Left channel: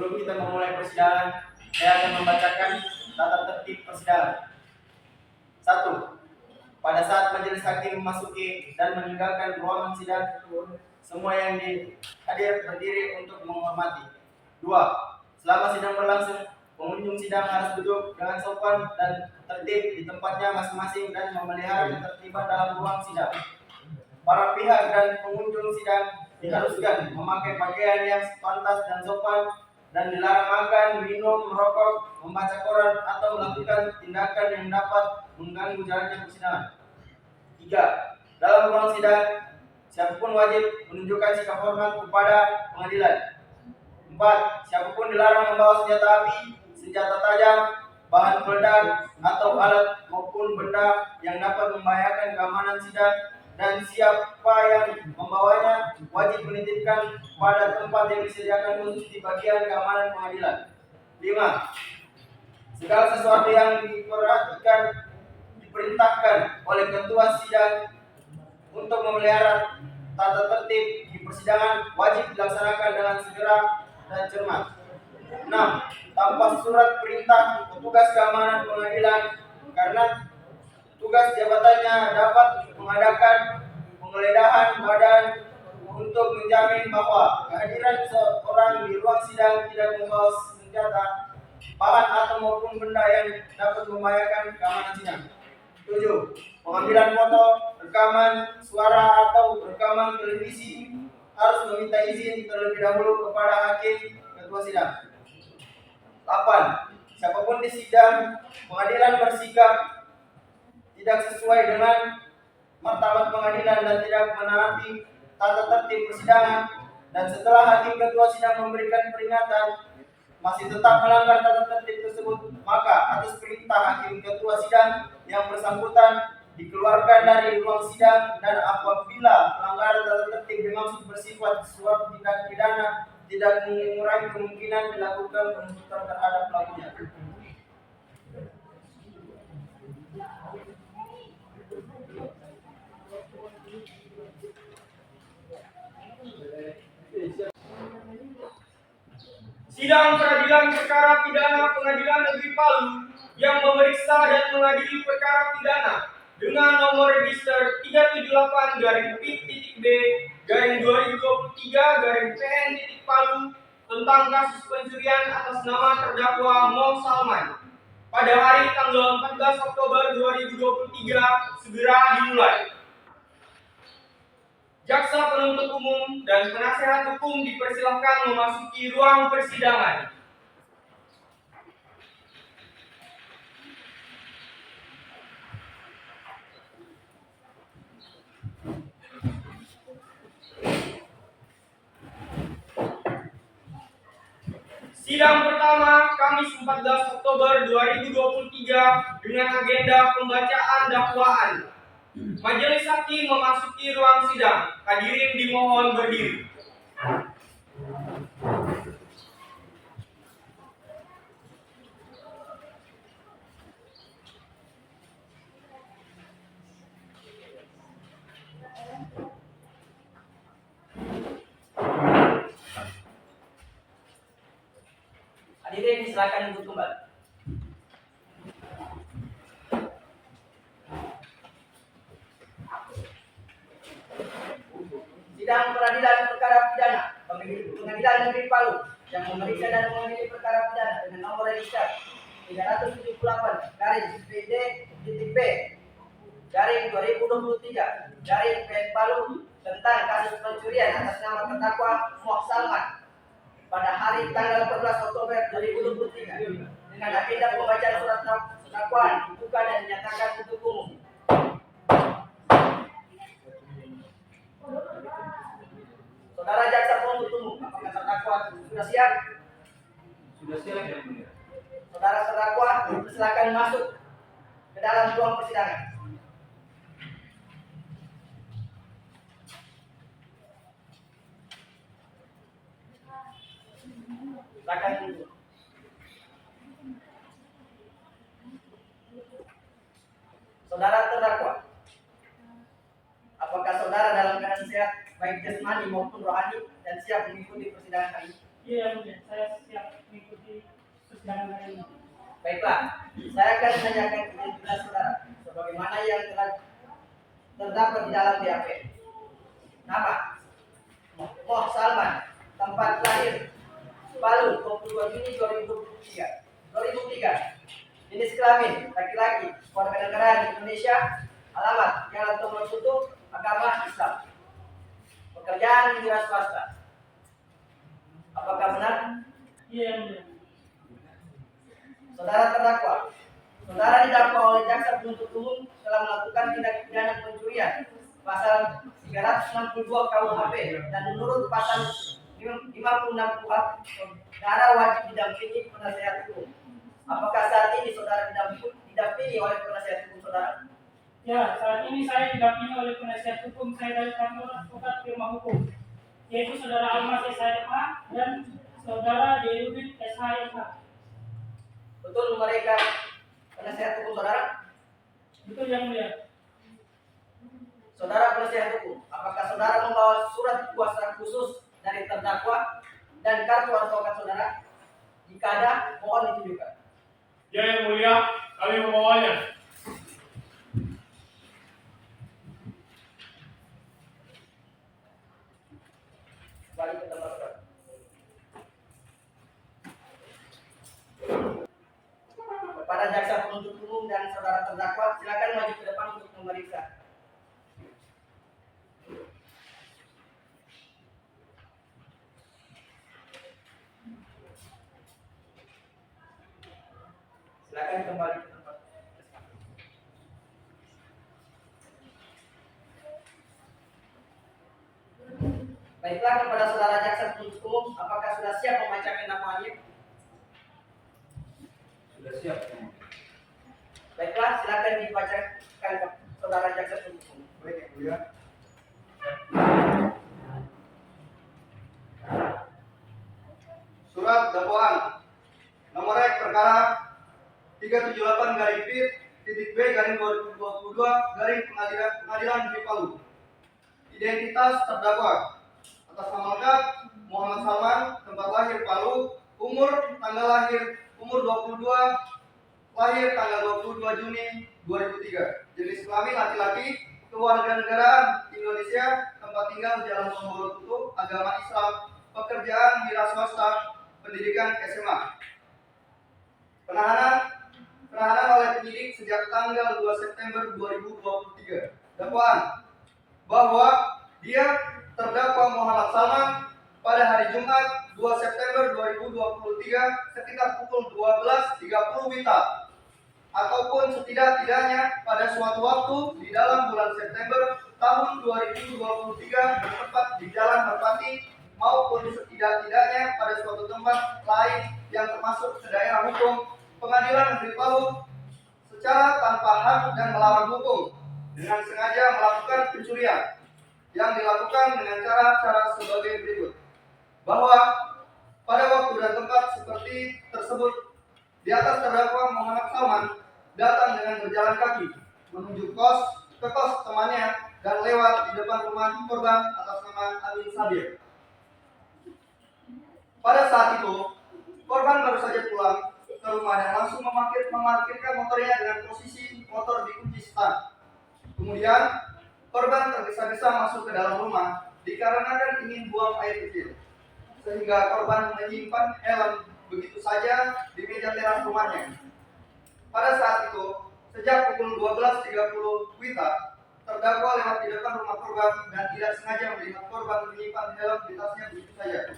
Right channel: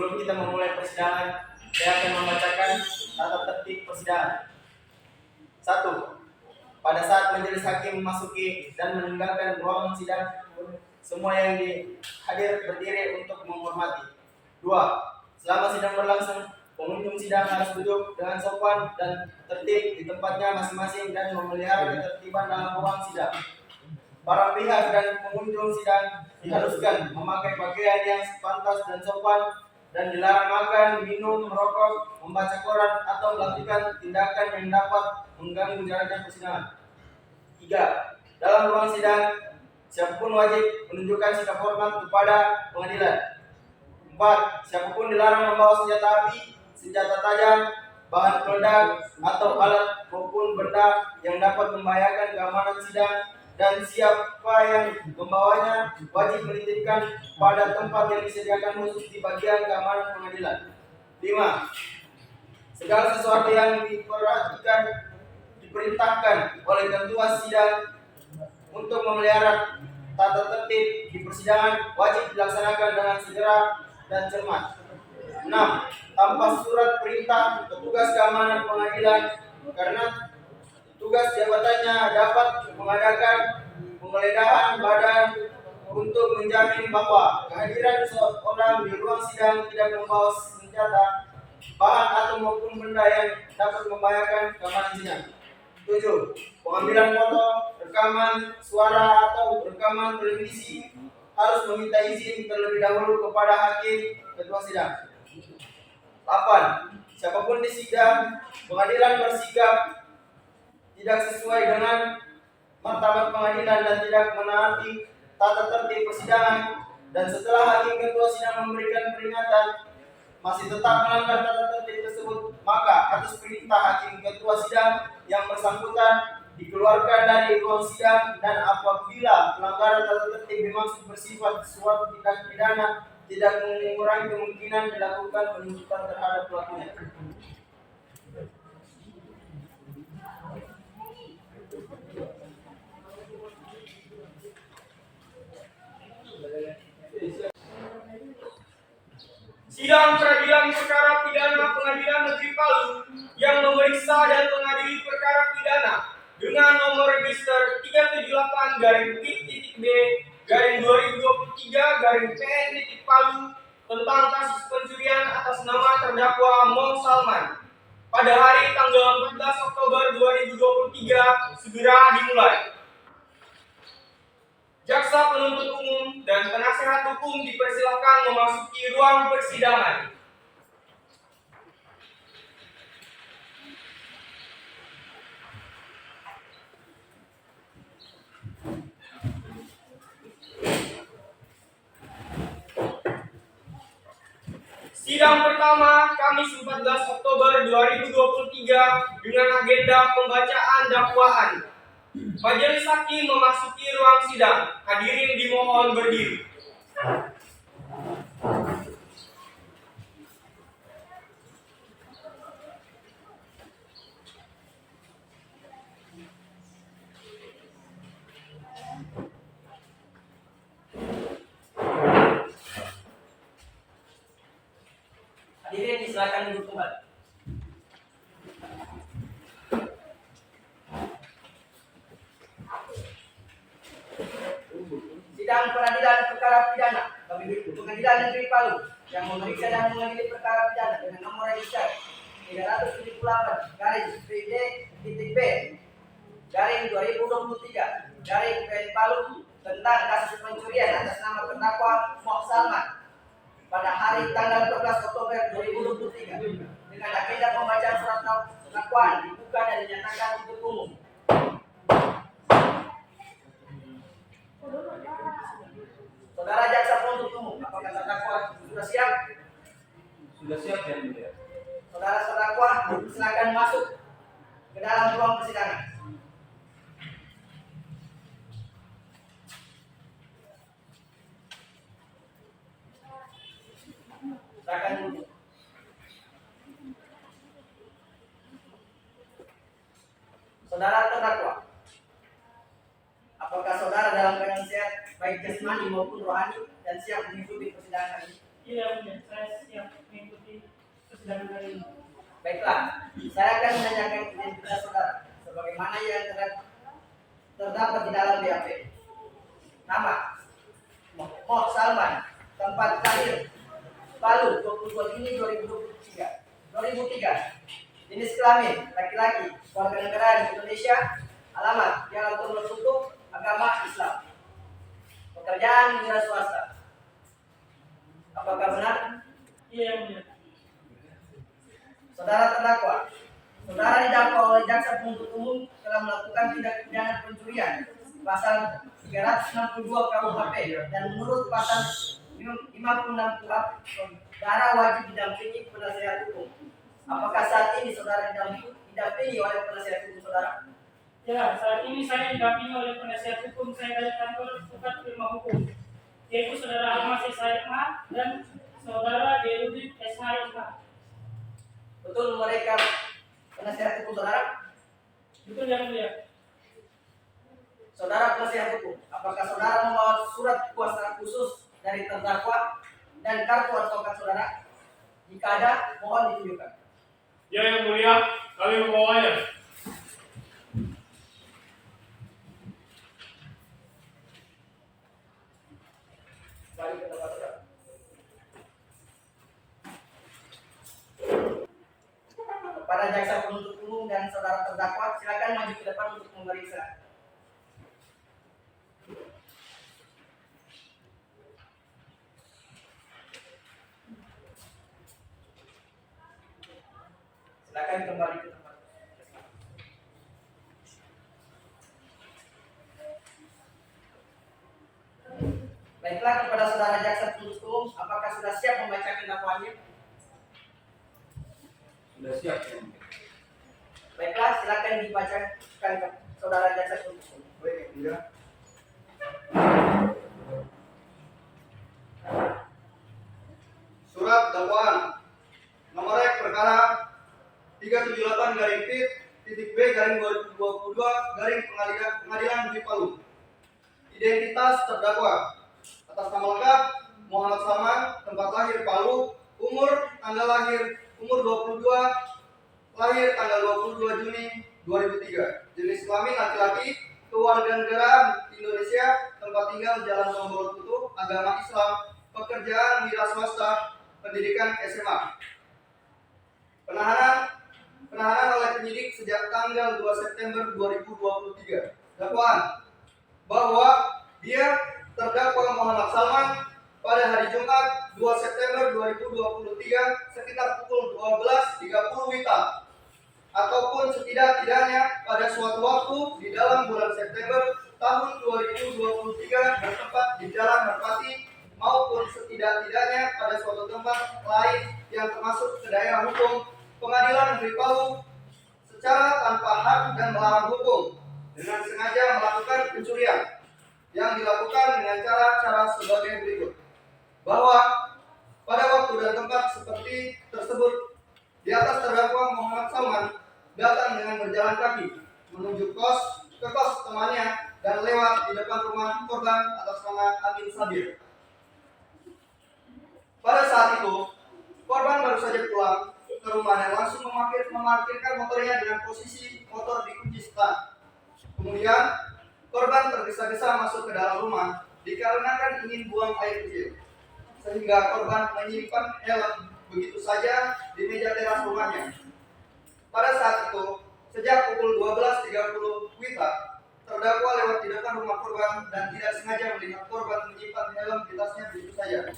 Sebelum kita memulai persidangan, saya akan membacakan tata tertib persidangan. 1. Pada saat majelis hakim memasuki dan meninggalkan ruangan sidang, semua yang hadir berdiri untuk menghormati. 2. Selama sidang berlangsung, pengunjung sidang harus duduk dengan sopan dan tertib di tempatnya masing-masing dan memelihara ketertiban dalam ruang sidang. Para pihak dan pengunjung sidang diharuskan memakai pakaian yang pantas dan sopan dan dilarang makan, minum, merokok, membaca koran atau melakukan tindakan yang dapat mengganggu jalannya persidangan. 3. Dalam ruang sidang, siapapun wajib menunjukkan sikap hormat kepada pengadilan. 4. Siapapun dilarang membawa senjata api, senjata tajam, bahan peledak, atau alat maupun benda yang dapat membahayakan keamanan sidang, dan siapa yang membawanya wajib menitipkan pada tempat yang disediakan khusus di bagian keamanan pengadilan. 5. Segala sesuatu yang diperintahkan oleh ketua sidang untuk memelihara tata tertib di persidangan wajib dilaksanakan dengan segera dan cermat. 6. Tanpa surat perintah petugas keamanan pengadilan, karena tugas jabatannya dapat mengadakan penggeledahan badan untuk menjamin bahwa kehadiran seorang di ruang sidang tidak membawa senjata, bahan atau maupun benda yang dapat membahayakan keamanan sidang. 7. Pengambilan foto, rekaman suara atau rekaman televisi harus meminta izin terlebih dahulu kepada hakim ketua sidang. 8. Siapapun di sidang pengadilan bersikap tidak sesuai dengan martabat pengadilan dan tidak menaati tata tertib persidangan, dan setelah hakim ketua sidang memberikan peringatan masih tetap melanggar tata tertib tersebut, maka atas perintah hakim ketua sidang yang bersangkutan dikeluarkan dari ruang sidang, dan apabila pelanggaran tata tertib dimaksud bersifat suatu tindak pidana, tidak mengurangi kemungkinan dilakukan penuntutan terhadap pelakunya. Sidang Peradilan Perkara Pidana Pengadilan Negeri Palu yang memeriksa dan mengadili perkara pidana dengan nomor register 378-B/2023-PN tentang kasus pencurian atas nama terdakwa Mo Salman pada hari tanggal 14 Oktober 2023 segera dimulai. Jaksa penuntut umum dan penasehat hukum dipersilahkan memasuki ruang persidangan. Sidang pertama Kamis 14 Oktober 2023 dengan agenda pembacaan dakwaan. Majelis hakim memasuki ruang sidang. Hadirin dimohon berdiri. Hadirin silakan duduk kembali. Sidang Peradilan Perkara Pidana Pengadilan Negeri Palu yang memeriksa dan mengadili perkara pidana dengan nomor register 378-B/2023 Palu tentang kasus pencurian atas nama terdakwa Mo Salman pada hari tanggal 14 Oktober 2023 dengan agenda pembacaan surat dakwaan dibuka dan dinyatakan untuk umum. Saudara jaksa penuntut umum, apakah terdakwa sudah siap? Sudah siap ya, Mulia. Saudara terdakwa silakan masuk ke dalam ruang persidangan. Silakan duduk. Saudara terdakwa, apakah saudara dalam keadaan sehat baik jasmani maupun rohani dan siap mengikuti persidangan hari ini? Iya, mulia. Saya siap mengikuti persidangan hari ini. Baiklah, saya akan menanyakan identitas saudara sebagaimana yang telah terdapat di dalam BAP. Nama: Moh Salman, tempat lahir Palu, 22 Juni 2003. Jenis kelamin laki-laki, warganegaraan Indonesia, alamat Jalan Tumor Tutup, agama Islam. Pekerjaan wira swasta. Apakah benar? Iya, mulia. Saudara terdakwa, saudara didakwa oleh jaksa penuntut umum telah melakukan tindak pidana pencurian pasal 362 KUHP dan menurut pasal 56 KUHP, saudara wajib didampingi penasihat hukum. Apakah saat ini saudara didampingi oleh penasihat hukum saudara? Ya, saat ini saya didampingi oleh penasihat hukum saya dari kantor advokat firma hukum, yaitu saudara Almas SHMH dan saudara Derudit SHMH. Betul mereka penasihat hukum saudara? Betul yang mulia. Saudara penasihat hukum, apakah saudara membawa surat kuasa khusus dari terdakwa dan kartu advokat saudara? Jika ada, mohon ditunjukkan. Ya, yang mulia, kami membawanya. Balik ke tempat saudara. Kepada jaksa penuntut umum dan saudara terdakwa, silakan maju ke depan untuk memeriksa. Silakan kembali ke tempat. Baiklah, kepada saudara jaksa penuntut umum, apakah sudah siap membacakan dakwaannya? Sudah siap, yang mulia. Baiklah, silakan dibacakan ke saudara jaksa penuntut umum. Baik, Yang Mulia. Surat dakwaan nomor rek perkara 378 garing pit titik B garing 2022 garing pengadilan negeri Palu. Identitas terdakwa: atas nama lengkap Muhammad Salman, tempat lahir Palu, tanggal lahir umur 22, lahir tanggal 22 Juni 2003. Jenis kelamin laki-laki, kewarganegaraan Indonesia, tempat tinggal Jalan Tumor Tutup, agama Islam, pekerjaan wira swasta, pendidikan SMA. Penahanan oleh penyidik sejak tanggal 2 September 2023. Dakwaan bahwa dia terdakwa Muhammad Salman pada hari Jumat 2 September 2023 sekitar pukul 12.30 WITA ataupun setidak-tidaknya pada suatu waktu di dalam bulan September tahun 2023 bertempat di Jalan Merpati maupun setidak-tidaknya pada suatu tempat lain yang termasuk ke daerah hukum Pengadilan Negeri Palu secara tanpa hak dan melawan hukum dengan sengaja melakukan pencurian yang dilakukan dengan cara-cara sebagai berikut. Bahwa pada waktu dan tempat seperti tersebut, di atas terdakwa Muhammad Salman datang dengan berjalan kaki menuju ke kos temannya dan lewat di depan rumah korban atas nama Amin Sabir. Pada saat itu, korban baru saja pulang ke rumah dan langsung memarkirkan motornya dengan posisi motor dikunci stang. Kemudian, korban tergesa-gesa masuk ke dalam rumah dikarenakan ingin buang air kecil, sehingga korban menyimpan helm begitu saja di meja teras rumahnya. Pada saat itu, sejak pukul 12.30 WITA, terdakwa lewat di depan rumah korban dan tidak sengaja melihat korban menyimpan helm di tasnya begitu saja.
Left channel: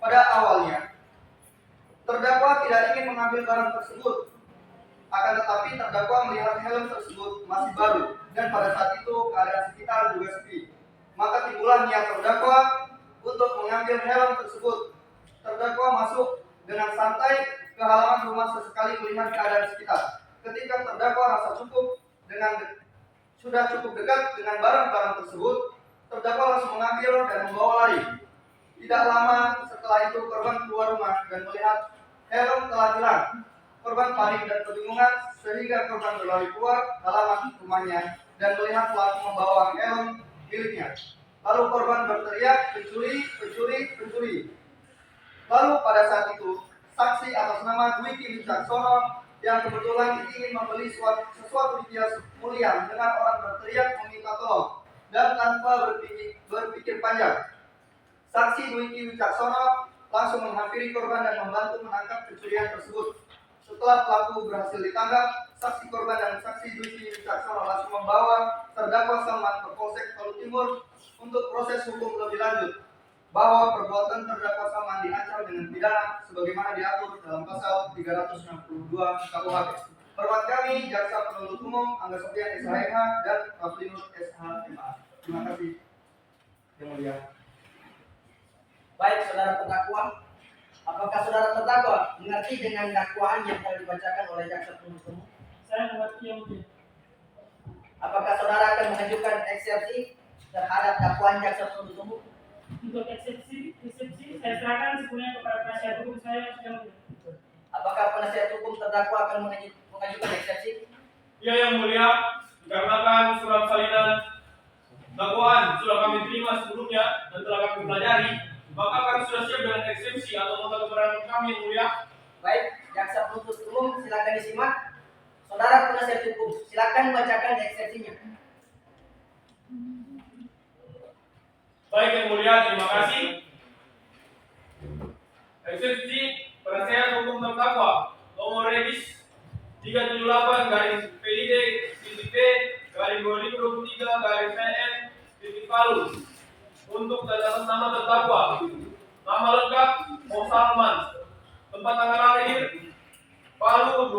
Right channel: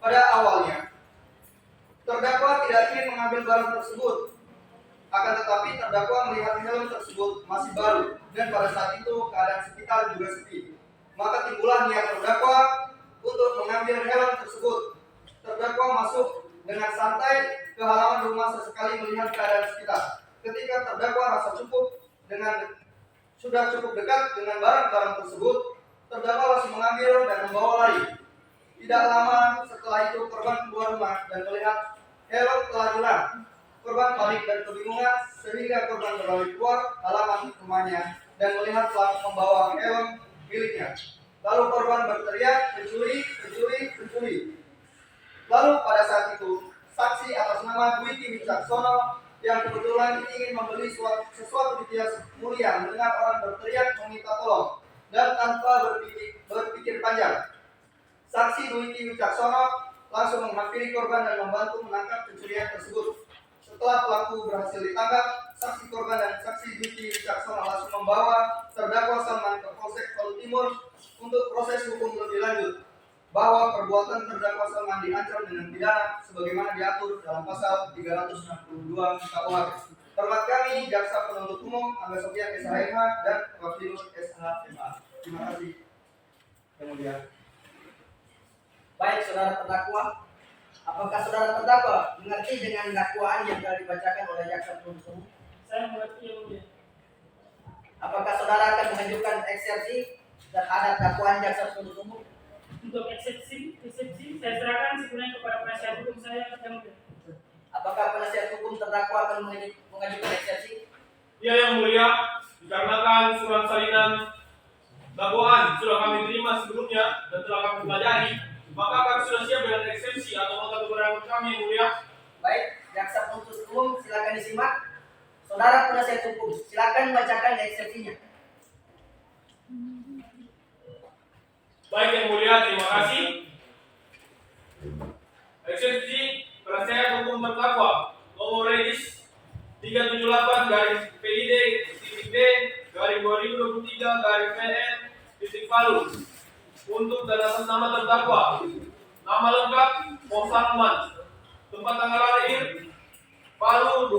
Pada awalnya, terdakwa tidak ingin mengambil barang tersebut, akan tetapi terdakwa melihat helm tersebut masih baru dan pada saat itu keadaan sekitar juga sepi. Maka timbullah niat terdakwa untuk mengambil helm tersebut. Terdakwa masuk dengan santai ke halaman rumah sesekali melihat keadaan sekitar. Ketika terdakwa rasa sudah cukup dekat dengan barang-barang tersebut, terdakwa langsung mengambil dan membawa lari. Tidak lama setelah itu korban keluar rumah dan melihat helm telah hilang. Korban panik dan kebingungan sehingga korban berlari keluar halaman rumahnya dan melihat pelaku membawa helm miliknya. Lalu korban berteriak, "Pencuri, pencuri, pencuri!" Lalu pada saat itu, saksi atas nama Dwiki Wicaksono yang kebetulan ingin membeli sesuatu di kios mulia mendengar orang berteriak meminta tolong dan tanpa berpikir panjang. Saksi Dwiki Wicaksono langsung menghampiri korban dan membantu menangkap pencurian tersebut. Setelah pelaku berhasil ditangkap, saksi korban dan saksi Dwiki Wicaksono langsung membawa terdakwa Salman ke Polsek Palu Timur untuk proses hukum lebih lanjut, bahwa perbuatan terdakwa Salman diancam dengan pidana sebagaimana diatur dalam pasal 362 KUHP. Hormat kami Jaksa Penuntut Umum Angga Sofian SHMH dan Raflinus SHMA. Terima kasih yang mulia. Baik, saudara terdakwa, apakah saudara terdakwa mengerti dengan dakwaan yang telah dibacakan oleh jaksa penuntut umum? Saya mengerti yang mulia. Apakah saudara akan mengajukan eksepsi terhadap dakwaan jaksa penuntut umum? Untuk eksepsi saya serahkan sepenuhnya kepada penasihat hukum saya yang mulia. Apakah penasihat hukum terdakwa akan mengajukan eksepsi? Ya yang mulia, dikarenakan surat salinan dakwaan sudah kami terima sebelumnya dan telah kami pelajari, maka kami sudah siap dengan eksepsi atau nota keberatan kami yang mulia. Baik, jaksa penuntut umum silakan disimak. Saudara penasihat hukum, silakan bacakan eksepsinya. Baik yang mulia, terima kasih. Eksepsi penasihat hukum terdakwa nomor regis 378 garis PID titik B garis 2023 garis PN titik Palu untuk dan atas nama terdakwa. Nama lengkap Mo Salman, tempat tanggal lahir Palu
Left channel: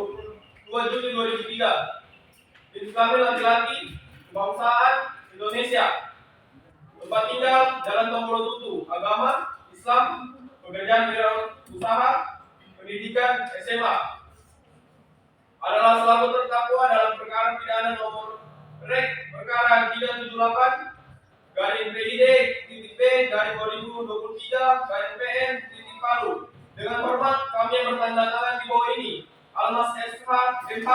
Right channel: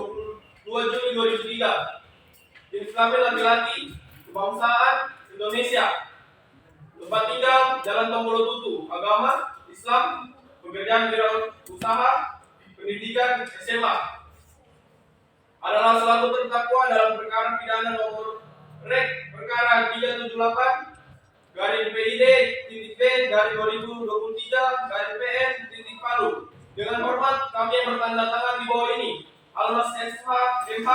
22 Juli 2003, jenis kelamin laki-laki, kebangsaan Indonesia, tempat tinggal Jalan Tombolo Tutu, agama Islam, pekerjaan wirausaha, pendidikan SMA. Adalah selaku terdakwa dalam perkara pidana nomor Rek perkara 378 garis PID titik B garis 2023 garis PN titik Palu. Dengan hormat kami yang bertanda tangan di bawah ini, Almas SH MH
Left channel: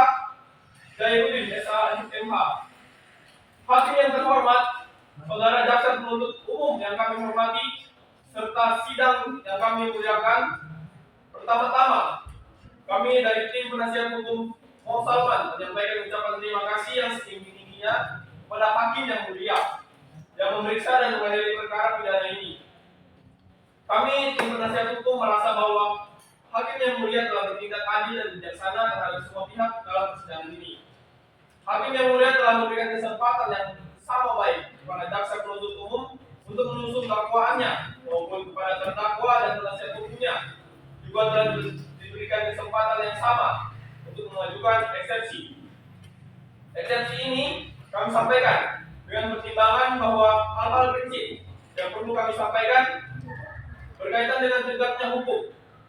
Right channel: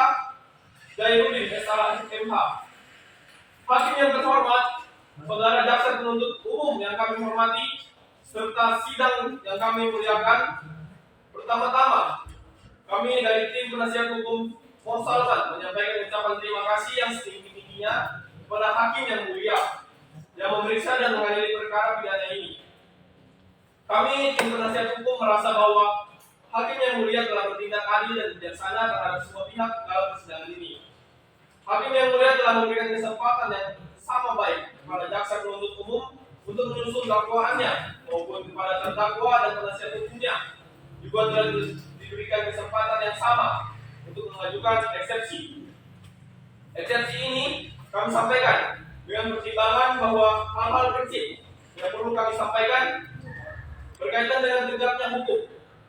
Jayudin SH MH. Hakim yang terhormat, saudara jaksa penuntut umum yang kami hormati, serta sidang yang kami muliakan. Pertama-tama, kami dari tim penasihat hukum Mo Salman menyampaikan ucapan terima kasih yang setinggi-tingginya kepada hakim yang mulia yang memeriksa dan mengadili perkara pidana ini. Kami tim penasihat hukum merasa bahwa hakim yang mulia telah bertindak adil dan bijaksana terhadap semua pihak dalam persidangan ini. Hakim yang mulia telah memberikan kesempatan yang sama baik kepada jaksa penuntut umum untuk menyusun dakwaannya maupun kepada terdakwa dan penasihat hukumnya juga telah diberikan kesempatan yang sama untuk mengajukan eksepsi. Eksepsi ini kami sampaikan dengan pertimbangan bahwa hal-hal kecil yang perlu kami sampaikan berkaitan dengan tegaknya hukum,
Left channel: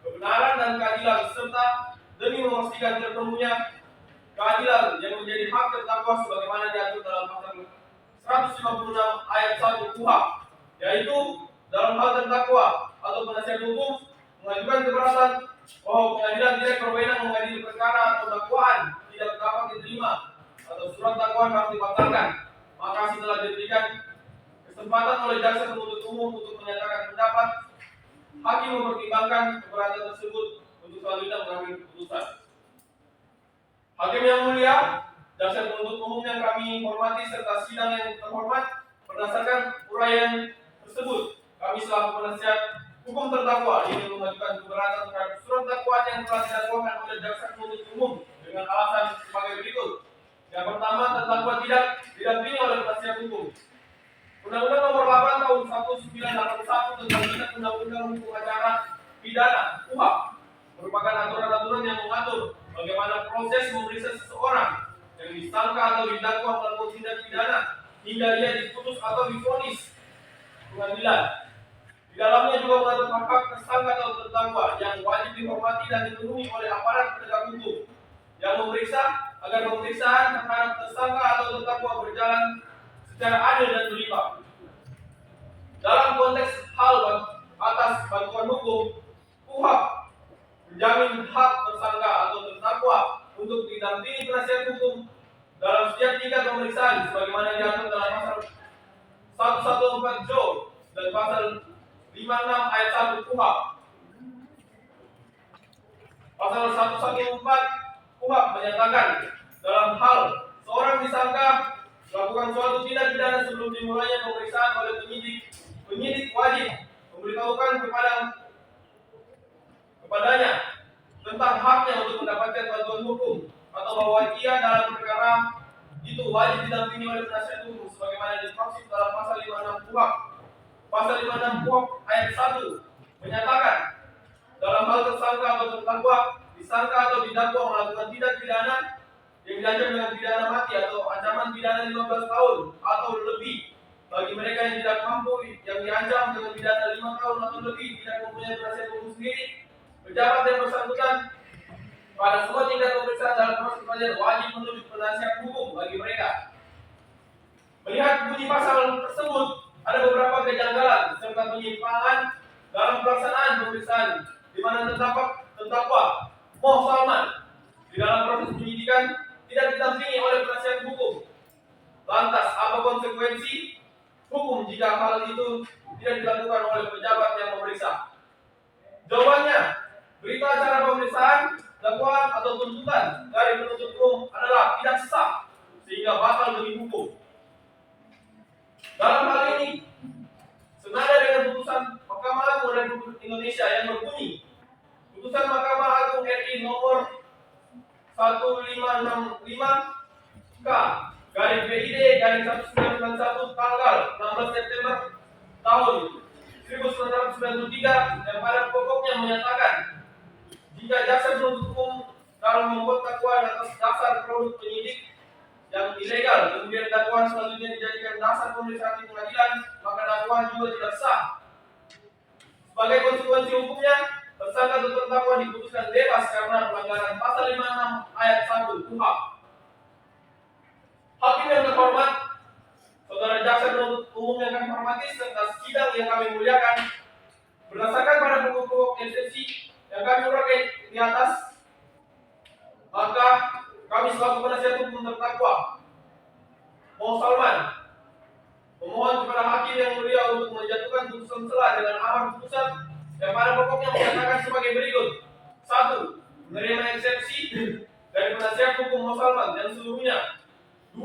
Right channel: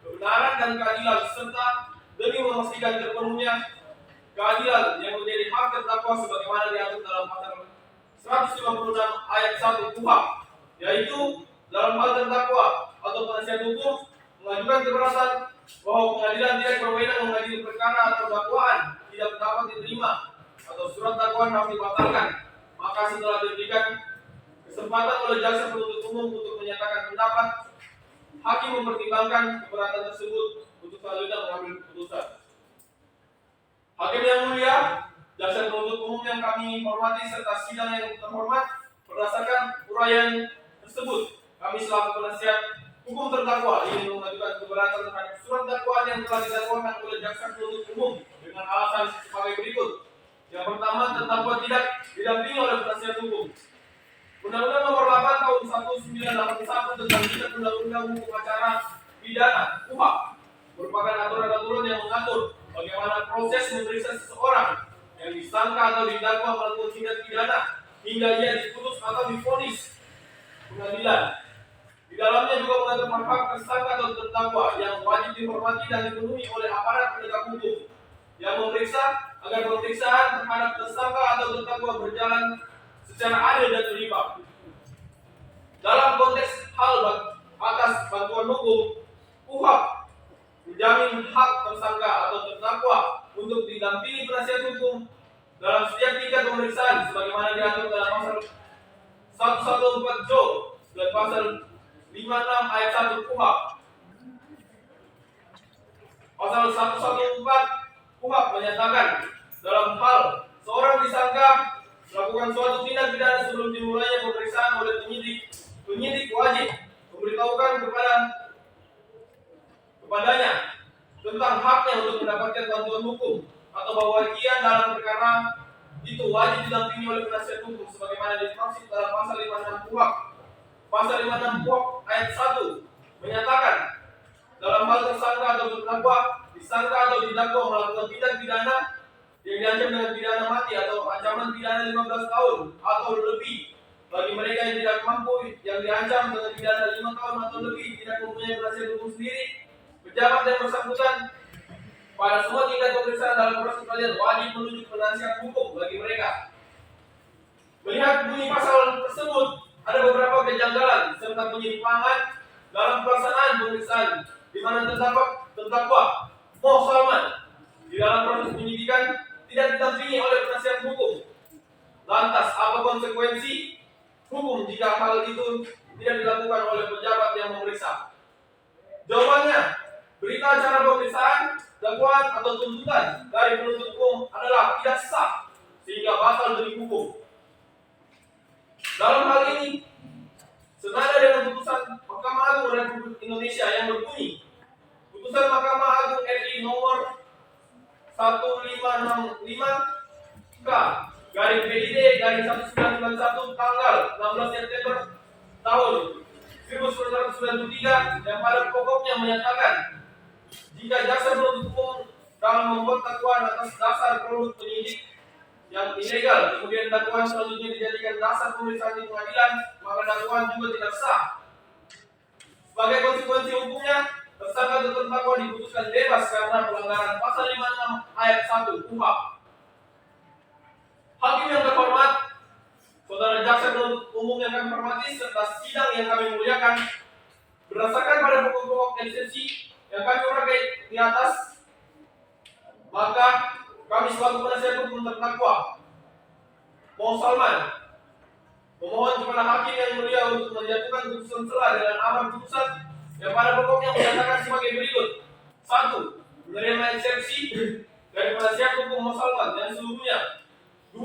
kebenaran dan keadilan, serta demi memastikan terpenuhnya keadilan yang menjadi hak terdakwa sebagaimana diatur dalam pasal 156 ayat 1 KUHP, yaitu dalam hal terdakwa atau penasihat hukum mengajukan keberatan bahwa pengadilan tidak berwenang mengadili perkara atau dakwaan tidak dapat diterima atau surat dakwaan harus dibatalkan, maka setelah diberikan kesempatan oleh jaksa penuntut umum untuk menyatakan pendapat, hakim mempertimbangkan keberatan tersebut untuk selanjutnya mengambil keputusan. Hakim yang mulia, jaksa penuntut umum yang kami hormati serta sidang yang terhormat, berdasarkan uraian tersebut, kami selaku penasihat hukum terdakwa ingin mengajukan keberatan terhadap surat dakwaan yang telah didakwakan oleh jaksa penuntut umum dengan alasan sebagai berikut. Yang pertama, terdakwa tidak didampingi oleh penasihat hukum. Undang-Undang Nomor 8 Tahun 1981 tentang Kitab Undang-Undang Hukum Acara Pidana (KUHP) merupakan aturan-aturan yang mengatur bagaimana proses memeriksa seseorang yang disangka atau didakwa melakukan tindak pidana hingga ia diputus atau divonis pengadilan. Di dalamnya juga mengatur hak-hak tersangka atau terdakwa yang wajib dihormati dan dipenuhi oleh aparat penegak hukum yang memeriksa agar pemeriksaan terhadap tersangka atau terdakwa berjalan secara adil dan berimbang. Dalam konteks hal atas bantuan hukum, KUHP menjamin hak tersangka atau terdakwa untuk didampingi penasihat hukum dalam setiap tingkat pemeriksaan sebagaimana diatur dalam pasal 114 Jo dan pasal 56 ayat 1 KUHP. Pasal 114 KUHP menyatakan dalam hal seorang disangka melakukan suatu tindak pidana sebelum dimulainya pemeriksaan oleh penyidik wajib memberitahukan kepadanya tentang haknya untuk mendapatkan bantuan hukum atau bahwa ia dalam perkara itu wajib didampingi oleh penasihat hukum sebagaimana dimaksud dalam pasal 56 KUHP. Pasal 56 KUHP ayat 1 menyatakan dalam hal tersangka atau terdakwa, disangka atau didakwa melakukan tindak pidana yang diancam dengan pidana mati atau ancaman pidana 15 tahun atau lebih bagi mereka yang tidak mampu, yang diancam dengan pidana 5 tahun atau lebih, tidak mempunyai penasihat hukum sendiri, pejabat yang bersangkutan pada semua tingkat pemeriksaan dalam proses peradilan wajib menunjuk penasihat hukum bagi mereka. Melihat bunyi pasal tersebut, ada beberapa kejanggalan serta penyimpangan dalam pelaksanaan pemeriksaan di mana terdakwa Mo Salman di dalam proses penyidikan tidak didampingi oleh penasihat hukum. Lantas, apa konsekuensi hukum jika hal itu tidak dilakukan oleh pejabat yang memeriksa? Jawabannya, berita acara pemeriksaan, dakwaan atau tuntutan dari penuntut umum adalah tidak sah sehingga batal demi hukum. Dalam hal ini, senada dengan putusan Mahkamah Agung Republik Indonesia yang berbunyi, putusan Mahkamah Agung RI nomor 1565 K garis PID garis 1991 tanggal 16 September tahun 1993 yang pada pokoknya menyatakan jika jaksa penuntut umum dalam membuat dakwaan atas dasar produk penyidik yang ilegal, kemudian dakwaan selanjutnya dijadikan dasar pemeriksaan di pengadilan, maka dakwaan juga tidak sah. Sebagai konsekuensi hukumnya, tersangka atau terdakwa diputuskan bebas karena pelanggaran pasal 56 ayat 1 KUHP. Hakim yang terhormat, saudara jaksa penuntut umum yang kami hormati serta sidang yang kami muliakan, berdasarkan pada pokok-pokok eksepsi yang kami uraikan di atas, maka kami selaku penasihat hukum terdakwa Mo Salman memohon kepada hakim yang mulia untuk menjatuhkan putusan selah dengan amar putusan yang pada pokoknya menyatakan sebagai berikut: 1. Menerima eksepsi dari penasihat hukum Mo Salman yang seluruhnya. 2.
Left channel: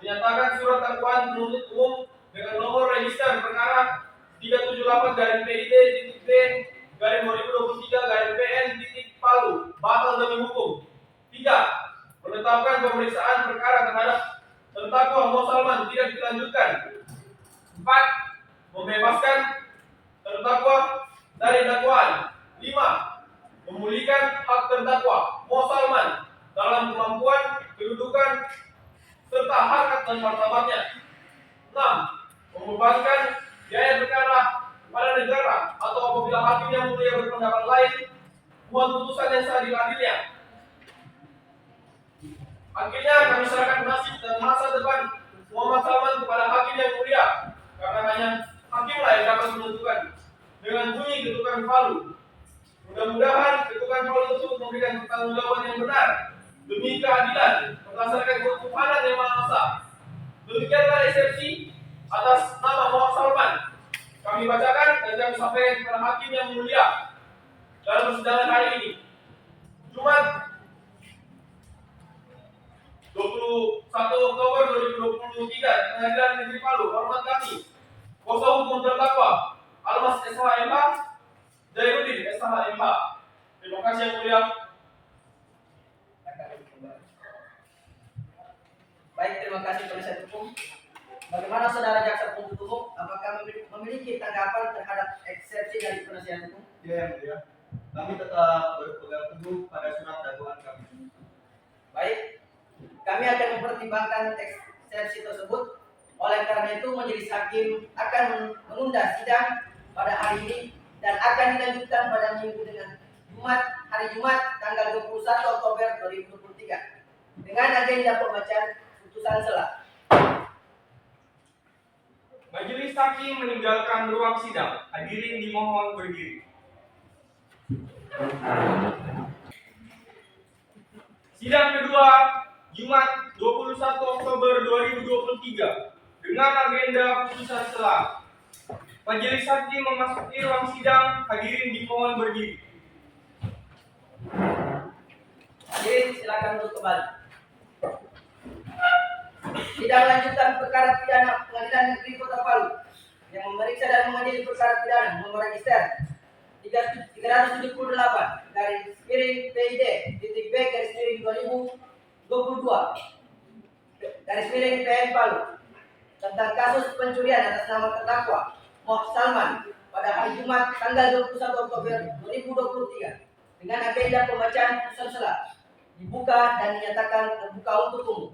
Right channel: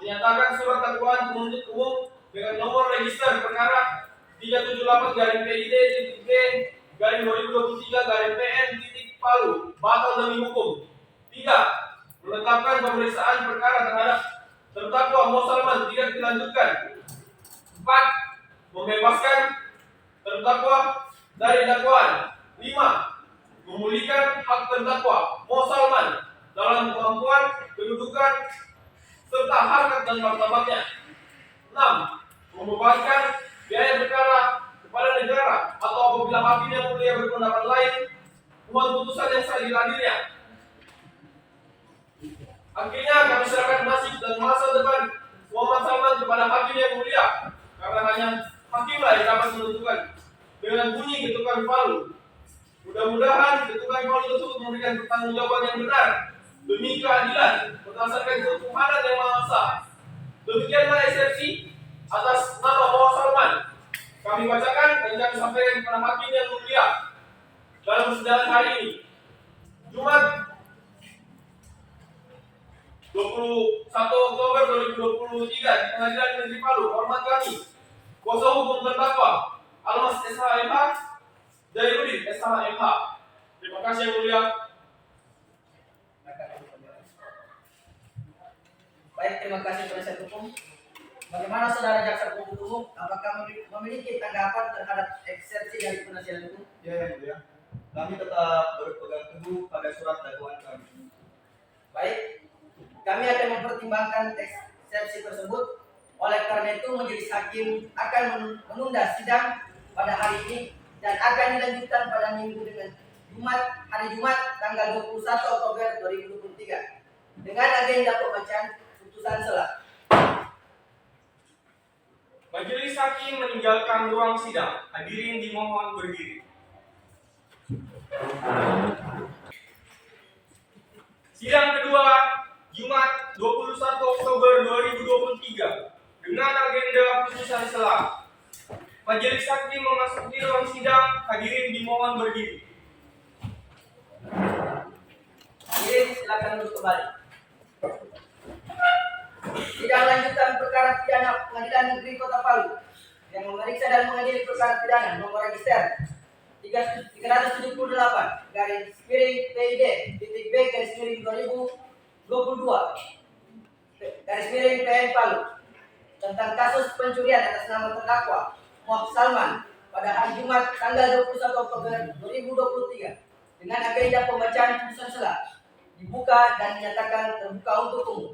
Menyatakan surat dakwaan penuntut umum dengan nomor register perkara 378-B-2023-PN batal demi hukum. 3. Menetapkan pemeriksaan perkara terhadap terdakwa Mo Salman tidak dilanjutkan. 4. Membebaskan terdakwa dari dakwaan. 5. Memulihkan hak terdakwa Mo Salman dalam kemampuan, kedudukan, serta harkat dan martabatnya. 6. Membebankan biaya perkara kepada negara atau apabila hakim yang mulia berpendapat lain, mohon putusan yang sah diadilnya. Akhirnya kami serahkan nasib dan masa depan Muhammad Salman kepada hakim yang mulia, karena hanya hakimlah yang dapat menentukan dengan bunyi ketukan palu. Mudah-mudahan ketukan palu tersebut memberikan pertanggungjawaban yang benar demi keadilan berdasarkan ketuhanan yang Maha Esa. Demikianlah eksepsi atas nama Mo Salman kami bacakan dan kami sampaikan kepada hakim yang mulia dalam persidangan hari ini, Jumat 21 Oktober 2023 di Pengadilan Negeri Palu. Hormat kami, kuasa hukum terdakwa Almas SHMH, Jairudin SHMH. Terima kasih yang mulia. Baik, terima kasih penasihat hukum. Bagaimana saudara jaksa penuntut umum? Apakah memiliki tanggapan terhadap eksepsi dari penasihat hukum? Ya, yang mulia. Kami tetap berpegang teguh pada surat dakwaan kami. Baik, kami akan mempertimbangkan eksepsi tersebut. Oleh karena itu, majelis hakim akan menunda sidang pada hari ini dan akan dilanjutkan pada minggu dengan hari Jumat tanggal 21 Oktober 2023 dengan agenda pembacaan putusan selah. Majelis hakim meninggalkan ruang sidang. Hadirin dimohon berdiri. Sidang kedua Jumat 21 Oktober 2023 dengan agenda putusan selah. Majelis hakim memasuki ruang sidang. Hadirin dimohon berdiri. Hadirin silakan duduk kembali. Sidang lanjutan perkara pidana Pengadilan Negeri Kota Palu yang memeriksa dan mengadili perkara pidana nomor register 378 garis miring PID titik B garis miring 2022 garis miring PN Palu tentang kasus pencurian atas nama terdakwa Moh Salman pada hari Jumat tanggal 21 Oktober 2023 dengan agenda pembacaan putusan sela dibuka dan dinyatakan terbuka untuk umum.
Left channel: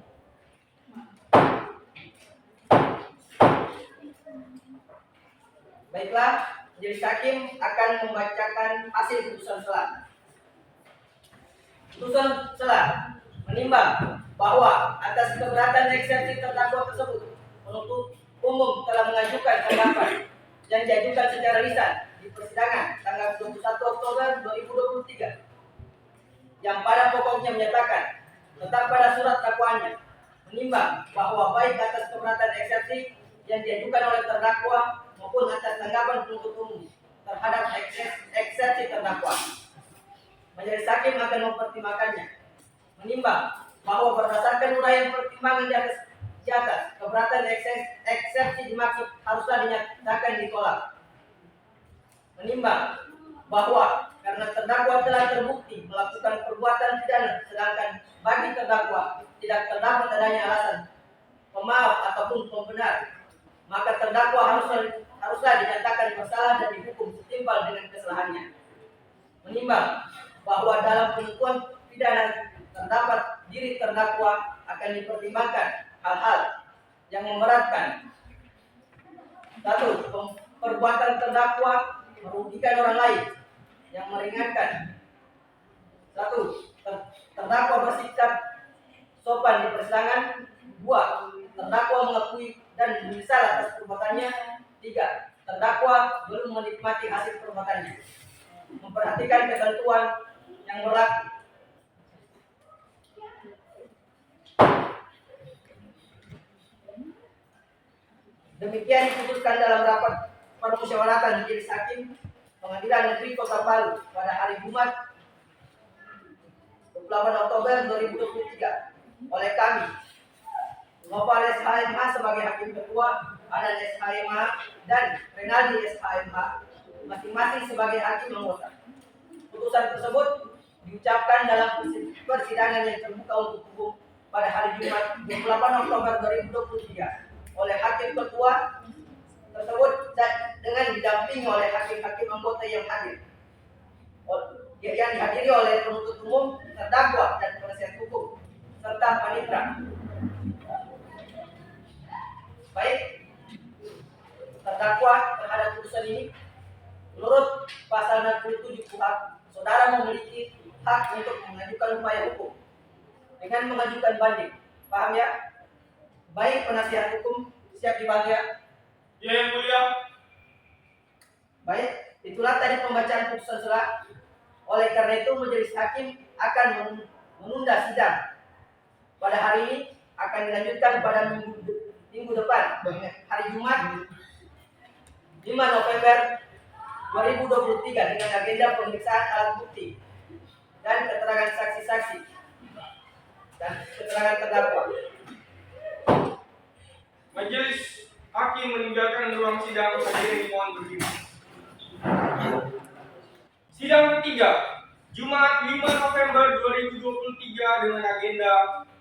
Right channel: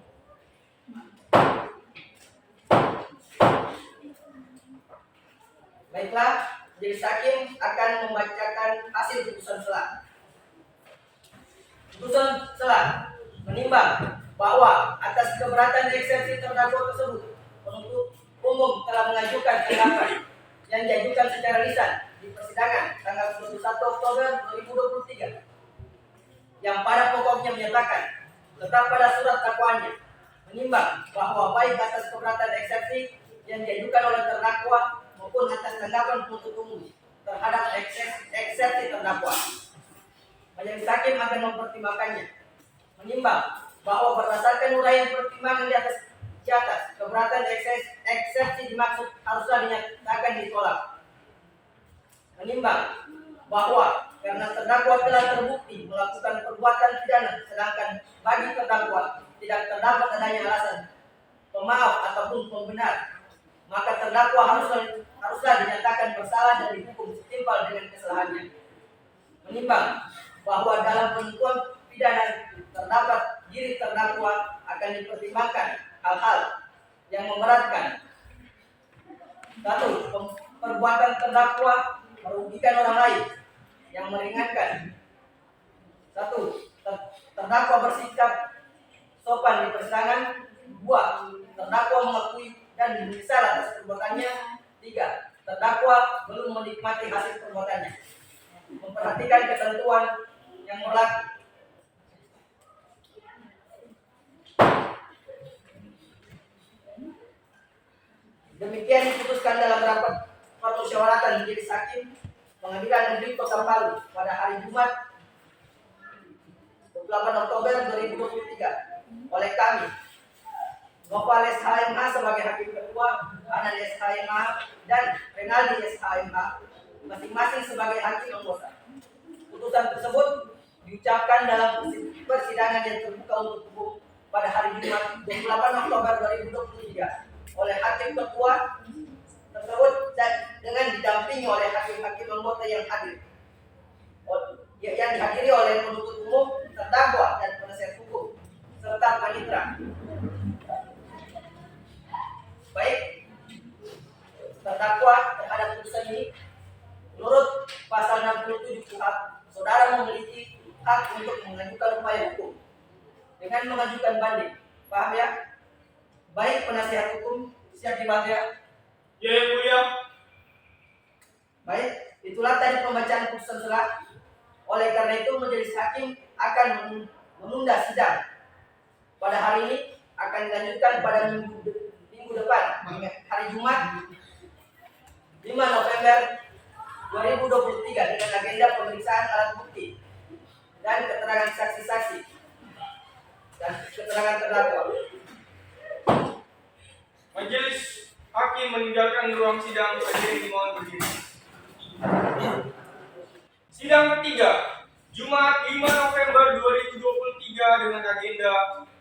Baiklah, majelis hakim akan membacakan hasil putusan sela. Putusan sela menimbang bahwa atas keberatan eksepsi terdakwa tersebut, penuntut umum telah mengajukan tanggapan yang diajukan secara lisan di persidangan tanggal 21 Oktober 2023 yang pada pokoknya menyatakan tetap pada surat dakwaannya, menimbang bahwa baik atas keberatan eksepsi yang diajukan oleh terdakwa maupun atas tanggapan penuntut umum terhadap eksepsi terdakwa, majelis hakim akan mempertimbangkannya, menimbang bahwa berdasarkan uraian pertimbangan di atas keberatan eksepsi dimaksud haruslah dinyatakan ditolak, menimbang bahwa karena terdakwa telah terbukti melakukan perbuatan pidana sedangkan bagi terdakwa tidak terdapat adanya alasan pemaaf ataupun pembenar, maka terdakwa haruslah dinyatakan bersalah dan dihukum setimpal dengan kesalahannya, menimbang bahwa dalam penentuan pidana terdapat diri terdakwa akan dipertimbangkan hal-hal yang memberatkan. 1. Perbuatan terdakwa merugikan orang lain. Yang meringankan. 1. Terdakwa bersikap sopan di persidangan. 2. Terdakwa mengakui dan menyesal atas perbuatannya. 3. Terdakwa belum menikmati hasil perbuatannya. Memperhatikan ketentuan yang berlaku. Demikian diputuskan dalam rapat permusyawaratan majelis hakim Pengadilan Negeri Kota Palu pada hari Jumat 28 Oktober 2023 oleh kami, Noval SHMH sebagai hakim ketua, Anan SHMH dan Renaldi SHMH masing-masing sebagai hakim anggota. Putusan tersebut diucapkan dalam persidangan yang terbuka untuk umum pada hari Jumat 28 Oktober 2023 oleh hakim ketua tersebut dengan didampingi oleh hakim-hakim anggota yang hadir, yang dihadiri oleh penuntut umum, terdakwa dan penasihat hukum serta panitera. Baik, terdakwa terhadap putusan ini menurut pasal 67 KUHP, saudara memiliki hak untuk mengajukan upaya hukum dengan mengajukan banding. Paham ya? Baik, penasihat hukum siap dibantu ya? Ya, yang mulia. Baik, itulah tadi pembacaan putusan sela. Oleh karena itu majelis hakim akan menunda sidang pada hari ini, akan dilanjutkan pada minggu depan, hari Jumat 5 November 2023 dengan agenda pemeriksaan alat bukti dan keterangan saksi-saksi dan keterangan terdakwa. Majelis hakim meninggalkan ruang sidang. Hadirin mohon berdiri. Sidang ketiga, Jumat 5 November 2023 dengan agenda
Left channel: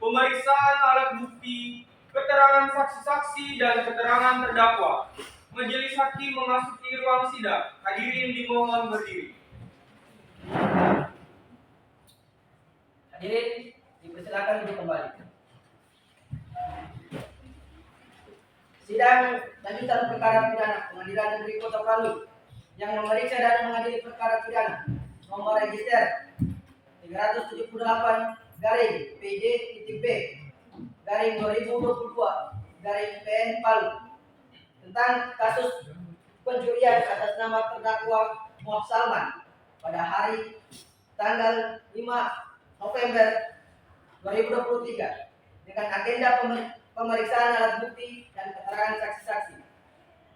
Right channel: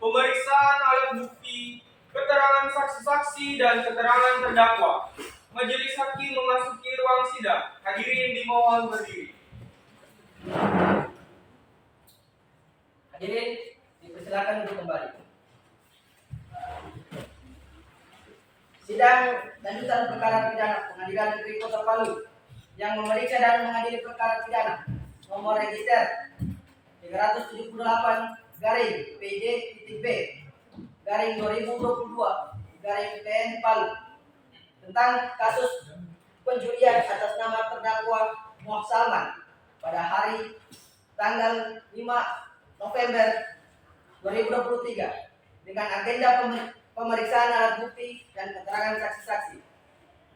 pemeriksaan alat bukti, keterangan saksi-saksi dan keterangan terdakwa. Majelis hakim memasuki ruang sidang. Hadirin dimohon berdiri. Hadirin dipersilakan duduk kembali. Sidang lanjutan perkara pidana Pengadilan Negeri Kota Palu yang memeriksa dan mengadili perkara pidana nomor register 378 garing PID titik B garing 2022 garing PN Palu tentang kasus pencurian atas nama terdakwa Moh Salman pada hari tanggal 5 November 2023 dengan agenda pemeriksaan alat bukti dan keterangan saksi-saksi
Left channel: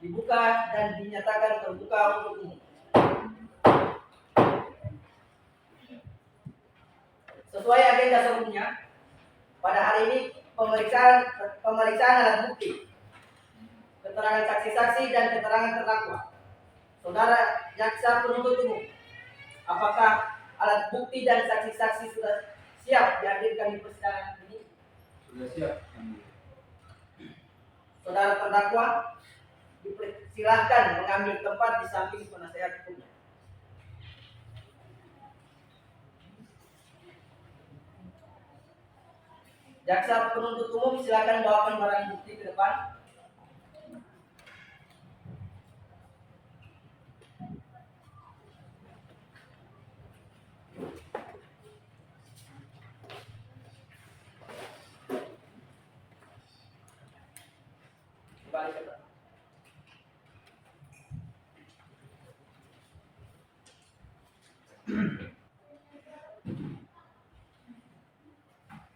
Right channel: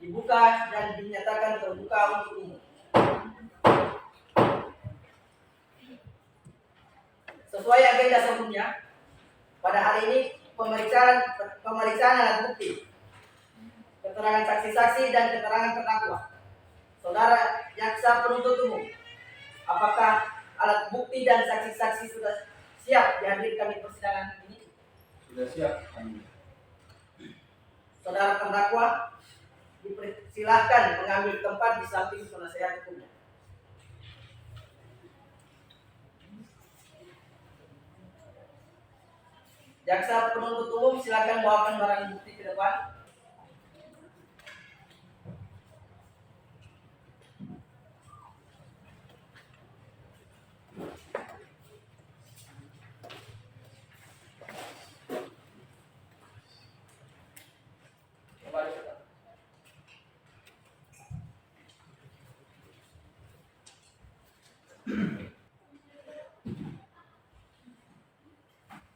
dibuka dan dinyatakan terbuka untuk umum. Sesuai agenda sebelumnya, pada hari ini pemeriksaan alat bukti, keterangan saksi-saksi dan keterangan terdakwa. Saudara jaksa penuntut umum, apakah alat bukti dan saksi-saksi sudah siap dihadirkan di persidangan ini? Sudah siap, Yang Mulia. Saudara terdakwa dipersilahkan mengambil tempat di samping penasehat hukumnya. Jaksa penuntut umum silakan bawakan barang bukti ke depan. Kembali ke tempat.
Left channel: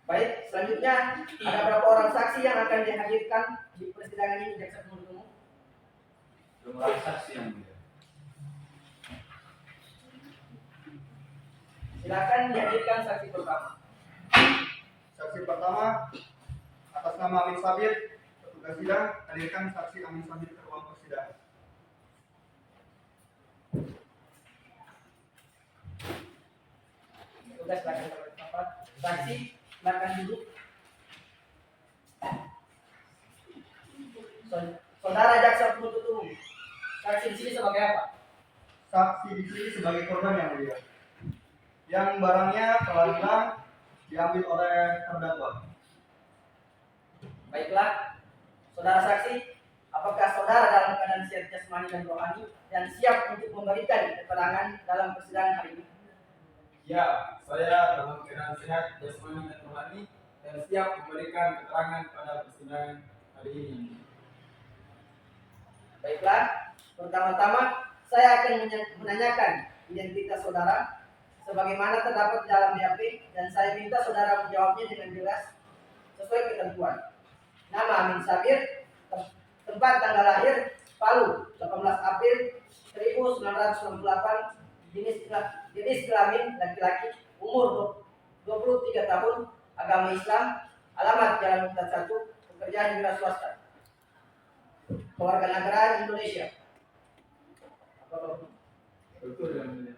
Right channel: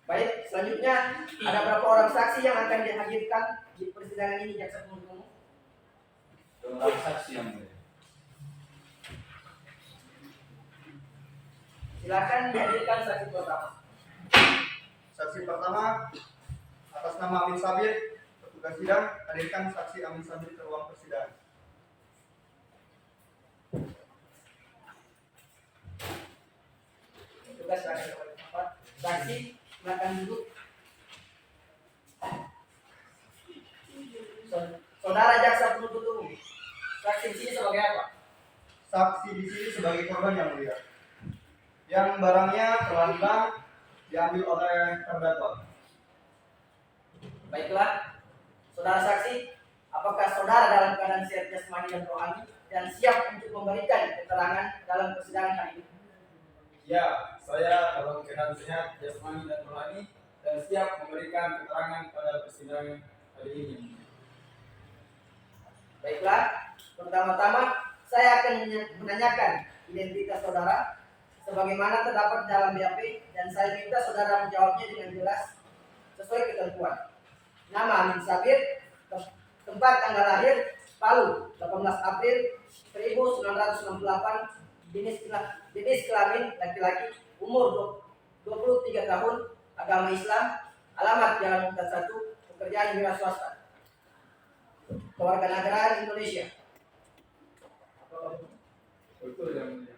Baik, selanjutnya ada berapa orang saksi yang akan dihadirkan di persidangan ini, jaksa penuntut umum? 2 orang saksi, Yang Mulia. Silakan dihadirkan saksi pertama. Saksi pertama atas nama Amin Sabir, petugas sidang, hadirkan saksi Amin Sabir ke ruang persidangan. Tugas silakan kembali ke tempat. Saksi silakan duduk. Saudara jaksa penuntut umum, saksi di sini sebagai apa? Saksi di sini sebagai korban, Yang Mulia, yang barangnya telah hilang diambil oleh terdakwa. Baiklah, saudara saksi, apakah saudara dalam keadaan sehat jasmani dan rohani dan siap untuk memberikan keterangan dalam persidangan hari ini? Ya, saya dalam keadaan sehat, jasmani dan rohani dan siap memberikan keterangan pada persidangan hari ini. Baiklah, pertama-tama saya akan menanyakan identitas saudara sebagaimana terdapat dalam BAP dan saya minta saudara menjawabnya dengan jelas sesuai ketentuan. Nama Amin Sabir, tempat tanggal lahir Palu, 18 April 1968, jenis kelamin laki-laki, umur 23 tahun, agama Islam, alamat Jalan Muktas 1, pekerjaan wira swasta, kewarganegaraan Indonesia. Betul, Yang Mulia.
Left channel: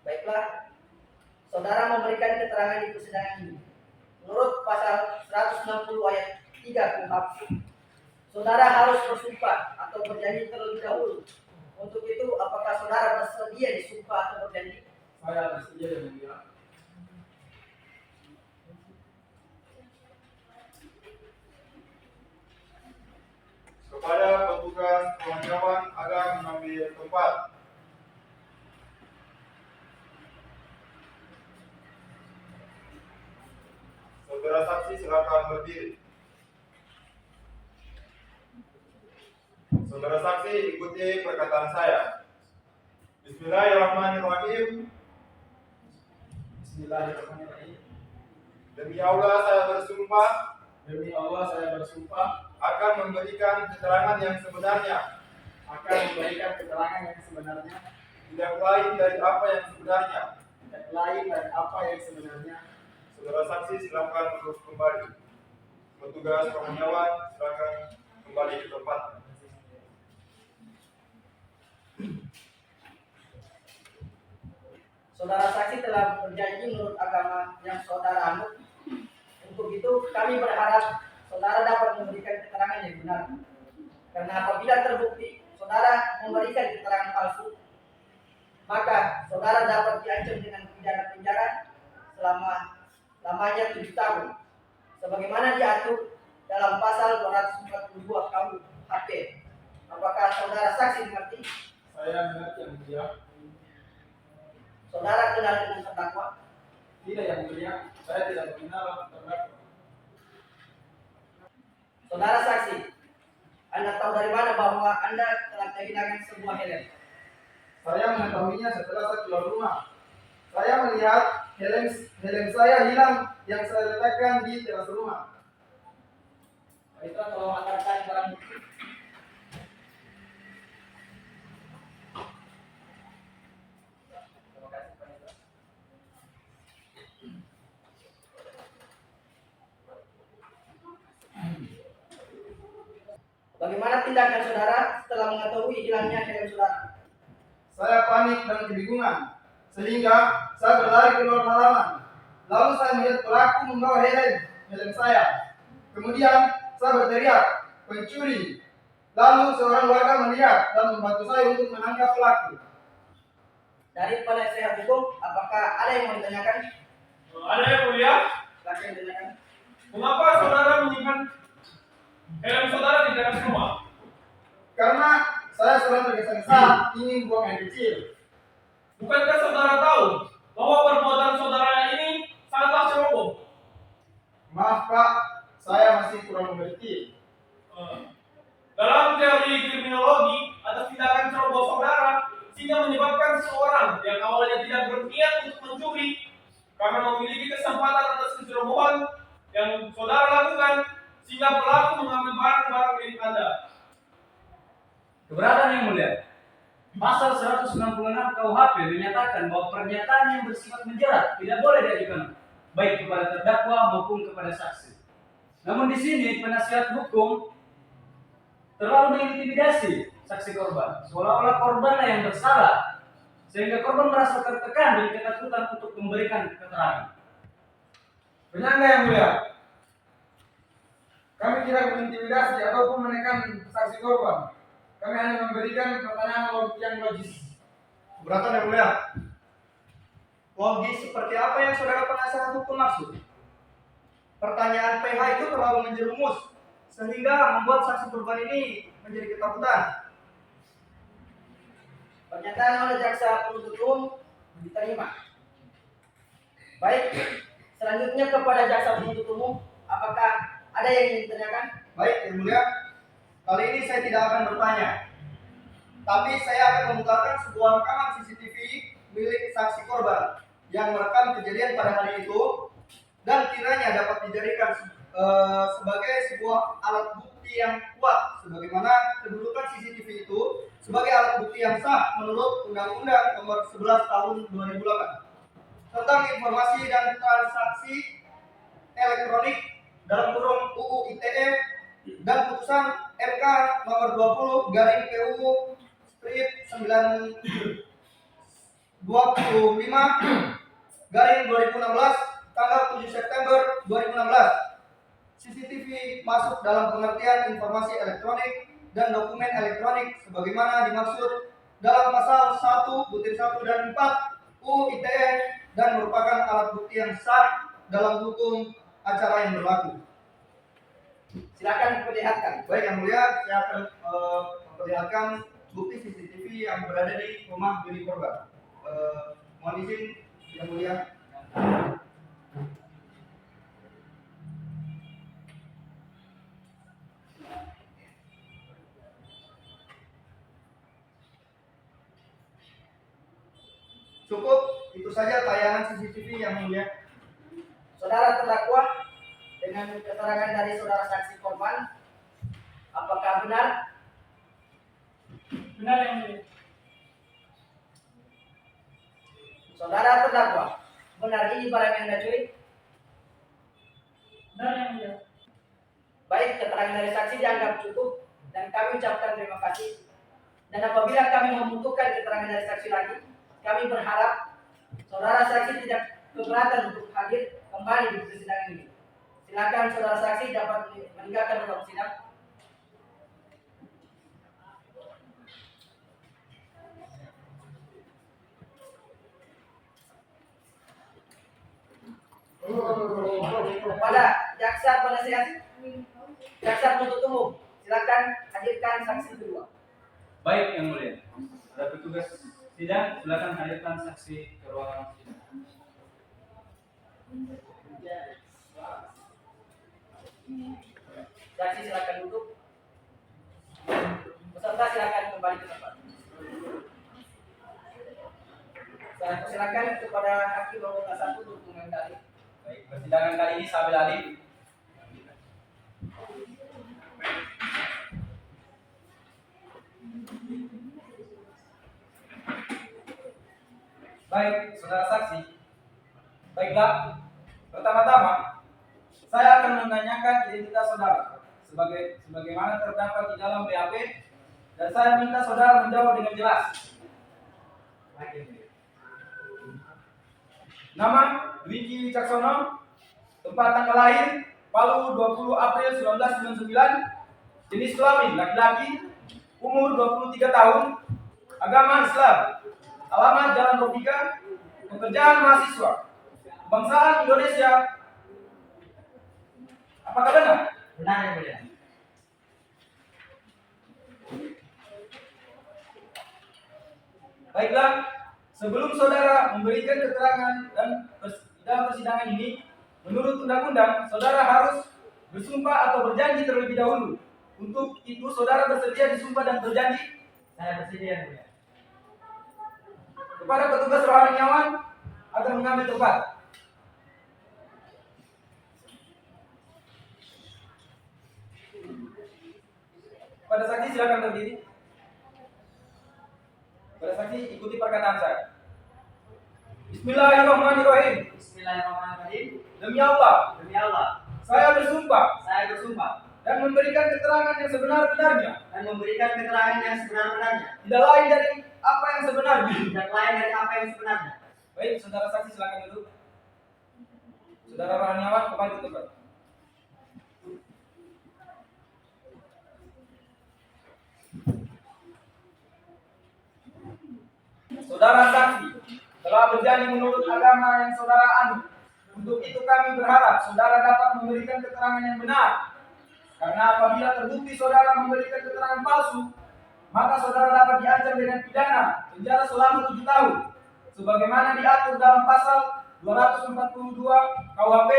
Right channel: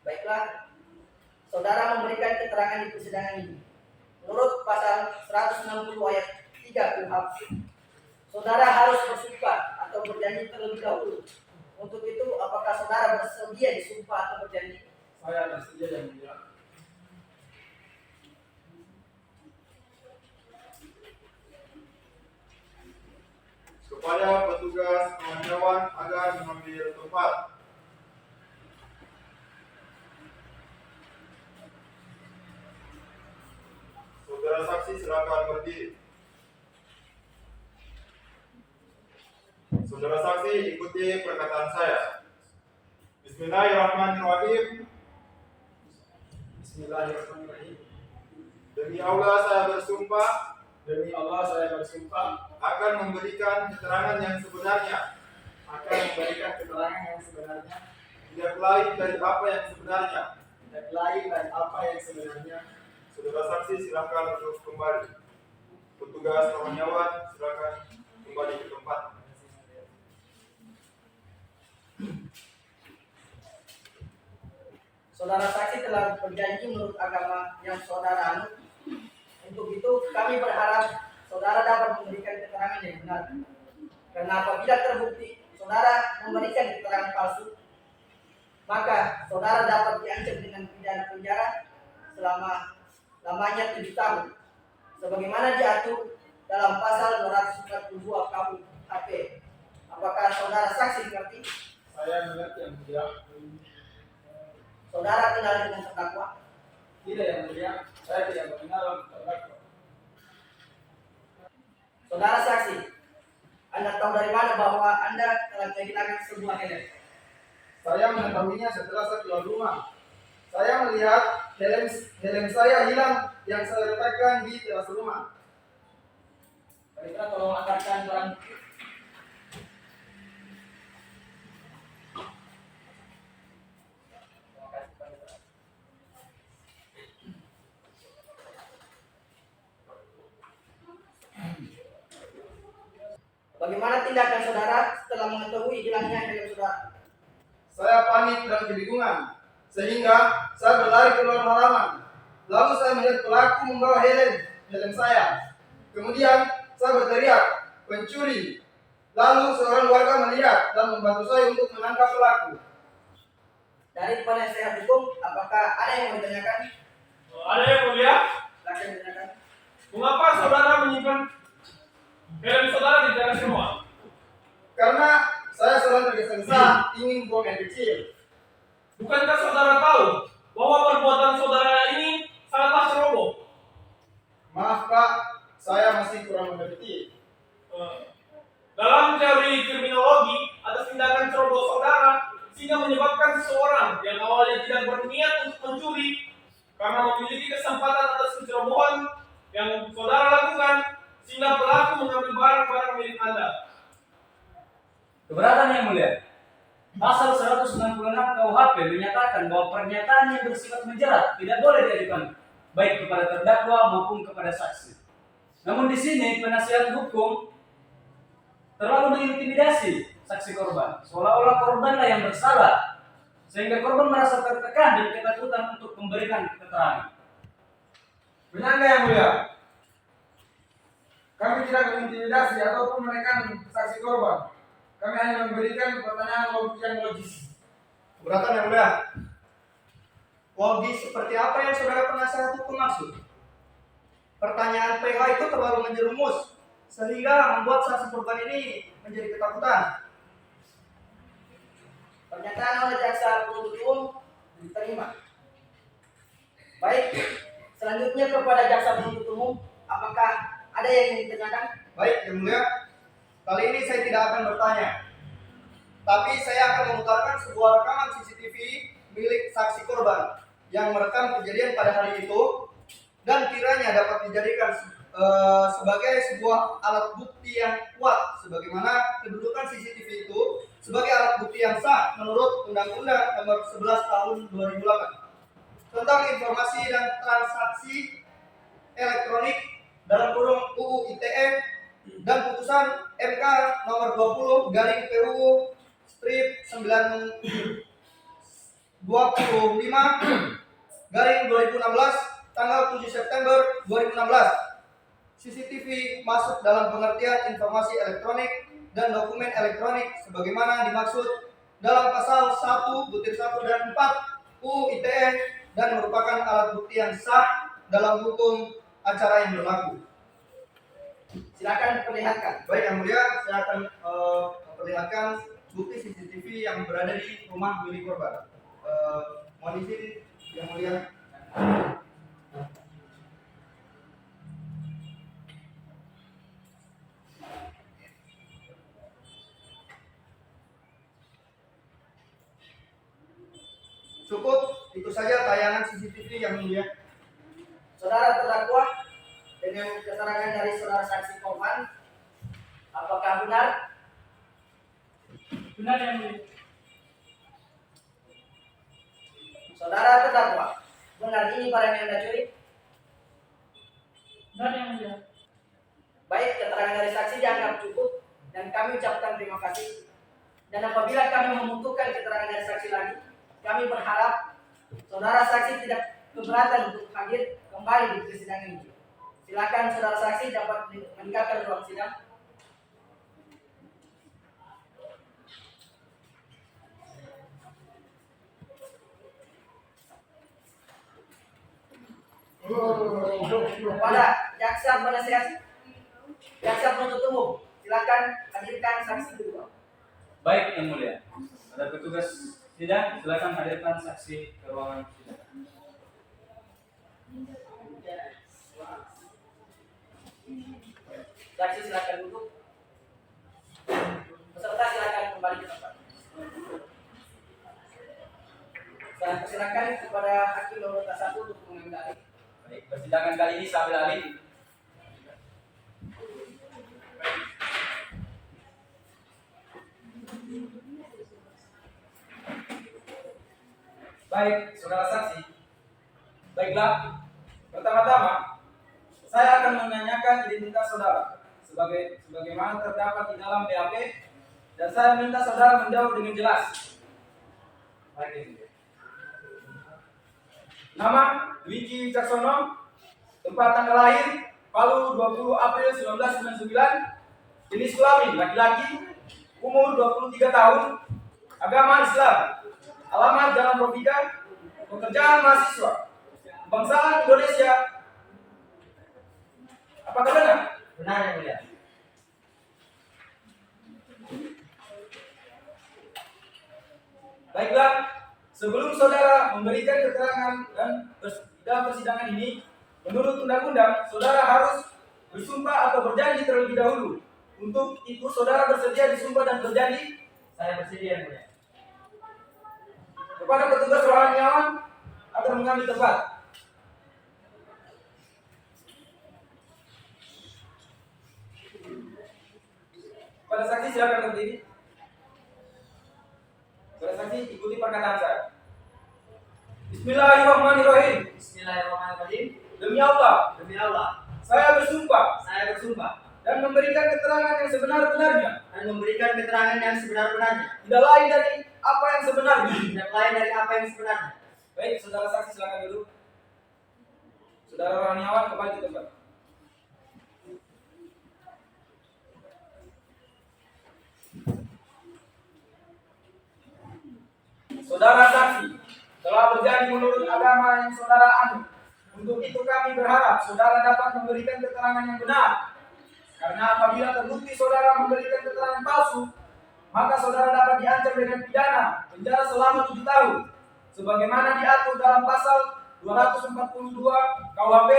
Baiklah, saudara memberikan keterangan di persidangan ini. Menurut pasal 160 ayat 3 KUHP, saudara harus bersumpah atau berjanji terlebih dahulu. Untuk itu, apakah saudara bersedia disumpah atau berjanji? Saya bersedia, Yang Mulia. Kepada petugas kawan-kawan agar mengambil tempat. Saudara saksi silakan berdiri. Saudara saksi ikuti perkataan saya. Bismillahirrahmanirrahim. Bismillahirrahmanirrahim. Demi Allah saya bersumpah Demi Allah saya bersumpah akan memberikan keterangan yang sebenarnya, akan memberikan keterangan yang sebenarnya, tidak lain dari apa yang sebenarnya. tidak lain dari apa yang sebenarnya. Saudara saksi silakan duduk kembali. Petugas kawan-kawan silakan kembali ke tempat. Saudara saksi telah berjanji menurut agama yang saudara anut. Untuk itu, kami berharap saudara dapat memberikan keterangan yang benar. Karena apabila terbukti saudara memberikan keterangan palsu, maka saudara dapat diancam dengan pidana penjara lamanya 7 tahun. Sebagaimana diatur dalam pasal 242 KUHP. Apakah saudara saksi mengerti? Saya mengerti, Yang Mulia. Saudara kenal dengan terdakwa? Tidak, Yang Mulia. Saya tidak mengenal terdakwa. Saudara saksi, Anda tahu dari mana bahwa Anda telah kehilangan sebuah helm? Saya mengetahuinya setelah saya keluar rumah. Saya melihat helm saya hilang yang saya letakkan di teras rumah. Baiklah, tolong angkatkan barang bukti. Bagaimana tindakan saudara setelah mengetahui hilangnya helm saudara? Saya panik dan kebingungan, sehingga saya berlari keluar halaman. Lalu saya melihat pelaku membawa helm saya. Kemudian saya berteriak, "Pencuri!" Lalu seorang warga melihat dan membantu saya untuk menangkap pelaku. Dari penasehat hukum, apakah ada yang mau ditanyakan? Ada yang mulia? Silakan ditanyakan. Mengapa saudara menyimpan helm saudara di teras rumah? Karena saya sedang tergesa-gesa ingin buang air kecil. Bukankah saudara tahu bahwa perbuatan saudara ini sangatlah ceroboh? Maaf Pak, saya masih kurang mengerti. Dalam teori kriminologi, atas tindakan ceroboh saudara sehingga menyebabkan seseorang yang awalnya tidak berniat untuk mencuri karena memiliki kesempatan atas kecerobohan yang saudara lakukan sehingga pelaku mengambil barang-barang milik Anda. Keberatan yang mulia. Pasal 166 KUHP menyatakan bahwa pernyataan yang bersifat menjerat tidak boleh diajukan baik kepada terdakwa maupun kepada saksi. Namun di sini penasihat hukum terlalu mengintimidasi saksi korban, seolah-olah korbanlah yang bersalah, sehingga korban merasa tertekan dan ketakutan untuk memberikan keterangan. Penyangga yang mulia, kami tidak mengintimidasi ataupun menekan saksi korban. Kami hanya memberikan pertanyaan yang logis. Keberatan yang mulia. Logis seperti apa yang saudara penasihat hukum maksud? Pertanyaan PH itu terlalu menjerumus sehingga membuat saksi korban ini menjadi ketakutan. Pernyataan oleh jaksa penuntut umum diterima. Baik, selanjutnya kepada jaksa penuntut umum, apakah ada yang ingin ditanyakan? Baik, yang mulia. Kali ini saya tidak akan bertanya, tapi saya akan memutarkan sebuah rekaman CCTV milik saksi korban yang merekam kejadian pada hari itu dan kiranya dapat dijadikan sebagai sebuah alat bukti yang kuat, sebagaimana kedudukan CCTV itu sebagai alat bukti yang sah menurut Undang-Undang Nomor 11 Tahun 2008 tentang informasi dan transaksi elektronik dalam kurung UU ITE dan putusan MK Nomor 20/PUU strip 925/2016 tanggal 7 September 2016. CCTV masuk dalam pengertian informasi elektronik dan dokumen elektronik sebagaimana dimaksud dalam pasal 1/1 dan 4 UU ITE dan merupakan alat bukti yang sah dalam hukum acara yang berlaku. Silakan perlihatkan. Baik yang mulia, saya akan memperlihatkan bukti CCTV yang berada di rumah milik korban. Mohon izin yang mulia. Cukup itu saja tayangan CCTV yang mulia. Saudara terdakwa, dengan keterangan dari saudara saksi korban, apakah benar? Benar yang mulia. Saudara terdakwa, benar ini barang yang Anda curi? Benar yang mulia. Baik, keterangan dari saksi dianggap cukup dan kami ucapkan terima kasih. Dan apabila kami membutuhkan keterangan dari saksi lagi, kami berharap saudara saksi tidak keberatan untuk hadir kembali di persidangan ini. Silakan saudara saksi dapat meninggalkan ruang sidang. Kepada jaksa penasihat, jaksa penuntut umum, silakan hadirkan saksi kedua. Baik yang mulia. Ada petugas sidang, silakan hadirkan saksi ke ruangan sidang. Saksi silakan duduk. Peserta silakan kembali ke tempat. Saya persilakan kepada hakim anggota 1 untuk mengambil alih. Baik, persidangan kali ini saya ambil alih. Baik, saudara saksi. Baiklah, pertama-tama saya akan menanyakan identitas saudara sebagaimana terdapat di dalam BAP, dan saya minta saudara menjawab dengan jelas. Baik, Yang Mulia. Nama Dwiki Wicaksono, tempat tanggal lahir Palu 20 April 1999, jenis kelamin laki-laki, umur 23 tahun, agama Islam, alamat Jalan Robika, pekerjaan mahasiswa, kebangsaan Indonesia. Apakah benar? Benar Yang Mulia. Baiklah, sebelum saudara memberikan keterangan dan dalam persidangan ini, menurut undang-undang, saudara harus bersumpah atau berjanji terlebih dahulu. Untuk itu, saudara bersedia disumpah dan berjanji Saya bersedia Yang Mulia. kepada petugas rohaniawan agar mengambil tempat. Pada saksi silakan berdiri. Pada saksi ikuti perkataan saya. Bismillahirrahmanirrahim. Bismillahirrahmanirrahim. Demi Allah, Demi Allah, saya bersumpah saya bersumpah dan memberikan keterangan yang sebenar-benarnya, dan memberikan keterangan yang sebenar-benarnya, tidak lain dari apa yang sebenarnya. tidak lain dari apa yang sebenarnya. Baik, saudara saksi silakan duduk. Saudara rohaniawan kembali ke tempat. Saudara saksi telah berjanji menurut agama yang saudara anut. Untuk itu kami berharap saudara dapat memberikan keterangan yang benar. Karena apabila terbukti saudara memberikan keterangan palsu, maka saudara dapat diancam dengan pidana penjara selama 7 tahun. Sebagaimana diatur dalam pasal 242 KUHP.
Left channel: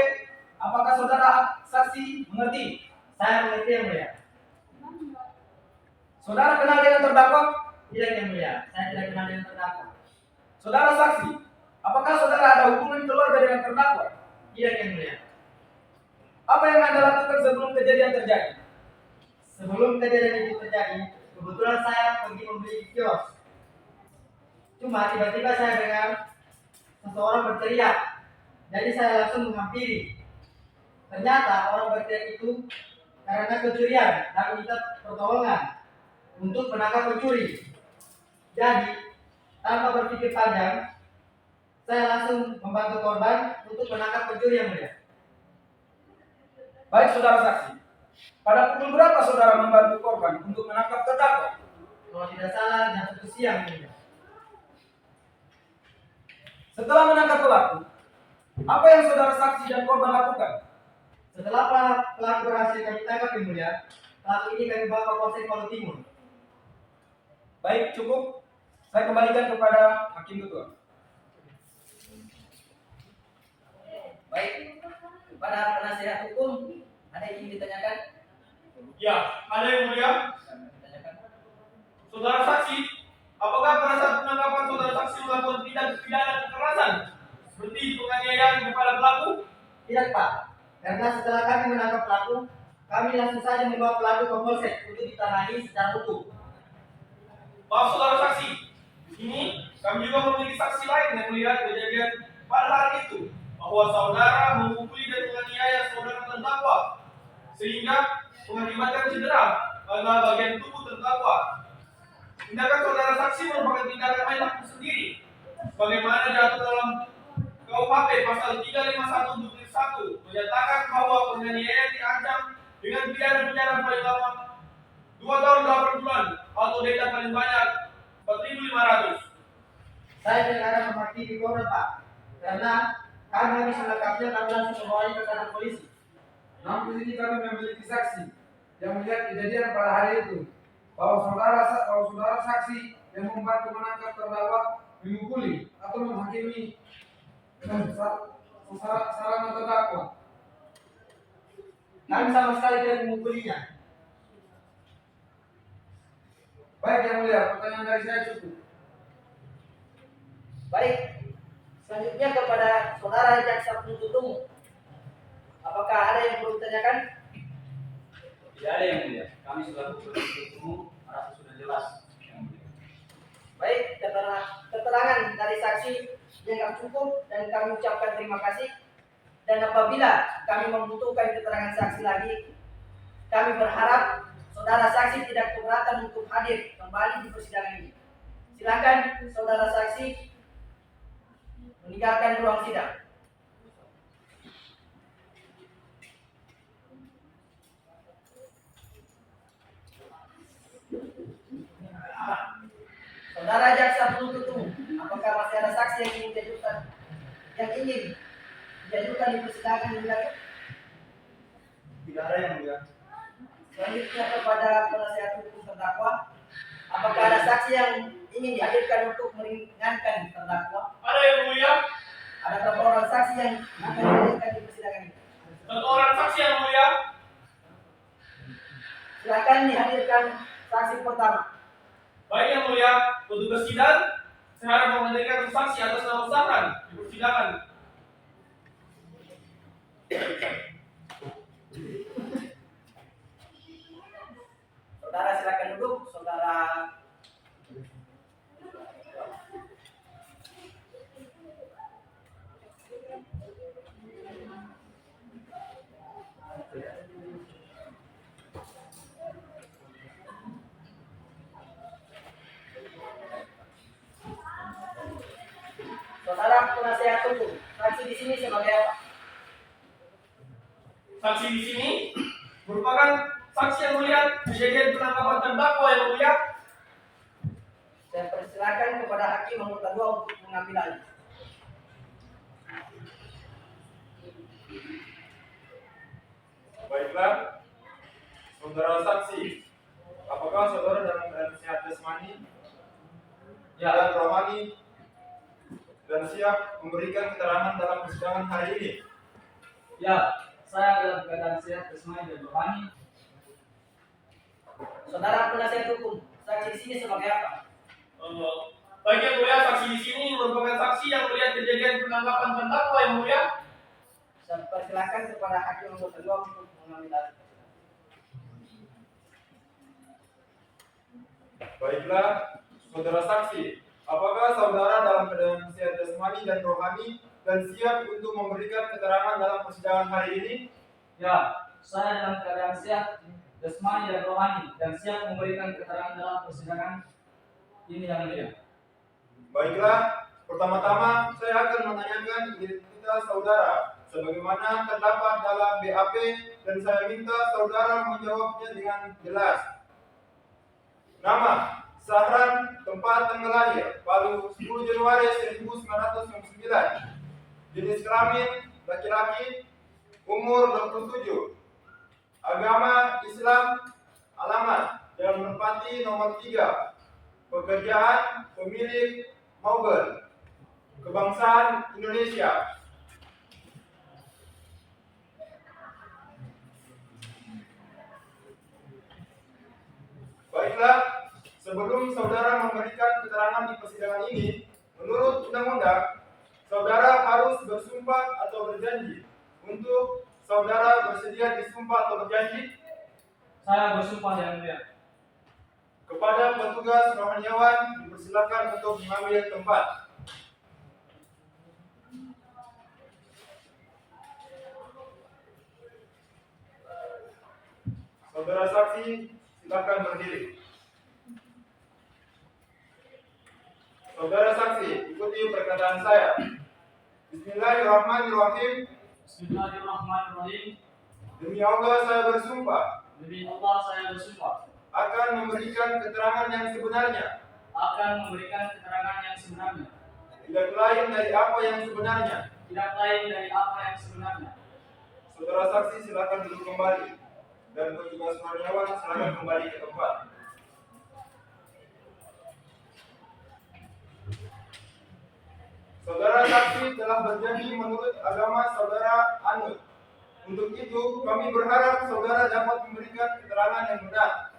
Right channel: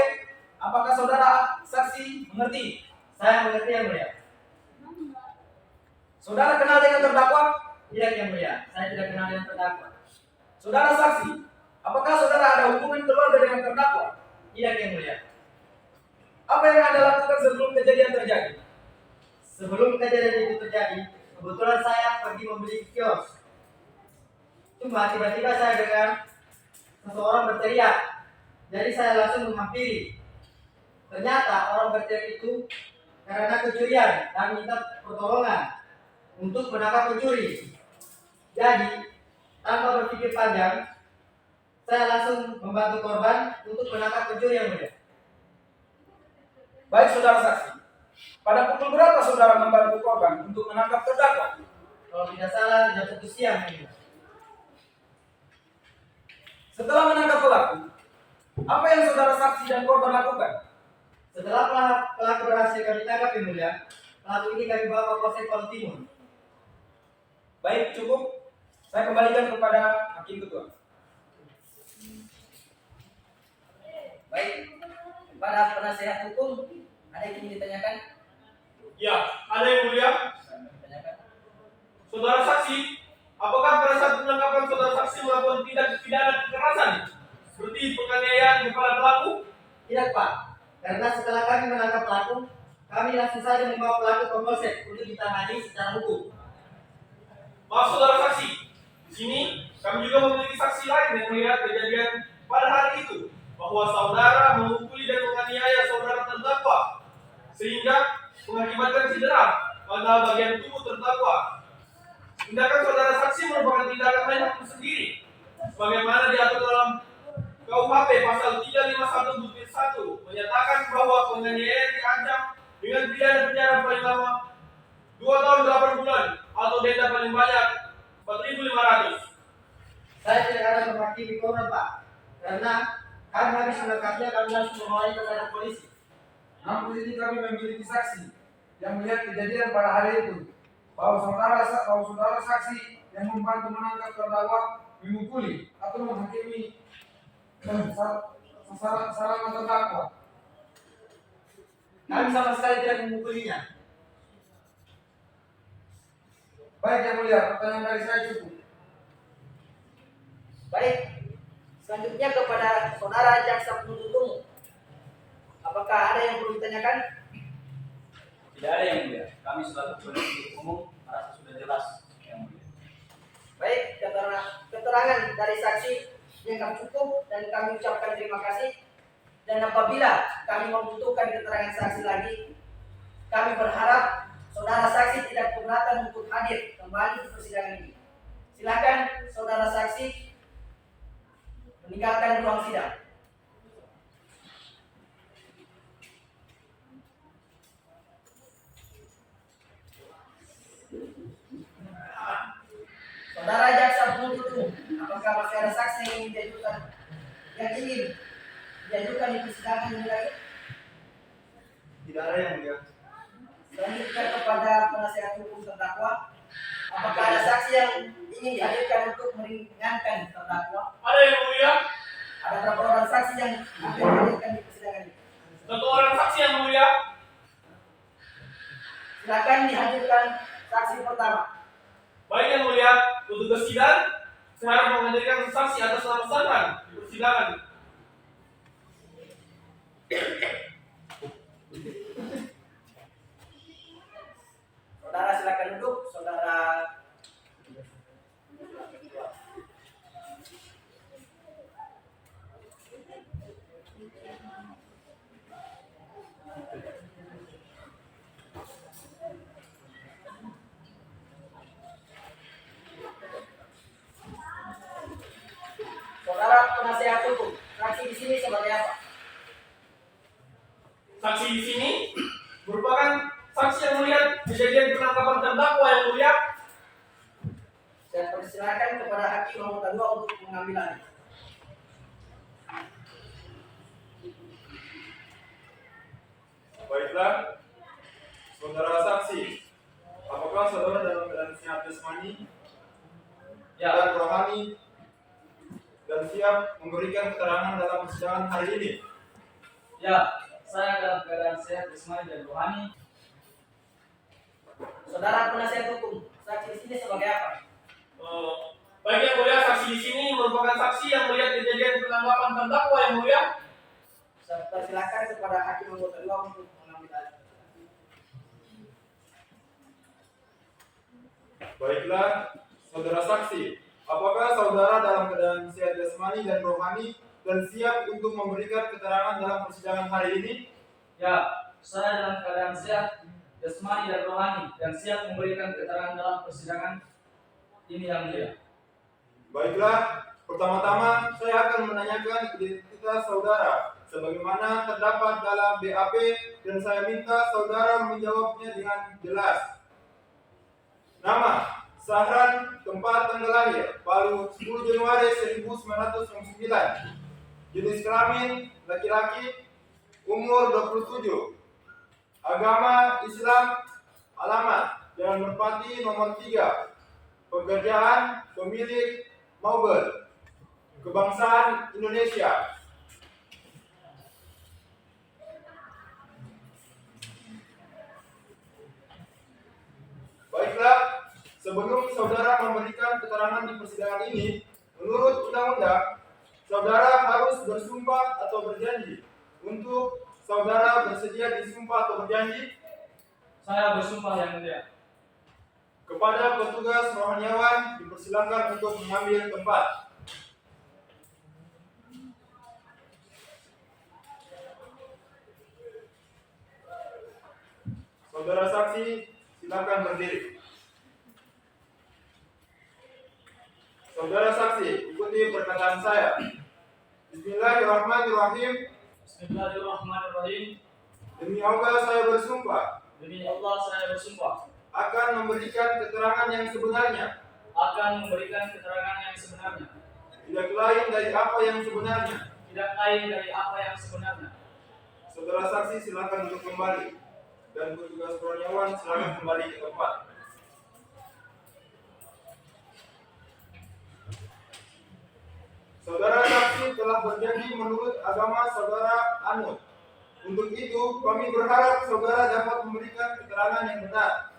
Apakah saudara saksi mengerti? Saya mengerti Yang Mulia. Saudara kenal dengan terdakwa? Tidak Yang Mulia, saya tidak kenal dengan terdakwa. Saudara saksi, apakah saudara ada hubungan keluarga dengan terdakwa? Tidak Yang Mulia. Apa yang Anda lakukan sebelum kejadian terjadi? Sebelum kejadian itu terjadi, kebetulan saya pergi membeli kios. Cuma tiba-tiba saya dengar seseorang berteriak. Jadi saya langsung menghampiri. Ternyata orang berteriak itu karena kecurian dan minta pertolongan untuk menangkap pencuri. Jadi tanpa berpikir panjang, saya langsung membantu korban untuk menangkap pencuri Yang Mulia. Baik saudara saksi, pada pukul berapa saudara membantu korban untuk menangkap terdakwa? Kalau tidak salah jam 1 siang Yang Mulia. Setelah menangkap pelaku, apa yang saudara saksi dan korban lakukan? Setelah pelaku berhasil kami tangkap Yang Mulia, pelaku ini kami bawa ke Polsek Palu Timur. Baik, cukup. Saya kembalikan kepada Hakim Ketua. Baik, kepada penasihat hukum ada yang ingin ditanyakan? Ya, ada Yang Mulia. Tanyakan. Saudara saksi, apakah pada saat penangkapan saudara saksi melakukan tindak pidana kekerasan seperti penganiayaan kepada pelaku? Tidak Pak, karena setelah kami menangkap pelaku, kami langsung saja membawa pelaku ke Polsek untuk ditangani secara hukum. Maaf saudara saksi, di sini kami juga memiliki saksi lain yang melihat kejadian pada hari itu bahwa saudara memukuli dan menganiaya saudara terdakwa sehingga mengakibatkan cedera pada bagian tubuh terdakwa. Tindakan saudara saksi merupakan tindakan main hakim sendiri, sebagaimana diatur dalam KUHP pasal 351 menyatakan bahwa penganiayaan diancam dengan pidana penjara paling lama 2 tahun 8 bulan atau denda paling banyak 4.500. Saya tidak ada menghakimi korban Pak, karena kami habis melengkapinya kami langsung membawanya ke kantor polisi. Namun di sini kami memiliki saksi yang melihat kejadian pada hari itu, bahwa saudara saksi yang membantu menangkap terdakwa memukuli atau menghakimi sarana terdakwa. Kami sama sekali tidak memukulinya. Baik Yang Mulia, pertanyaan dari saya cukup. Baik, selanjutnya kepada saudara jaksa penuntut umum. Apakah ada yang perlu ditanyakan? Tidak ada Yang Mulia. Kami selaku penuntut umum merasa sudah jelas Yang Mulia. Baik, keterangan dari saksi yang cukup dan kami ucapkan terima kasih. Dan apabila kami membutuhkan keterangan saksi lagi, kami berharap saudara saksi tidak keberatan untuk hadir kembali di persidangan ini. Silakan saudara saksi meninggalkan ruang sidang. Saudara jaksa penuntut umum, apakah masih ada saksi yang ingin diajukan di persidangan ini lagi? Tidak ada yang mulia. Selanjutnya kepada penasihat hukum terdakwa, apakah ada saksi yang ingin dihadirkan untuk meringankan terdakwa? Ada yang mulia? Ada berapa orang saksi yang akan dihadirkan di persidangan ini? 1 orang saksi yang mulia. Silakan dihadirkan saksi pertama. Baik yang mulia, petugas sidang, saya harap menghadirkan saksi atas nama Sahran di persidangan. Saudara silakan duduk, saudara. Saudara penasihat hukum, saksi di sini sebagai apa? Saksi di sini merupakan saksi yang melihat kejadian penangkapan terdakwa yang mulia. Saya persilakan kepada hakim anggota 2 untuk mengambil alih. Baiklah, saudara saksi, apakah saudara dalam keadaan sehat jasmani dan rohani dan siap memberikan keterangan dalam persidangan hari ini? Ya, saya dalam keadaan sehat jasmani dan rohani. Saudara penasihat hukum, saksi di sini sebagai apa? Baik yang mulia, saksi di sini merupakan saksi yang melihat kejadian penangkapan terdakwa yang mulia. Saya persilakan kepada hakim anggota 2 untuk mengambil alih. Baiklah, saudara saksi, apakah saudara dalam keadaan sehat jasmani dan rohani dan siap untuk memberikan keterangan dalam persidangan hari ini? Ya, saya dalam keadaan sehat jasmani dan rohani dan siap memberikan keterangan dalam persidangan ini yang mulia. Baiklah, pertama-tama saya akan menanyakan identitas saudara sebagaimana terdapat dalam BAP dan saya minta saudara menjawabnya dengan jelas. Nama, Sahran, tempat tanggal lahir, Palu 10 Januari 1999. Jenis kelamin, laki-laki, umur 27. Agama Islam, alamat, Jalan Merpati nomor 3. Pekerjaan, pemilik, Melbourne. Kebangsaan Indonesia. Baiklah, sebelum saudara memberikan keterangan di persidangan ini, menurut undang-undang, saudara harus bersumpah atau berjanji. Untuk saudara bersedia disumpah atau berjanji? Saya bersumpah yang mulia. Kepada petugas rohaniawan dipersilakan untuk mengambil tempat. Saudara saksi, silakan berdiri. Saudara saksi, ikuti perkataan saya. Bismillahirrahmanirrahim. Bismillahirrahmanirrahim. Demi Allah saya bersumpah Demi Allah saya bersumpah akan memberikan keterangan yang sebenarnya, akan memberikan keterangan yang sebenarnya, tidak lain dari apa yang sebenarnya. tidak lain dari apa yang sebenarnya. Saudara saksi silakan duduk kembali dan petugas rohaniawan silakan kembali ke tempat. Saudara saksi telah berjanji menurut agama saudara anut. Untuk itu kami berharap saudara dapat memberikan keterangan yang benar.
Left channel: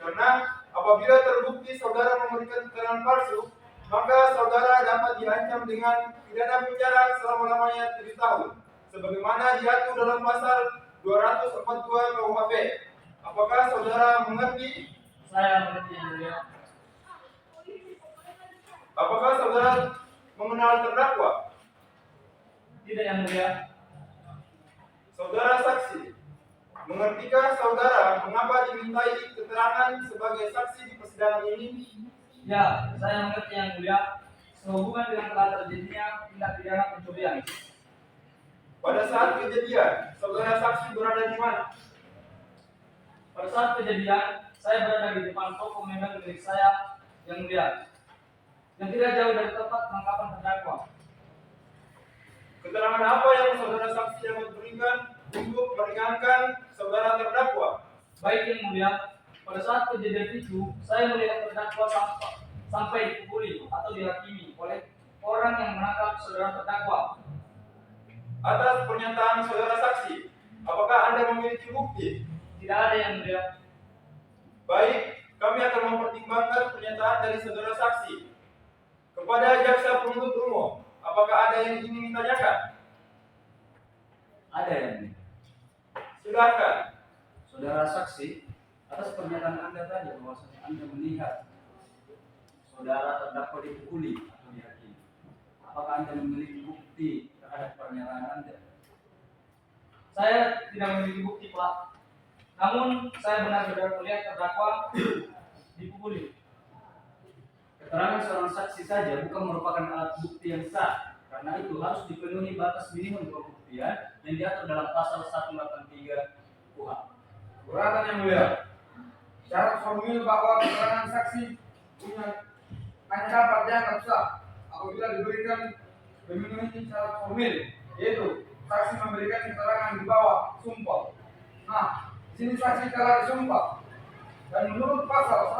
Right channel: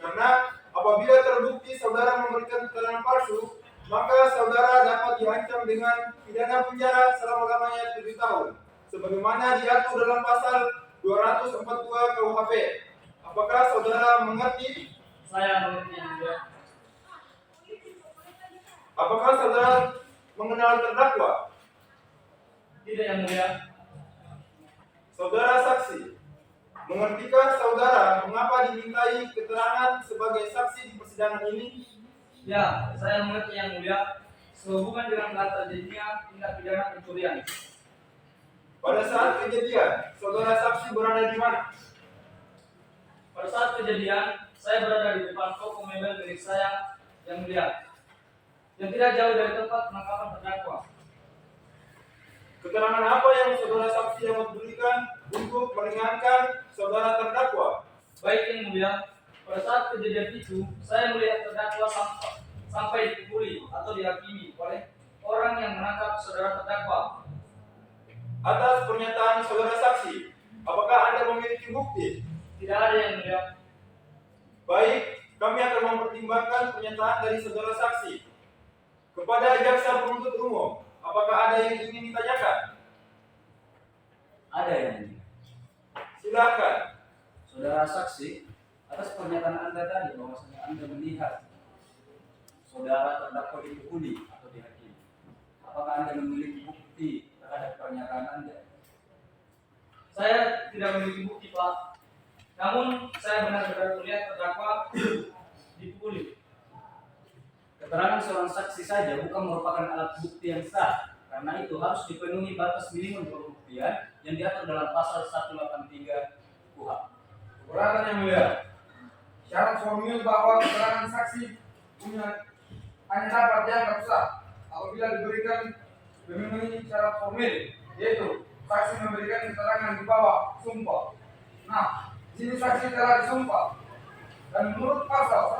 Karena apabila terbukti saudara memberikan keterangan palsu, maka saudara dapat diancam dengan pidana penjara selama-lamanya 7 tahun, sebagaimana diatur dalam pasal 242 KUHP. Apakah saudara mengerti? Saya mengerti yang mulia. Apakah saudara mengenal terdakwa? Tidak yang mulia. Saudara saksi, Mengertikah saudara mengapa dimintai keterangan sebagai saksi di persidangan ini? Ya, saya mengerti yang mulia. Sehubungan dengan telah terjadinya tindak pidana pencurian. Pada saat kejadian, saudara saksi berada di mana? Pada saat kejadian, saya berada di depan toko mebel milik saya yang mulia, yang tidak jauh dari tempat penangkapan terdakwa. Keterangan apa yang saudara saksi yang berikan untuk meringankan saudara terdakwa? Baik yang mulia, pada saat kejadian itu, saya melihat terdakwa sampai dipukuli atau dihakimi oleh orang yang menangkap saudara terdakwa. Atas pernyataan saudara saksi, apakah Anda memiliki bukti? Tidak ada yang mulia. Baik, kami akan mempertimbangkan pernyataan dari saudara saksi. Kepada jaksa penuntut umum, apakah ada yang ingin ditanyakan? Ada yang mulia. Silakan. Saudara saksi, atas pernyataan Anda tadi bahwasanya Anda melihat saudara terdakwa dipukuli atau dihakimi, apakah Anda memiliki bukti terhadap pernyataan Anda? Saya tidak memiliki bukti, Pak. Namun saya benar-benar melihat terdakwa dipukuli. Keterangan seorang saksi saja bukan merupakan alat bukti yang sah, karena itu harus dipenuhi batas minimum pembuktian yang diatur dalam pasal 183 KUHP. Keberatan yang mulia. Syarat formil bahwa keterangan saksi hanya dapat dianggap sah apabila diberikan memenuhi syarat formil, yaitu saksi memberikan keterangan di bawah sumpah. Nah, di sini saksi telah disumpah, dan menurut pasal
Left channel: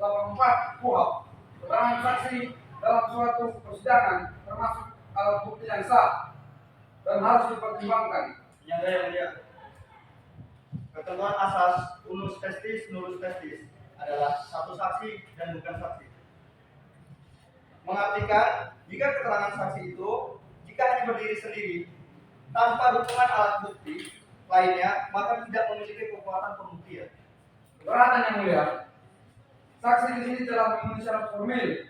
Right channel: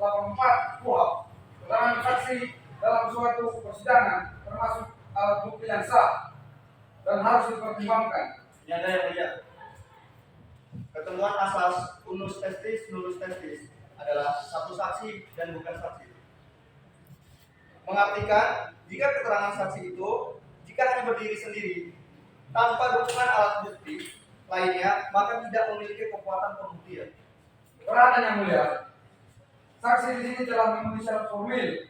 184 KUHP, keterangan saksi dalam suatu persidangan termasuk alat bukti yang sah dan harus dipertimbangkan. Nyata yang mulia. Ketentuan asas unus testis nulus testis adalah satu saksi dan bukan saksi. Mengartikan jika keterangan saksi itu jika hanya berdiri sendiri tanpa dukungan alat bukti lainnya maka tidak memiliki kekuatan pembuktian. Keberatan yang mulia. Saksi di sini telah memenuhi syarat formil,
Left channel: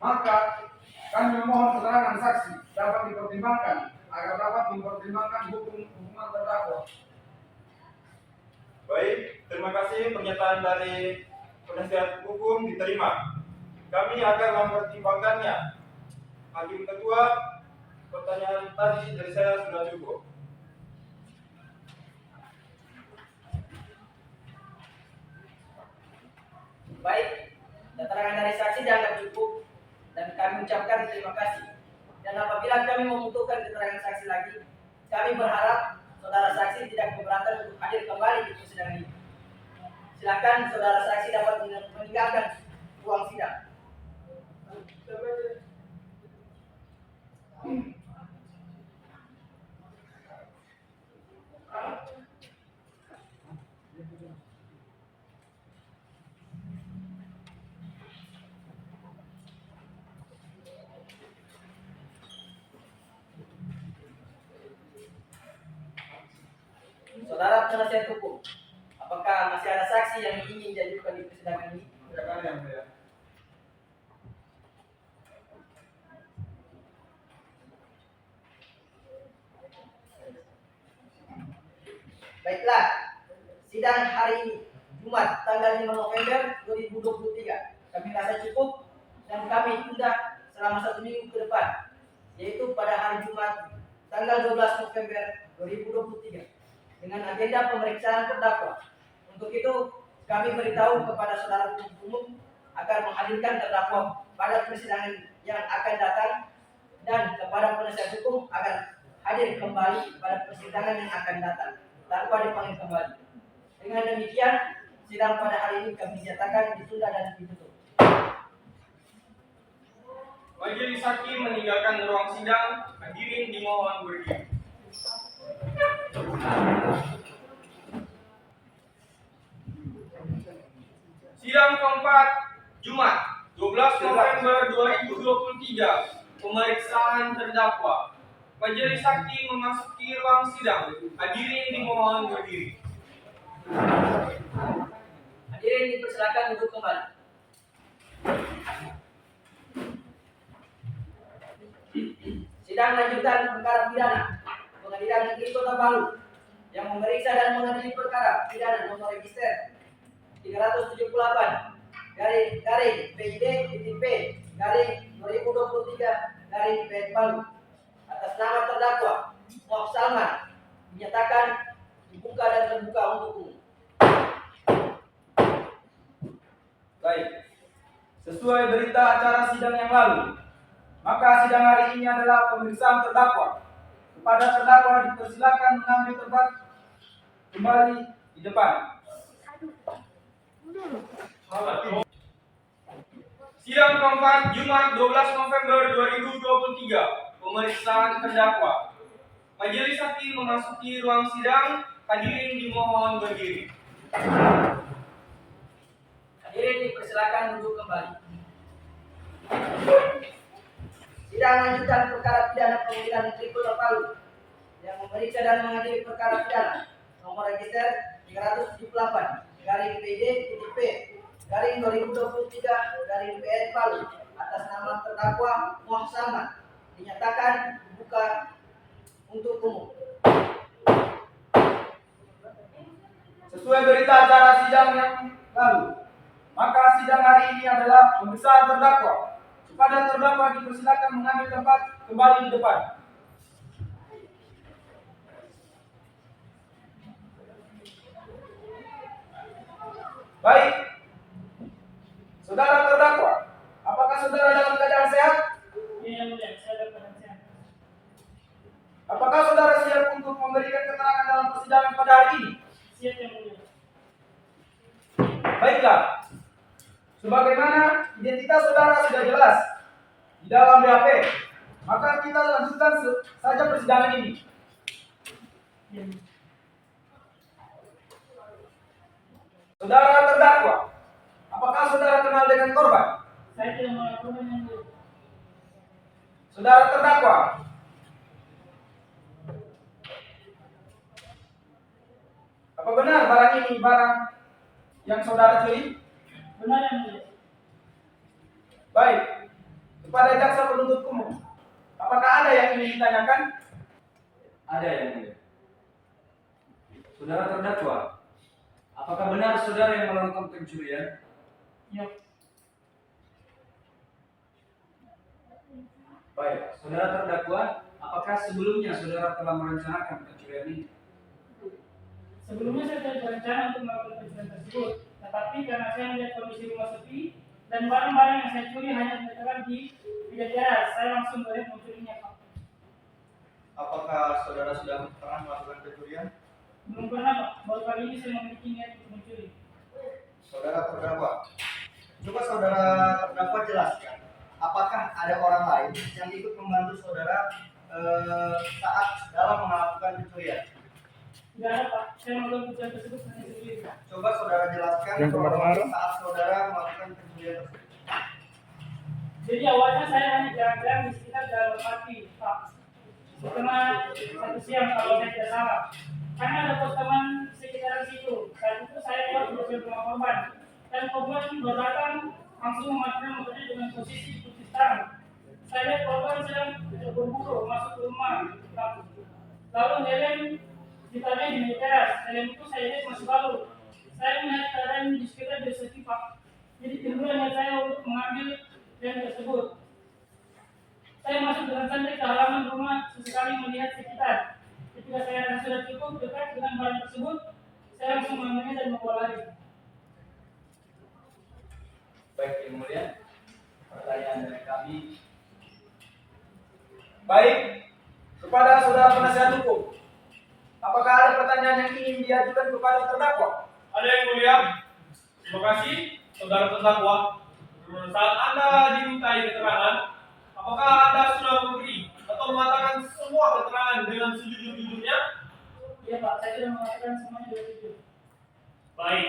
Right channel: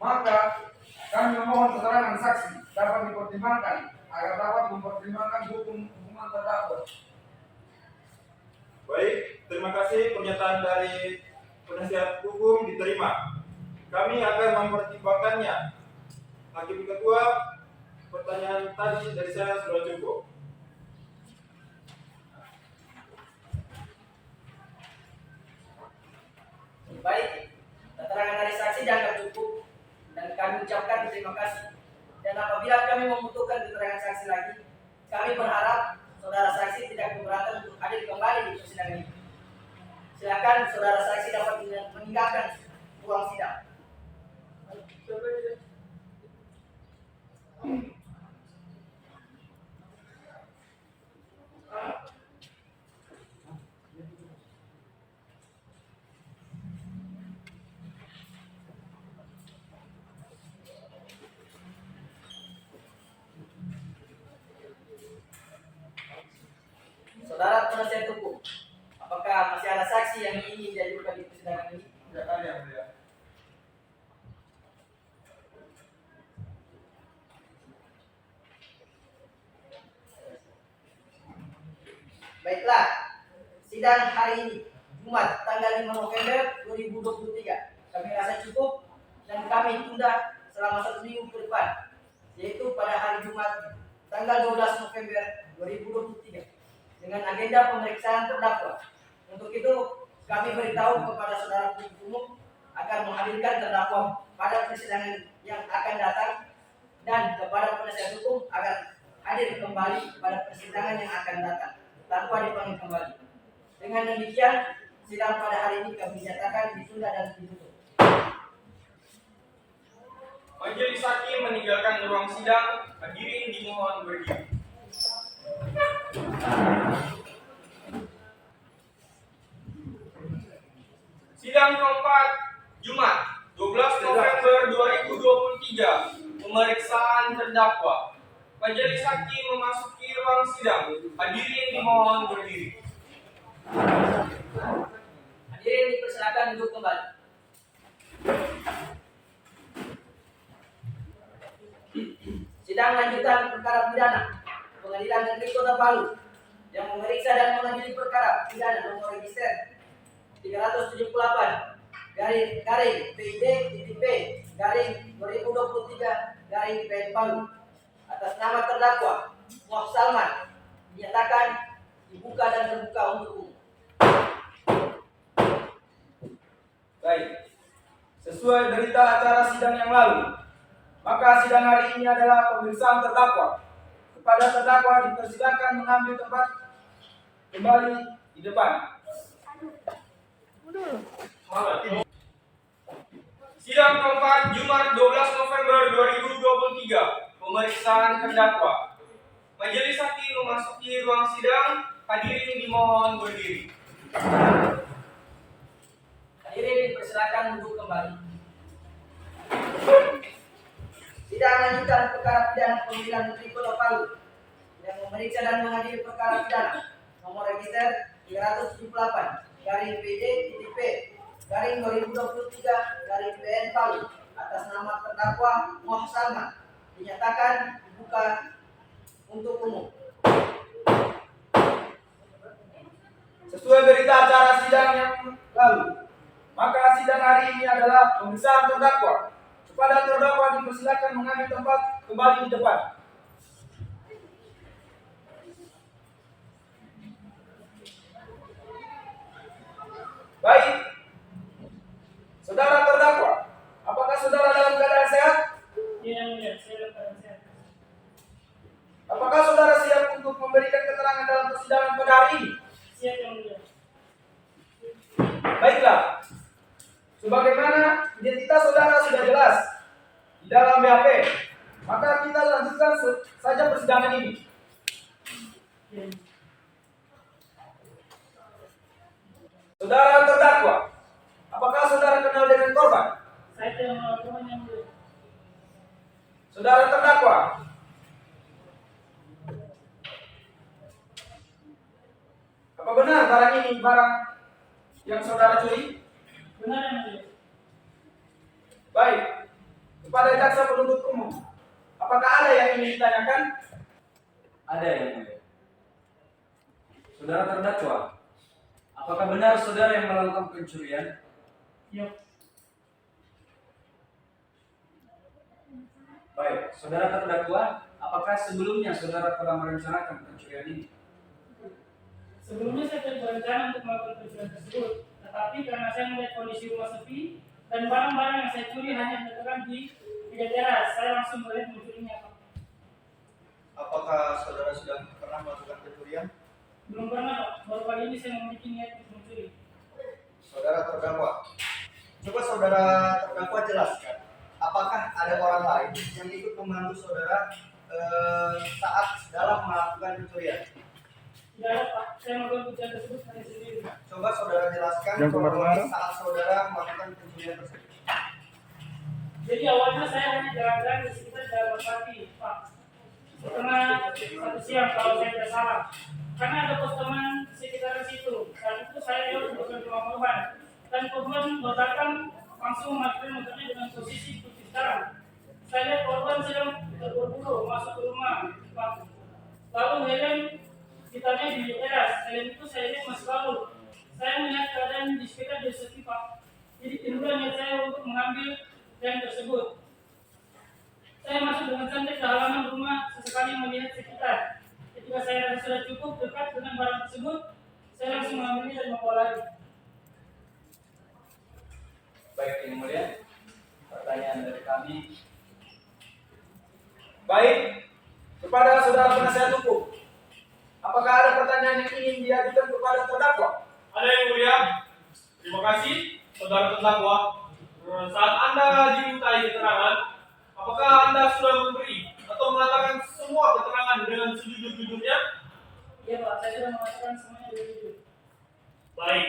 maka kami memohon keterangan saksi dapat dipertimbangkan agar dapat mempertimbangkan hubungan terdakwa. Baik, terima kasih pernyataan dari penasihat hukum diterima. Kami akan mempertimbangkannya. Hakim Ketua, pertanyaan tadi dari saya sudah cukup. Baik, keterangan dari saksi dianggap cukup dan kami ucapkan terima kasih. Dan apabila kami membutuhkan keterangan saksi lagi, kami berharap saudara saksi tidak keberatan untuk hadir kembali di persidangan ini. Silakan saudara saksi dapat meninggalkan ruang sidang. Saudara penasihat hukum, apakah masih ada saksi yang ingin diajukan di persidangan ini? Silakan yang mulia. Baiklah, sidang hari ini Jumat tanggal 5 November 2023 kami rasa cukup dan kami tunda selama 1 minggu ke depan, yaitu pada hari Jumat tanggal 12 November 2023 dengan agenda pemeriksaan terdakwa. Untuk itu kami beritahu kepada saudara penuntut umum agar menghadirkan terdakwa pada persidangan yang akan datang dan kepada penasihat hukum agar hadir kembali pada persidangan yang akan datang tanpa dipanggil kembali. Dengan demikian, sidang pada hari ini kami nyatakan ditunda dan ditutup. Majelis hakim meninggalkan ruang sidang. Hadirin dimohon berdiri. Sidang keempat Jumat 12 November 2023. Pemeriksaan terdakwa. Majelis hakim memasuki ruang sidang. Hadirin dimohon berdiri. Hadirin dipersilakan duduk kembali. Sidang lanjutan perkara pidana Pengadilan Negeri Kota Palu yang memeriksa dan mengadili perkara pidana nomor register 378 garing PID titik P garing 2023 garing PN Palu atas nama terdakwa Muhammad Salman dinyatakan dibuka dan terbuka untuk umum. Baik. Sesuai berita acara sidang yang lalu, maka sidang hari ini adalah pemeriksaan terdakwa. Kepada terdakwa dipersilakan mengambil tempat kembali di depan. Sidang keempat Jumat 12 November 2023. Pemeriksaan terdakwa. Majelis Hakim memasuki ruang sidang. Hadirin dimohon berdiri. Hadirin dipersilakan duduk kembali. Sidang lanjutan perkara pidana pemilihan Menteri Kota Palu yang memeriksa dan mengadili perkara pidana nomor register 378 garing PD titik P garing 2023 garing PN Palu atas nama terdakwa Muhammad Salman dinyatakan dibuka untuk umum. Sesuai berita acara sidang yang lalu, maka sidang hari ini adalah pemeriksaan terdakwa. Kepada terdakwa dipersilakan mengambil tempat kembali di depan. Baik, saudara terdakwa, apakah saudara dalam keadaan sehat? Iya yang mulia, saya dalam keadaan sehat. Apakah saudara siap untuk memberikan keterangan dalam persidangan pada hari ini? Siap yang mulia. Baiklah, sebagaimana identitas saudara sudah jelas di dalam BAP, maka kita lanjutkan saja persidangan ini. Iya. Saudara terdakwa, apakah saudara kenal dengan korban? Saya tidak melakukan yang mulia. Saudara terdakwa, apa benar barang ini barang yang saudara curi? Benar yang mulia. Baik, kepada jaksa penuntut umum, apakah ada yang ingin ditanyakan? Ada yang mulia. Saudara terdakwa, apakah benar saudara yang melakukan pencurian? Iya. Baik, saudara terdakwa, apakah sebelumnya saudara telah merencanakan pencurian ini? Sebelumnya saya tidak berencana untuk melakukan pencurian tersebut, tetapi karena saya melihat kondisi rumah sepi dan barang-barang yang saya curi hanya diletakkan di tiga teras, saya langsung berani mencurinya, Pak. Apakah saudara sudah pernah melakukan pencurian? Belum pernah, Pak. Baru kali ini saya memiliki niat untuk mencuri. Saudara terdakwa, coba saudara terdakwa jelaskan, apakah ada orang lain yang ikut membantu saudara saat dalam melakukan pencurian? Tidak ada, Pak. Saya melakukan pencurian tersebut hanya sendiri. Coba saudara jelaskan kronologi saat saudara melakukan pencurian tersebut. Jadi awalnya saya hanya jalan-jalan di sekitar Jalan Pati, Pak. Setengah 1 siang kalau saya tidak salah. Karena ada pos teman sekitaran situ. Saat itu saya lewat untuk ke rumah korban. Dan korban berdatang langsung mematikan motornya dengan posisi putih hitam. Saya lihat korban sedang berburu masuk ke rumah, Pak. Lalu helm ditanya di meja teras. Helm itu saya lihat masih baru. Saya melihat keadaan di sekitar dia sepi, Pak. Jadi timbul niat saya untuk mengambil yang tersebut. Saya masuk dengan santai ke halaman rumah, sesekali melihat sekitar. Ketika saya rasa sudah cukup dekat dengan barang tersebut, saya langsung mengambilnya dan membawa lari. Baik, yang mulia, pertanyaan dari kami. Baik, kepada saudara penasihat hukum, apakah ada pertanyaan yang ingin diajukan kepada terdakwa? Ada yang mulia. Terima kasih, saudara terdakwa. Saat Anda dimintai keterangan, apakah Anda sudah memberi atau mengatakan semua keterangan dengan sejujur-jujurnya? Iya, Pak, saya sudah mengatakan semuanya dengan jujur. Baik.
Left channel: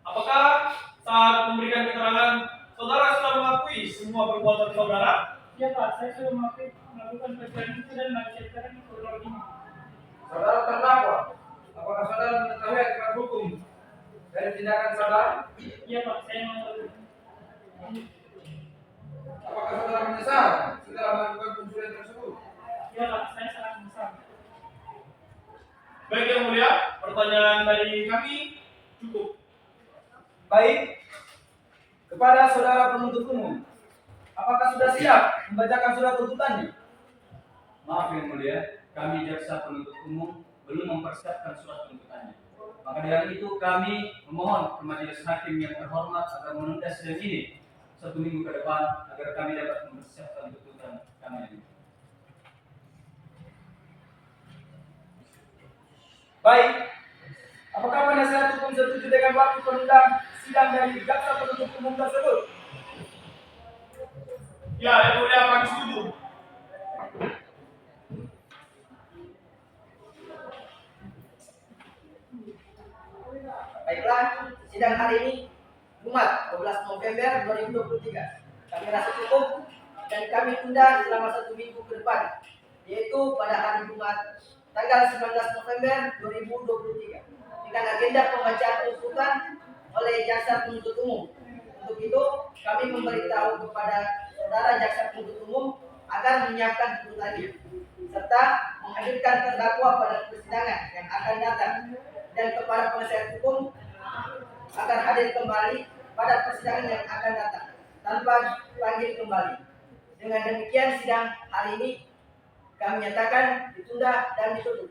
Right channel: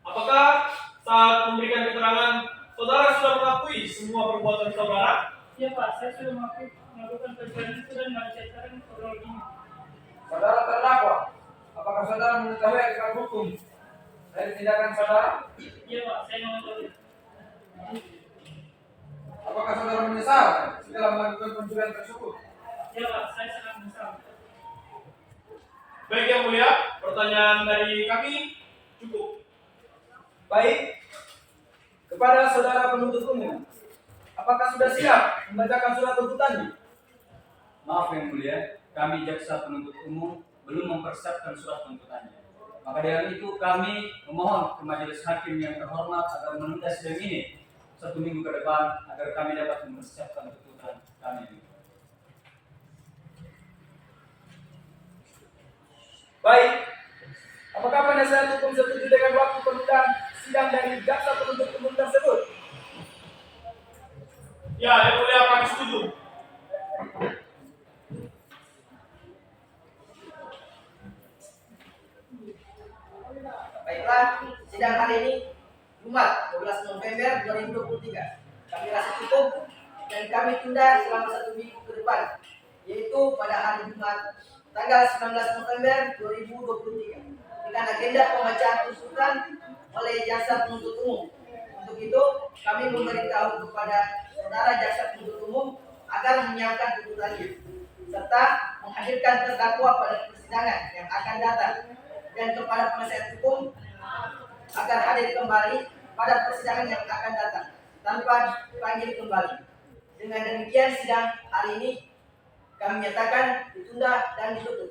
Apakah saat memberikan keterangan, saudara sudah mengakui semua perbuatan saudara? Iya, Pak, saya sudah melakukan pencurian itu dan menceritakan kronologinya. Saudara terdakwa, apakah saudara mengetahui akibat hukum dari tindakan saudara? Iya, Pak, saya mengetahui. Apakah saudara menyesal setelah melakukan pencurian tersebut? Iya, Pak, saya sangat menyesal. Baik yang mulia, pertanyaan dari kami cukup. Baik, kepada saudara penuntut umum, apakah sudah siap membacakan surat tuntutannya? Maaf yang mulia, kami jaksa penuntut umum belum mempersiapkan surat tuntutannya. Maka dengan itu kami memohon ke majelis hakim yang terhormat agar menunda sidang ini 1 minggu ke depan agar kami dapat mempersiapkan tuntutan kami. Baik, apakah penasihat hukum setuju dengan waktu penundaan sidang dari jaksa penuntut umum tersebut? Ya, yang mulia kami setuju. Baiklah, sidang hari ini Jumat 12 November 2023 kami rasa cukup dan kami tunda selama 1 minggu ke depan, yaitu pada hari Jumat tanggal 19 November 2023 dengan agenda pembacaan tuntutan oleh jaksa penuntut umum. Untuk itu, kami memberitahu kepada saudara jaksa penuntut umum agar menyiapkan tuntutannya serta menghadirkan terdakwa pada persidangan yang akan datang, dan kepada penasihat hukum agar hadir kembali pada persidangan yang akan datang tanpa dipanggil kembali. Dengan demikian sidang hari ini kami nyatakan ditunda dan ditutup.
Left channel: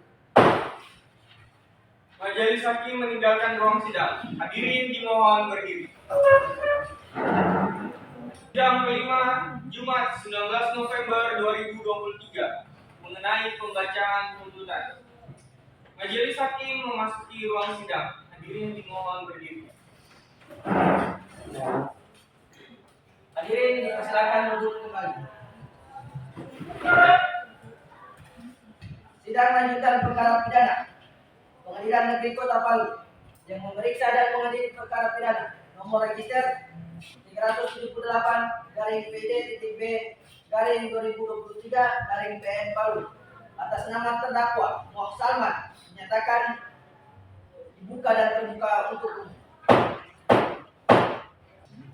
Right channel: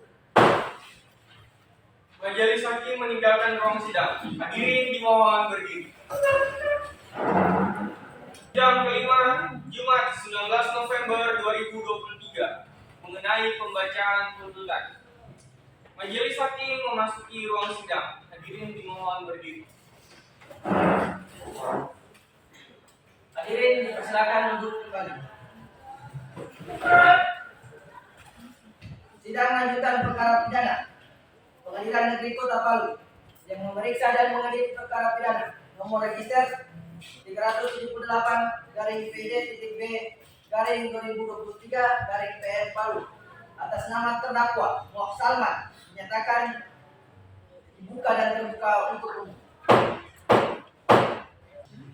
Majelis hakim meninggalkan ruang sidang. Hadirin dimohon berdiri. Sidang kelima Jumat 19 November 2023 mengenai pembacaan tuntutan. Majelis hakim memasuki ruang sidang. Hadirin dimohon berdiri. Hadirin dipersilakan duduk kembali. Sidang lanjutan perkara pidana Pengadilan Negeri Kota Palu yang memeriksa dan mengadili perkara pidana nomor register 370.PD.B/2023/PN Palu atas nama terdakwa Muhammad Salman menyatakan dibuka dan terbuka untuk umum.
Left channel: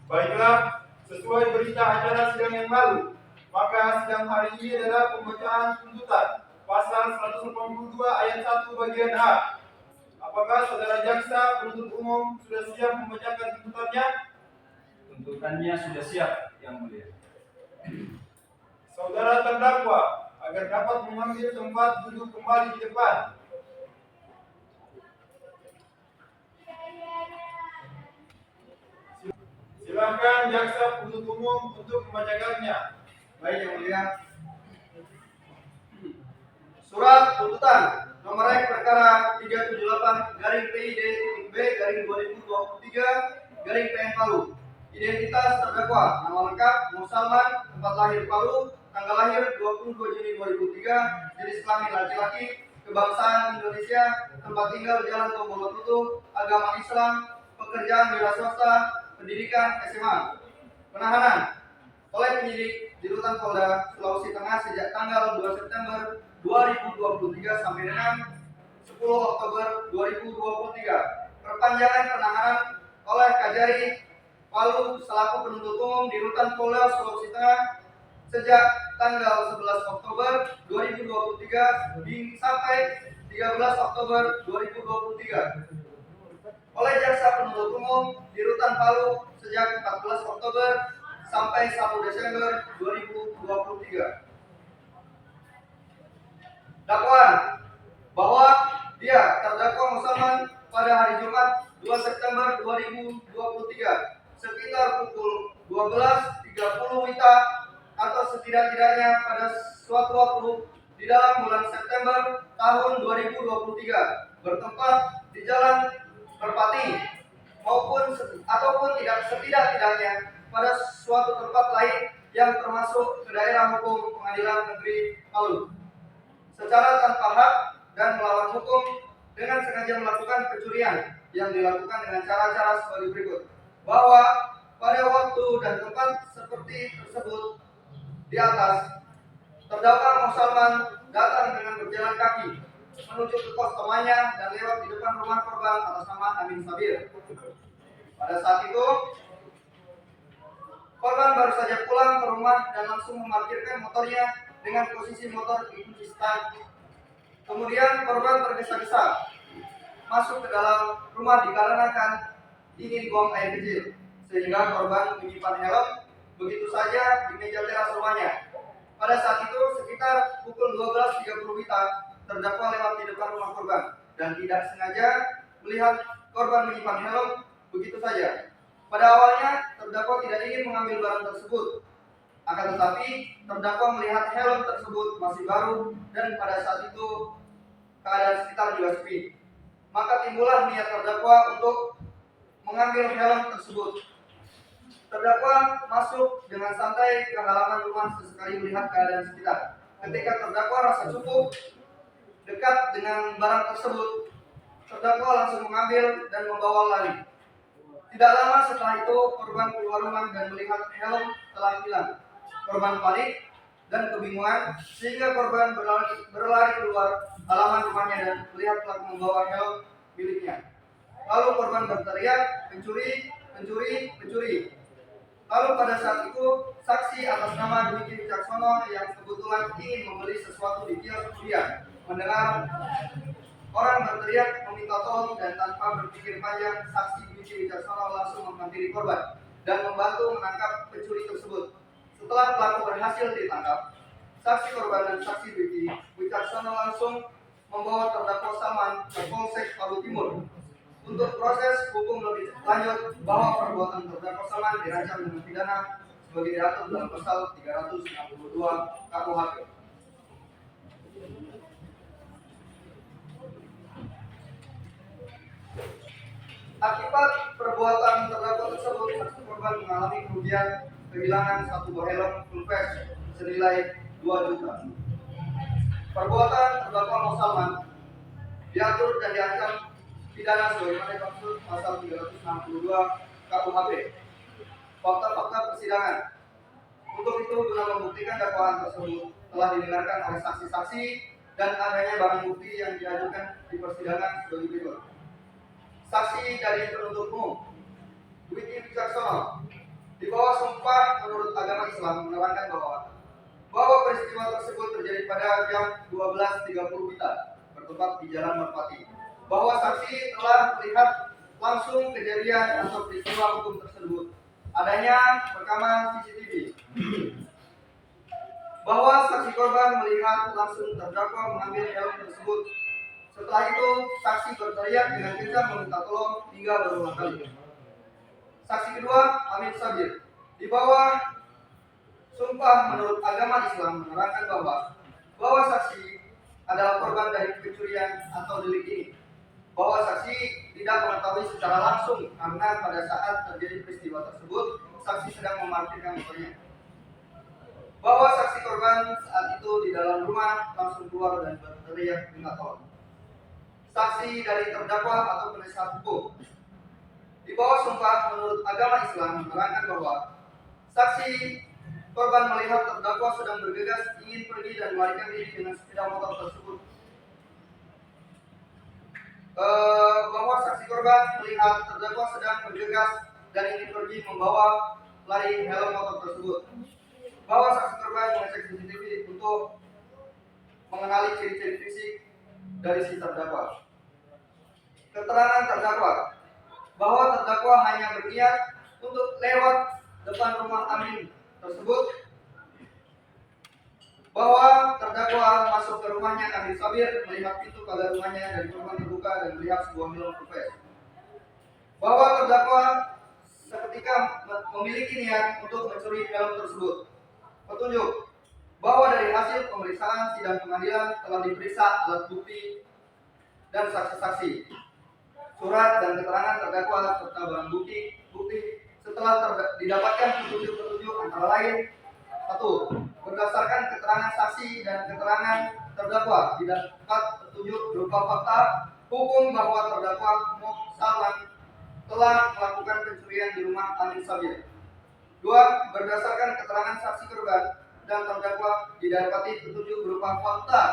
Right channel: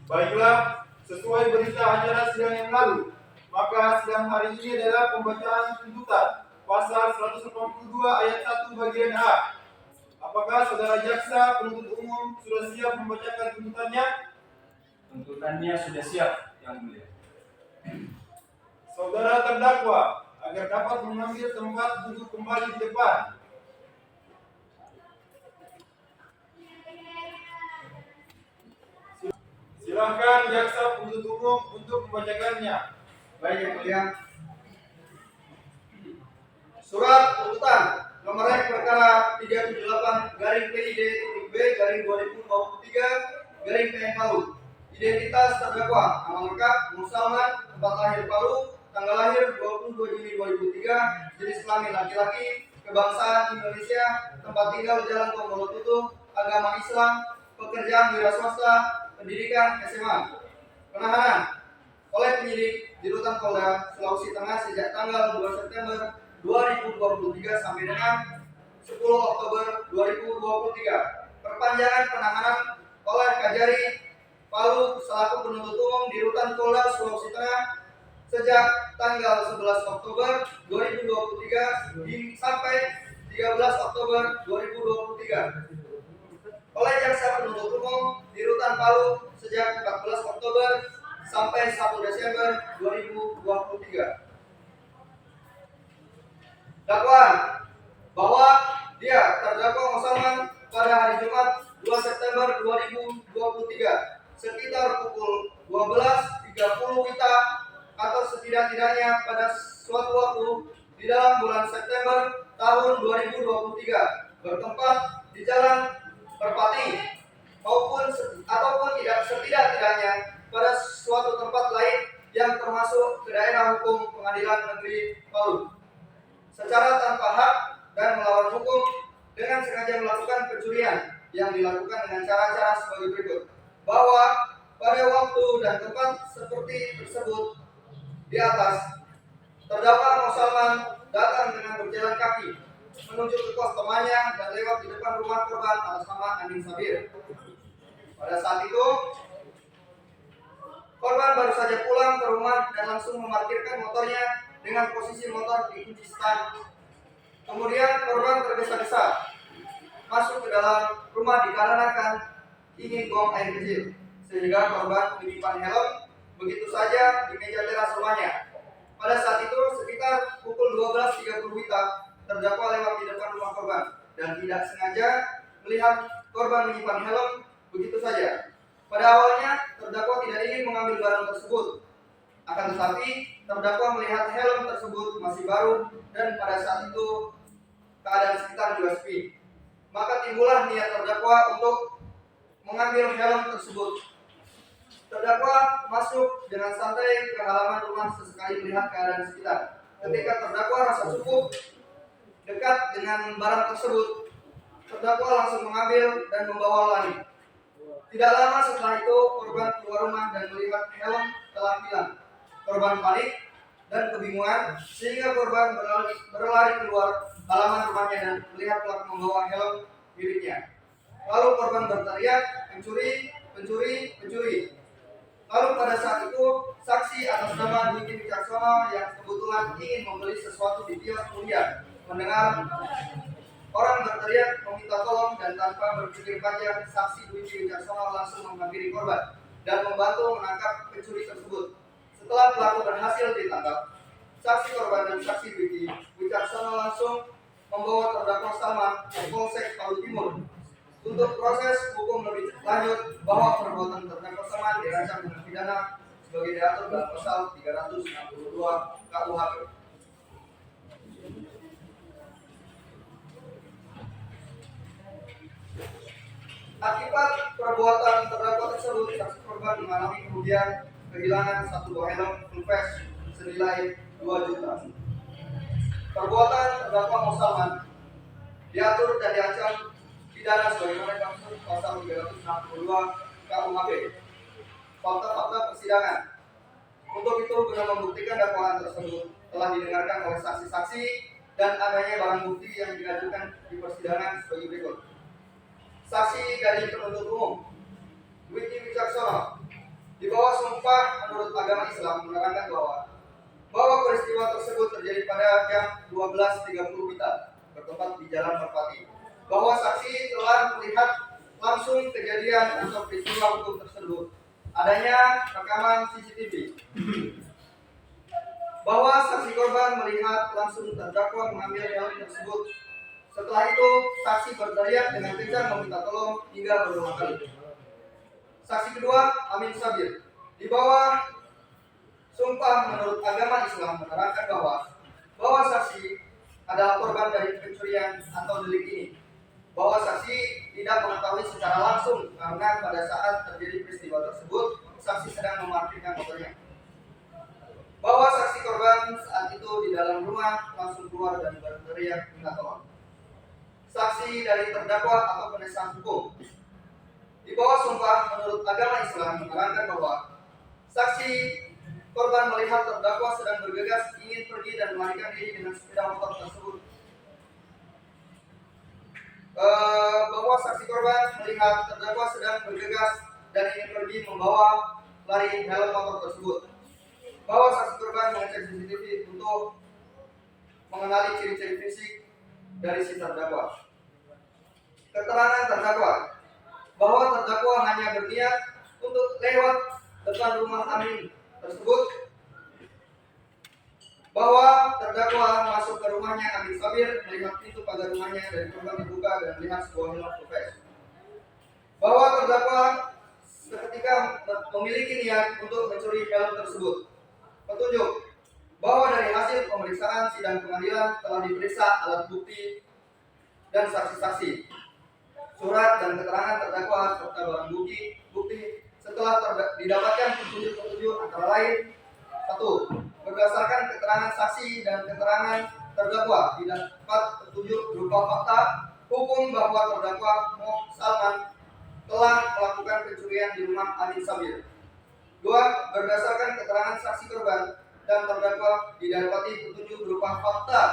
Baiklah, sesuai berita acara sidang yang lalu, maka sidang hari ini adalah pembacaan tuntutan pasal 182 ayat 1 bagian A. Apakah saudara jaksa penuntut umum sudah siap membacakan tuntutannya? Tuntutannya sudah siap, yang mulia. Saudara terdakwa agar dapat mengambil tempat duduk kembali di depan. Silakan jaksa penuntut umum untuk membacakannya. Baik yang mulia. Surat tuntutan nomor rek perkara 378-PID.B/2023 PN Palu. Identitas terdakwa: nama lengkap Muhammad Salman, tempat lahir Palu, tanggal lahir 22 Juni 2003, jenis kelamin laki-laki, kebangsaan Indonesia, tempat tinggal Jalan Tombolotutu, agama Islam, pekerjaan wira swasta, pendidikan SMA. Penahanan oleh penyidik di Rutan Polda Sulawesi Tengah sejak tanggal 2 September 2023 sampai dengan 10 Oktober 2023. Perpanjangan penahanan oleh Kajari Palu selaku penuntut umum di Rutan Polda Sulawesi Tengah sejak tanggal 11 Oktober 2023 sampai 13 Oktober 2023. Oleh jaksa penuntut umum di Rutan Palu sejak 14 Oktober sampai 1 Desember 2023. Dakwaan bahwa dia terdakwa Salman pada hari Jumat 2 September 2023 sekitar pukul 12.30 WITA atau setidak-tidaknya pada suatu waktu di dalam bulan September tahun 2023 bertempat di Jalan Merpati ataupun tidak setidak-tidaknya pada suatu tempat lain yang termasuk ke daerah hukum Pengadilan Negeri Palu secara tanpa hak dan melawan hukum dengan sengaja melakukan pencurian yang dilakukan dengan cara-cara sebagai berikut. Bahwa pada waktu dan tempat seperti tersebut di atas, terdakwa Muhammad Salman datang dengan berjalan kaki menuju ke kos temannya dan lewat di depan rumah korban atas nama Amin Sabir. Pada saat itu, korban baru saja pulang ke rumah dan langsung memarkirkan motornya dengan posisi motor dikunci stang Kemudian korban tergesa-gesa masuk ke dalam rumah dikarenakan ingin buang air kecil, sehingga korban menyimpan helm begitu saja di meja teras rumahnya. Pada saat itu sekitar pukul 12.30 WITA, terdakwa lewat di depan rumah korban dan tidak sengaja melihat korban menyimpan helm begitu saja. Pada awalnya terdakwa tidak ingin mengambil barang tersebut, akan tetapi terdakwa melihat helm tersebut masih baru dan pada saat itu keadaan sekitar juga sepi. Maka timbullah niat terdakwa untuk mengambil helm tersebut. Terdakwa masuk dengan santai ke halaman rumah sesekali melihat keadaan sekitar. Ketika terdakwa rasa cukup dekat dengan barang tersebut, terdakwa langsung mengambil dan membawa lari. Tidak lama setelah itu korban keluar rumah dan melihat helm telah hilang. Korban panik dan kebingungan sehingga korban berlari keluar halaman rumahnya dan melihat pelaku membawa helm miliknya. Lalu korban berteriak, "Pencuri, pencuri, pencuri." Lalu pada saat itu saksi atas nama Dwiki Wicaksono yang kebetulan ingin membeli sesuatu di kios kuliah mendengar orang berteriak meminta tolong dan tanpa berpikir panjang saksi Dwiki Wicaksono langsung menghampiri korban dan membantu menangkap pencuri tersebut. Setelah pelaku berhasil ditangkap, saksi korban dan saksi Dwiki Wicaksono langsung membawa terdakwa Salman ke Polsek Palu Timur untuk proses hukum lebih lanjut bahwa perbuatan terdakwa Salman dirancang dengan pidana sebagai diatur dalam pasal 362 KUHP. Akibat perbuatan terdakwa tersebut, saksi korban mengalami kerugian kehilangan satu buah helm full face senilai 2 juta. Perbuatan terdakwa Salman diatur dan diancam pidana sebagaimana dimaksud pasal 362 KUHP. Fakta-fakta persidangan. Untuk itu guna membuktikan dakwaan tersebut telah didengarkan oleh saksi-saksi dan adanya barang bukti yang diajukan di persidangan sebagai berikut. Saksi dari penuntut umum Dwiki Wicaksono di bawah sumpah menurut agama Islam menerangkan bahwa peristiwa tersebut terjadi pada jam 12.30 WITA bertempat di Jalan Merpati, bahwa saksi telah melihat langsung kejadian atau peristiwa hukum tersebut, adanya rekaman CCTV, bahwa saksi korban melihat langsung terdakwa mengambil helm tersebut. Setelah itu saksi berteriak dengan kencang meminta tolong hingga berulang kali. Saksi kedua Amin Sabir di bawah sumpah menurut agama Islam menerangkan bahwa saksi adalah korban dari pencurian atau delik ini, bahwa saksi tidak mengetahui secara langsung karena pada saat terjadi peristiwa tersebut saksi sedang memarkirkan motornya, bahwa saksi korban saat itu di dalam rumah langsung keluar dan berteriak minta tolong. Saksi dari terdakwa atau penasihat hukum di bawah sumpah menurut agama Islam menerangkan bahwa saksi korban melihat terdakwa sedang bergegas ingin pergi dan melarikan diri dengan sepeda motor tersebut. Bahwa saksi korban melihat terdakwa sedang bergegas dan ingin pergi membawa lari helm motor tersebut. Bahwa saksi korban mengecek CCTV untuk mengenali ciri-ciri fisik dari si terdakwa. Keterangan terdakwa bahwa terdakwa hanya berniat untuk lewat depan rumah Amin tersebut, bahwa terdakwa masuk ke rumahnya Amin Sabir melihat pintu pagar rumahnya dari korban terbuka dan melihat sebuah helm full face, bahwa terdakwa seketika memiliki niat untuk mencuri helm tersebut. Petunjuk bahwa dari hasil pemeriksaan sidang pengadilan telah diperiksa alat bukti dan saksi-saksi, surat dan keterangan terdakwa serta barang bukti setelah didapatkan petunjuk-petunjuk antara lain: 1. Berdasarkan keterangan saksi dan keterangan terdakwa didapat petunjuk berupa fakta hukum bahwa terdakwa Salman telah melakukan pencurian di rumah Amin Sabir. 2. Berdasarkan keterangan saksi korban dan terdakwa didapati petunjuk berupa fakta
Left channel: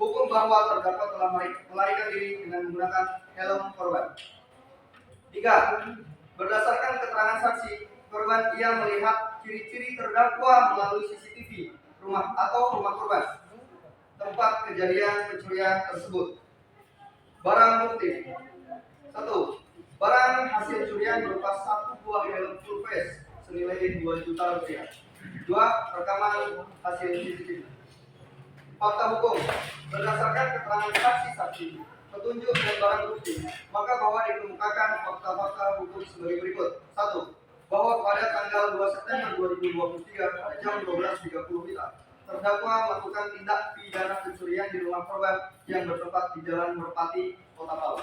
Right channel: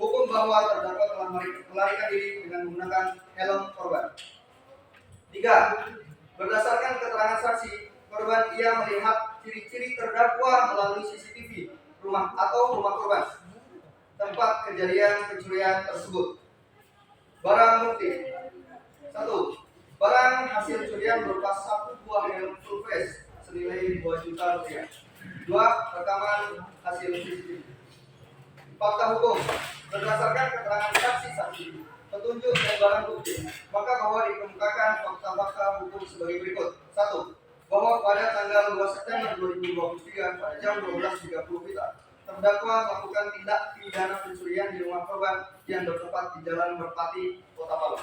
hukum bahwa terdakwa telah melarikan diri dengan menggunakan helm korban. 3. Berdasarkan keterangan saksi korban, ia melihat ciri-ciri terdakwa melalui CCTV rumah atau rumah korban. tempat kejadian pencurian tersebut. Barang bukti. 1. Barang hasil curian berupa 1 buah helm full face senilai 2 juta rupiah. 2. Rekaman hasil CCTV. Fakta hukum. Berdasarkan keterangan saksi-saksi, petunjuk dan barang bukti, maka bahwa dikemukakan fakta-fakta hukum sebagai berikut. 1. Bahwa pada tanggal 2 September 2023 pada jam 12.30 WITA, terdakwa melakukan tindak pidana pencurian di rumah korban yang bertempat di Jalan Merpati, Kota Palu.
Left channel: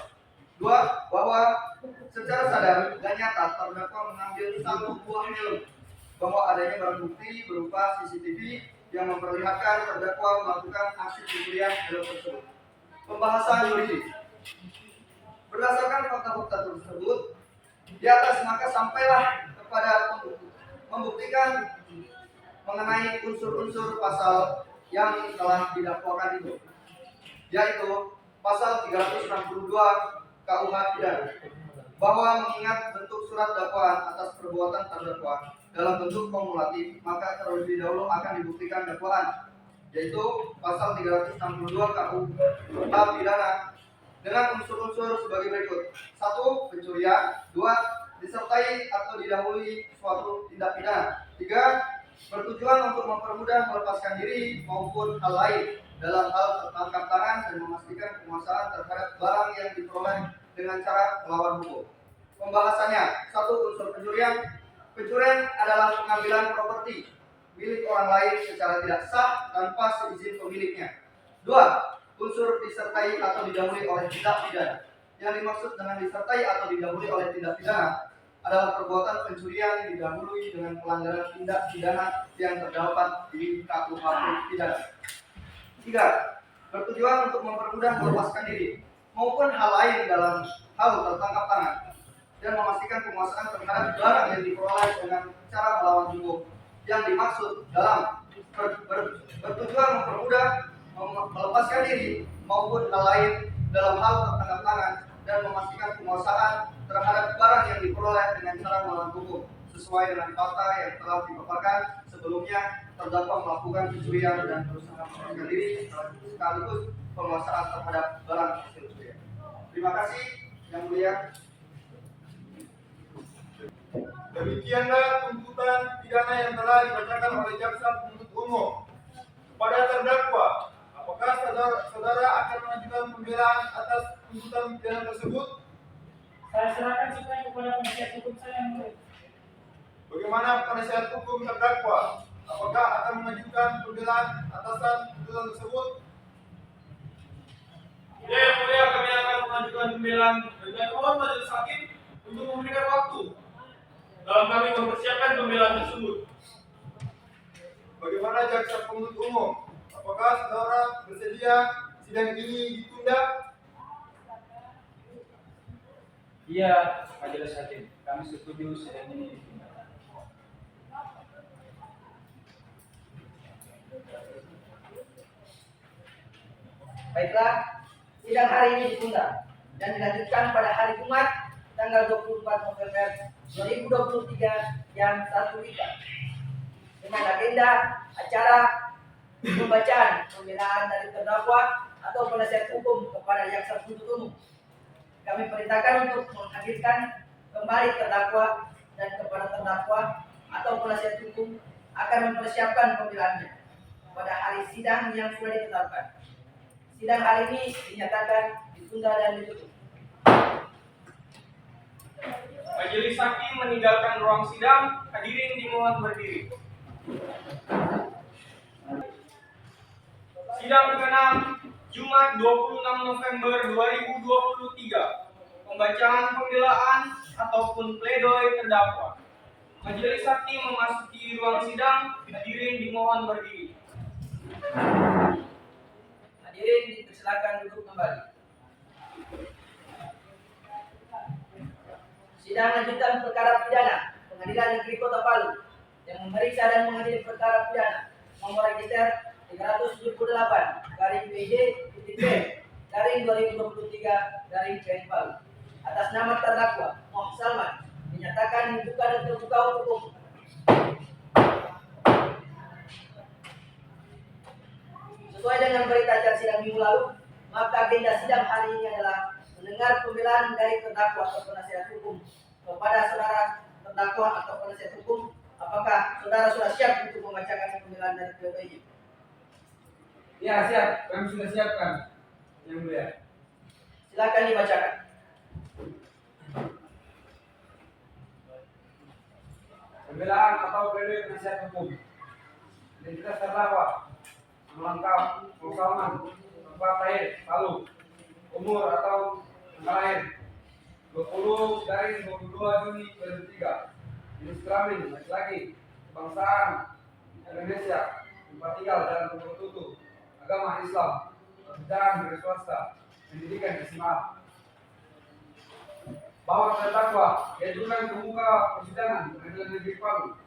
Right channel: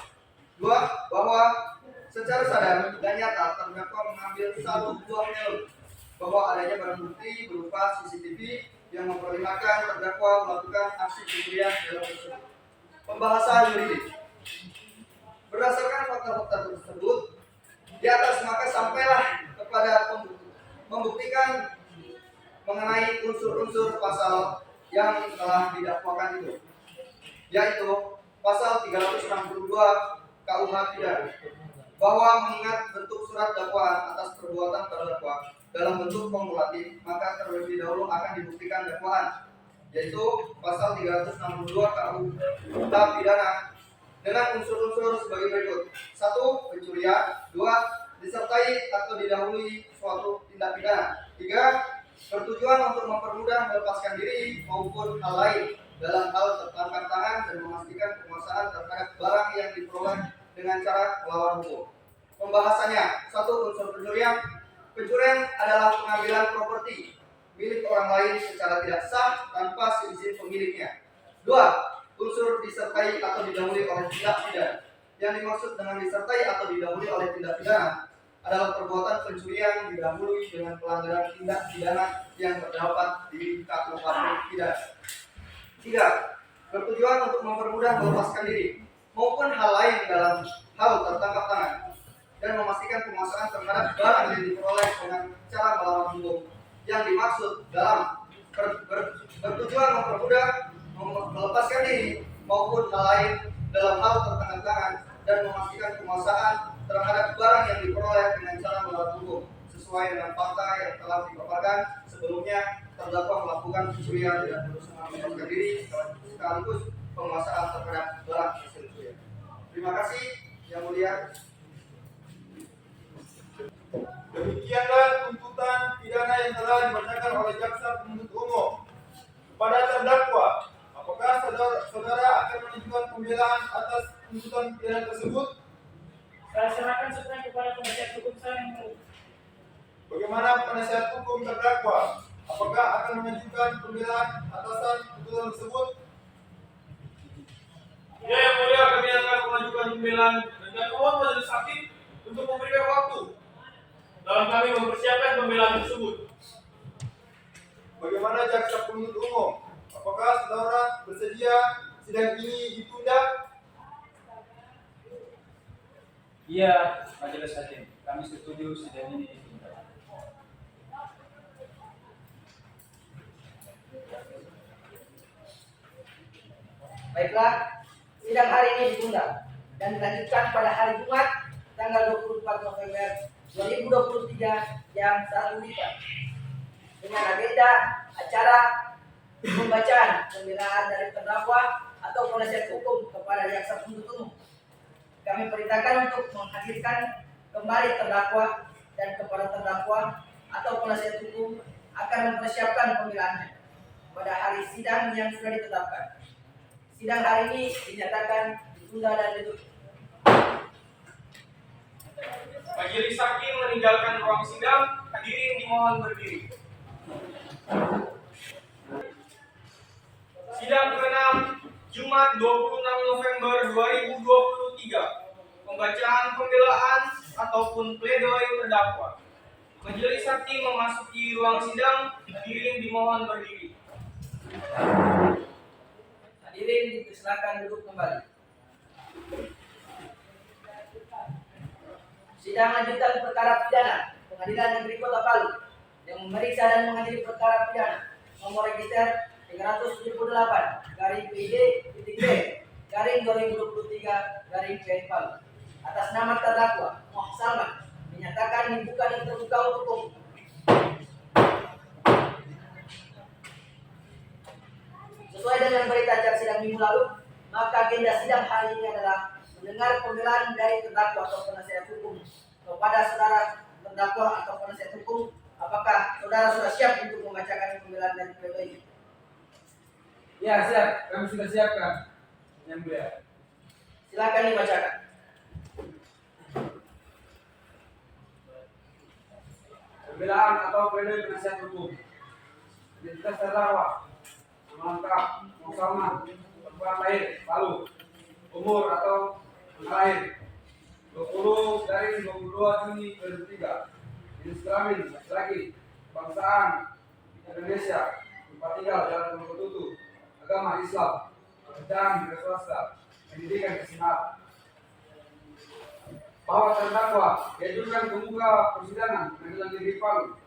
2. Bahwa secara sadar dan nyata terdakwa mengambil 1 buah helm, bahwa adanya barang bukti berupa CCTV yang memperlihatkan terdakwa melakukan aksi pencurian helm tersebut. Pembahasan yuridis. Berdasarkan fakta-fakta tersebut, di atas maka sampailah kepada membuktikan mengenai unsur-unsur pasal yang telah didakwakan itu, yaitu pasal 362 KUH pidana, bahwa mengingat bentuk surat dakwaan atas perbuatan terdakwa dalam bentuk kumulatif, maka terlebih dahulu akan dibuktikan dakwaan, yaitu pasal 362 KUH pidana dengan unsur-unsur sebagai berikut. 1. Pencurian. 2. Disertai atau didahului suatu tindak pidana. 3. Bertujuan untuk mempermudah melepaskan diri maupun hal lain dalam hal tertangkap tangan dan memastikan penguasaan terhadap barang yang diperoleh dengan cara melawan hukum. Pembahasannya. 1. Unsur pencurian. Pencurian adalah pengambilan properti milik orang lain secara tidak sah tanpa seizin pemiliknya. 2. Unsur disertai atau didahului oleh tindak pidana. Yang dimaksud dengan disertai atau didahului oleh tindak pidana adalah perbuatan pencurian didahului dengan pelanggaran tindak pidana yang terdapat di KUH pidana. 3. Bertujuan untuk mempermudah melepaskan diri maupun hal lain dalam hal tertangkap tangan dan memastikan penguasaan terhadap barang yang diperoleh dengan cara melawan hukum. Yang dimaksud dalam bertujuan mempermudah melepaskan diri maupun hal lain dalam hal tertangkap tangan dan memastikan penguasaan terhadap barang yang diperoleh dengan cara melawan hukum sesuai dengan fakta yang telah dipaparkan sebelumnya. Terdakwa melakukan pencurian dan berusaha melepaskan diri sekaligus penguasaan terhadap barang hasil curian. Terima kasih yang mulia. Demikianlah tuntutan pidana yang telah dibacakan oleh jaksa penuntut umum kepada terdakwa. Apakah saudara akan mengajukan pembelaan atas tuntutan pidana tersebut? Saya serahkan semuanya kepada penasihat hukum saya yang mulia. Bagaimana penasihat hukum terdakwa? Apakah akan mengajukan pembelaan atasan tuntutan tersebut? Ya, yang mulia, kami akan mengajukan pembelaan dan mohon majelis hakim untuk memberikan waktu dalam kami mempersiapkan pembelaan tersebut. Bagaimana jaksa penuntut umum? Apakah saudara bersedia sidang ini ditunda? Iya, majelis hakim. Kami setuju sidang ini ditunda. Baiklah, sidang hari ini ditunda dan dilanjutkan pada hari Jumat tanggal 24 November 2023 jam 1 WITA dengan agenda acara pembacaan pembelaan dari terdakwa atau penasihat hukum kepada jaksa penuntut umum. Kami perintahkan untuk menghadirkan kembali terdakwa dan kepada terdakwa atau penasihat hukum akan mempersiapkan pembelaannya pada hari sidang yang sudah ditetapkan. Sidang hari ini dinyatakan ditunda dan ditutup. Majelis hakim meninggalkan ruang sidang. Hadirin dimohon berdiri. Sidang ke-6 Jumat 26 November 2023. Pembacaan pembelaan ataupun pledoi terdakwa. Majelis hakim memasuki ruang sidang. Hadirin dimohon berdiri. Hadirin dipersilakan duduk kembali. Sidang lanjutan perkara pidana Pengadilan Negeri Kota Palu yang memeriksa dan mengadili perkara pidana nomor register 378/PID-B/2023 Palu atas nama terdakwa Muhammad Salman dinyatakan dibuka dan terbuka untuk umum. Sesuai dengan berita acara sidang minggu lalu, maka agenda sidang hari ini adalah mendengar pembelaan dari terdakwa atau penasihat hukum kepada saudara terdakwa atau penasihat hukum. Apakah saudara sudah siap untuk membacakan pembelaan dari pledoi ini? Ya, siap. Kami sudah siapkan. Yang mulia. Silakan dibacakan. Pembelaan atau pledoi penasihat hukum. Identitas terdakwa. Nama lengkap: Salman, tempat lahir Palu, umur atau tanggal lahir 20/22 Juni 2003, jenis kelamin laki-laki, kebangsaan Indonesia, tempat tinggal Jalan Tunggu Tutu, agama Islam, pekerjaan milik swasta, pendidikan SMA. Bahwa terdakwa diajukan ke muka persidangan Pengadilan Negeri Palu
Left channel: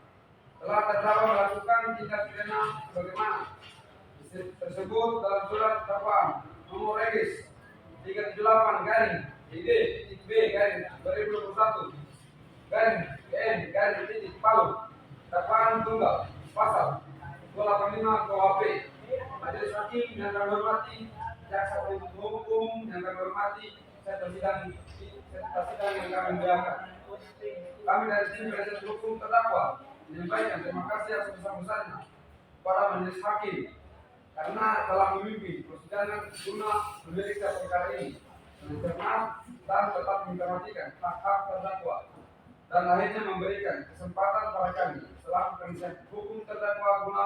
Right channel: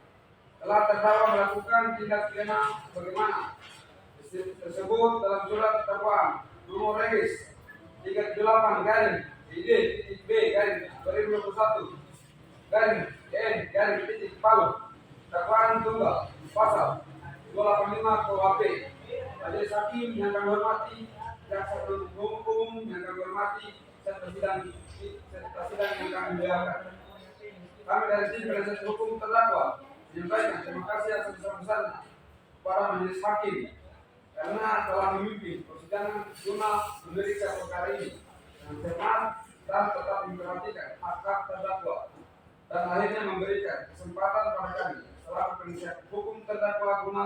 telah terdakwa melakukan tindak pidana sebagaimana tersebut dalam surat dakwaan nomor regis 378/B/2021/N/Palu, dakwaan tunggal pasal 285 KUHP. Majelis Hakim yang kami hormati, jaksa penuntut umum yang kami hormati, serta sidang yang kami muliakan. Kami dari tim penasihat hukum terdakwa menyampaikan terima kasih atas sebesar-besarnya kepada Majelis Hakim karena telah memimpin persidangan guna memeriksa perkara ini dengan cermat dan tetap memperhatikan hak-hak terdakwa, dan akhirnya memberikan kesempatan pada kami selaku penasihat hukum terdakwa guna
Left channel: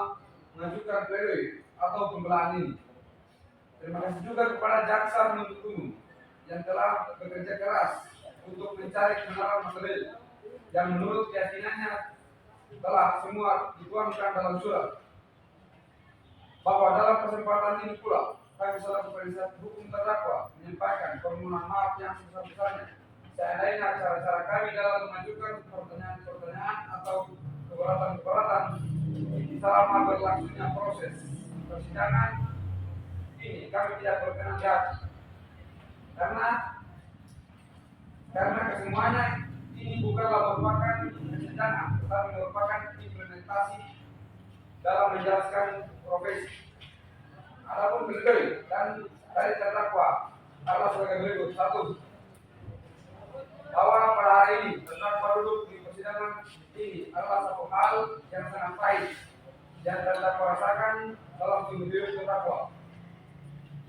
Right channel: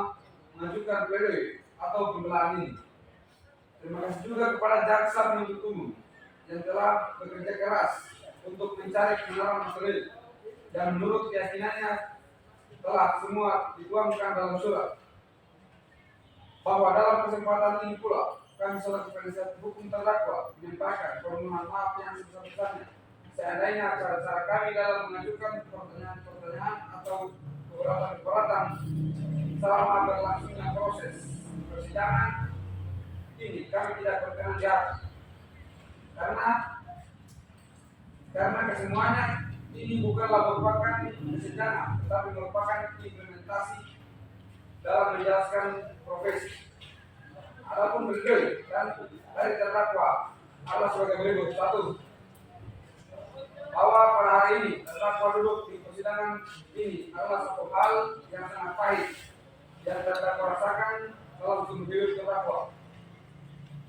mengajukan pledoi atau pembelaan ini. Terima kasih juga kepada jaksa penuntut umum yang telah bekerja keras untuk mencari kebenaran material yang menurut keyakinannya telah semua dituangkan dalam surat. Bahwa dalam kesempatan ini pula kami selaku penasihat hukum terdakwa menyampaikan permohonan maaf yang sebesar-besarnya seandainya cara-cara kami dalam mengajukan pertanyaan-pertanyaan atau keberatan-keberatan selama berlangsungnya proses persidangan ini kami tidak berkenan di hati. Karena kesemuanya ini bukanlah merupakan persidangan, tetapi merupakan implementasi dalam menjelaskan profesi. Adapun pledoi dan dari terdakwa adalah sebagai berikut: 1. Bahwa pada hari ini terdakwa duduk di persidangan ini adalah satu hal yang sangat pahit yang terdakwa rasakan dalam seumur hidup terdakwa,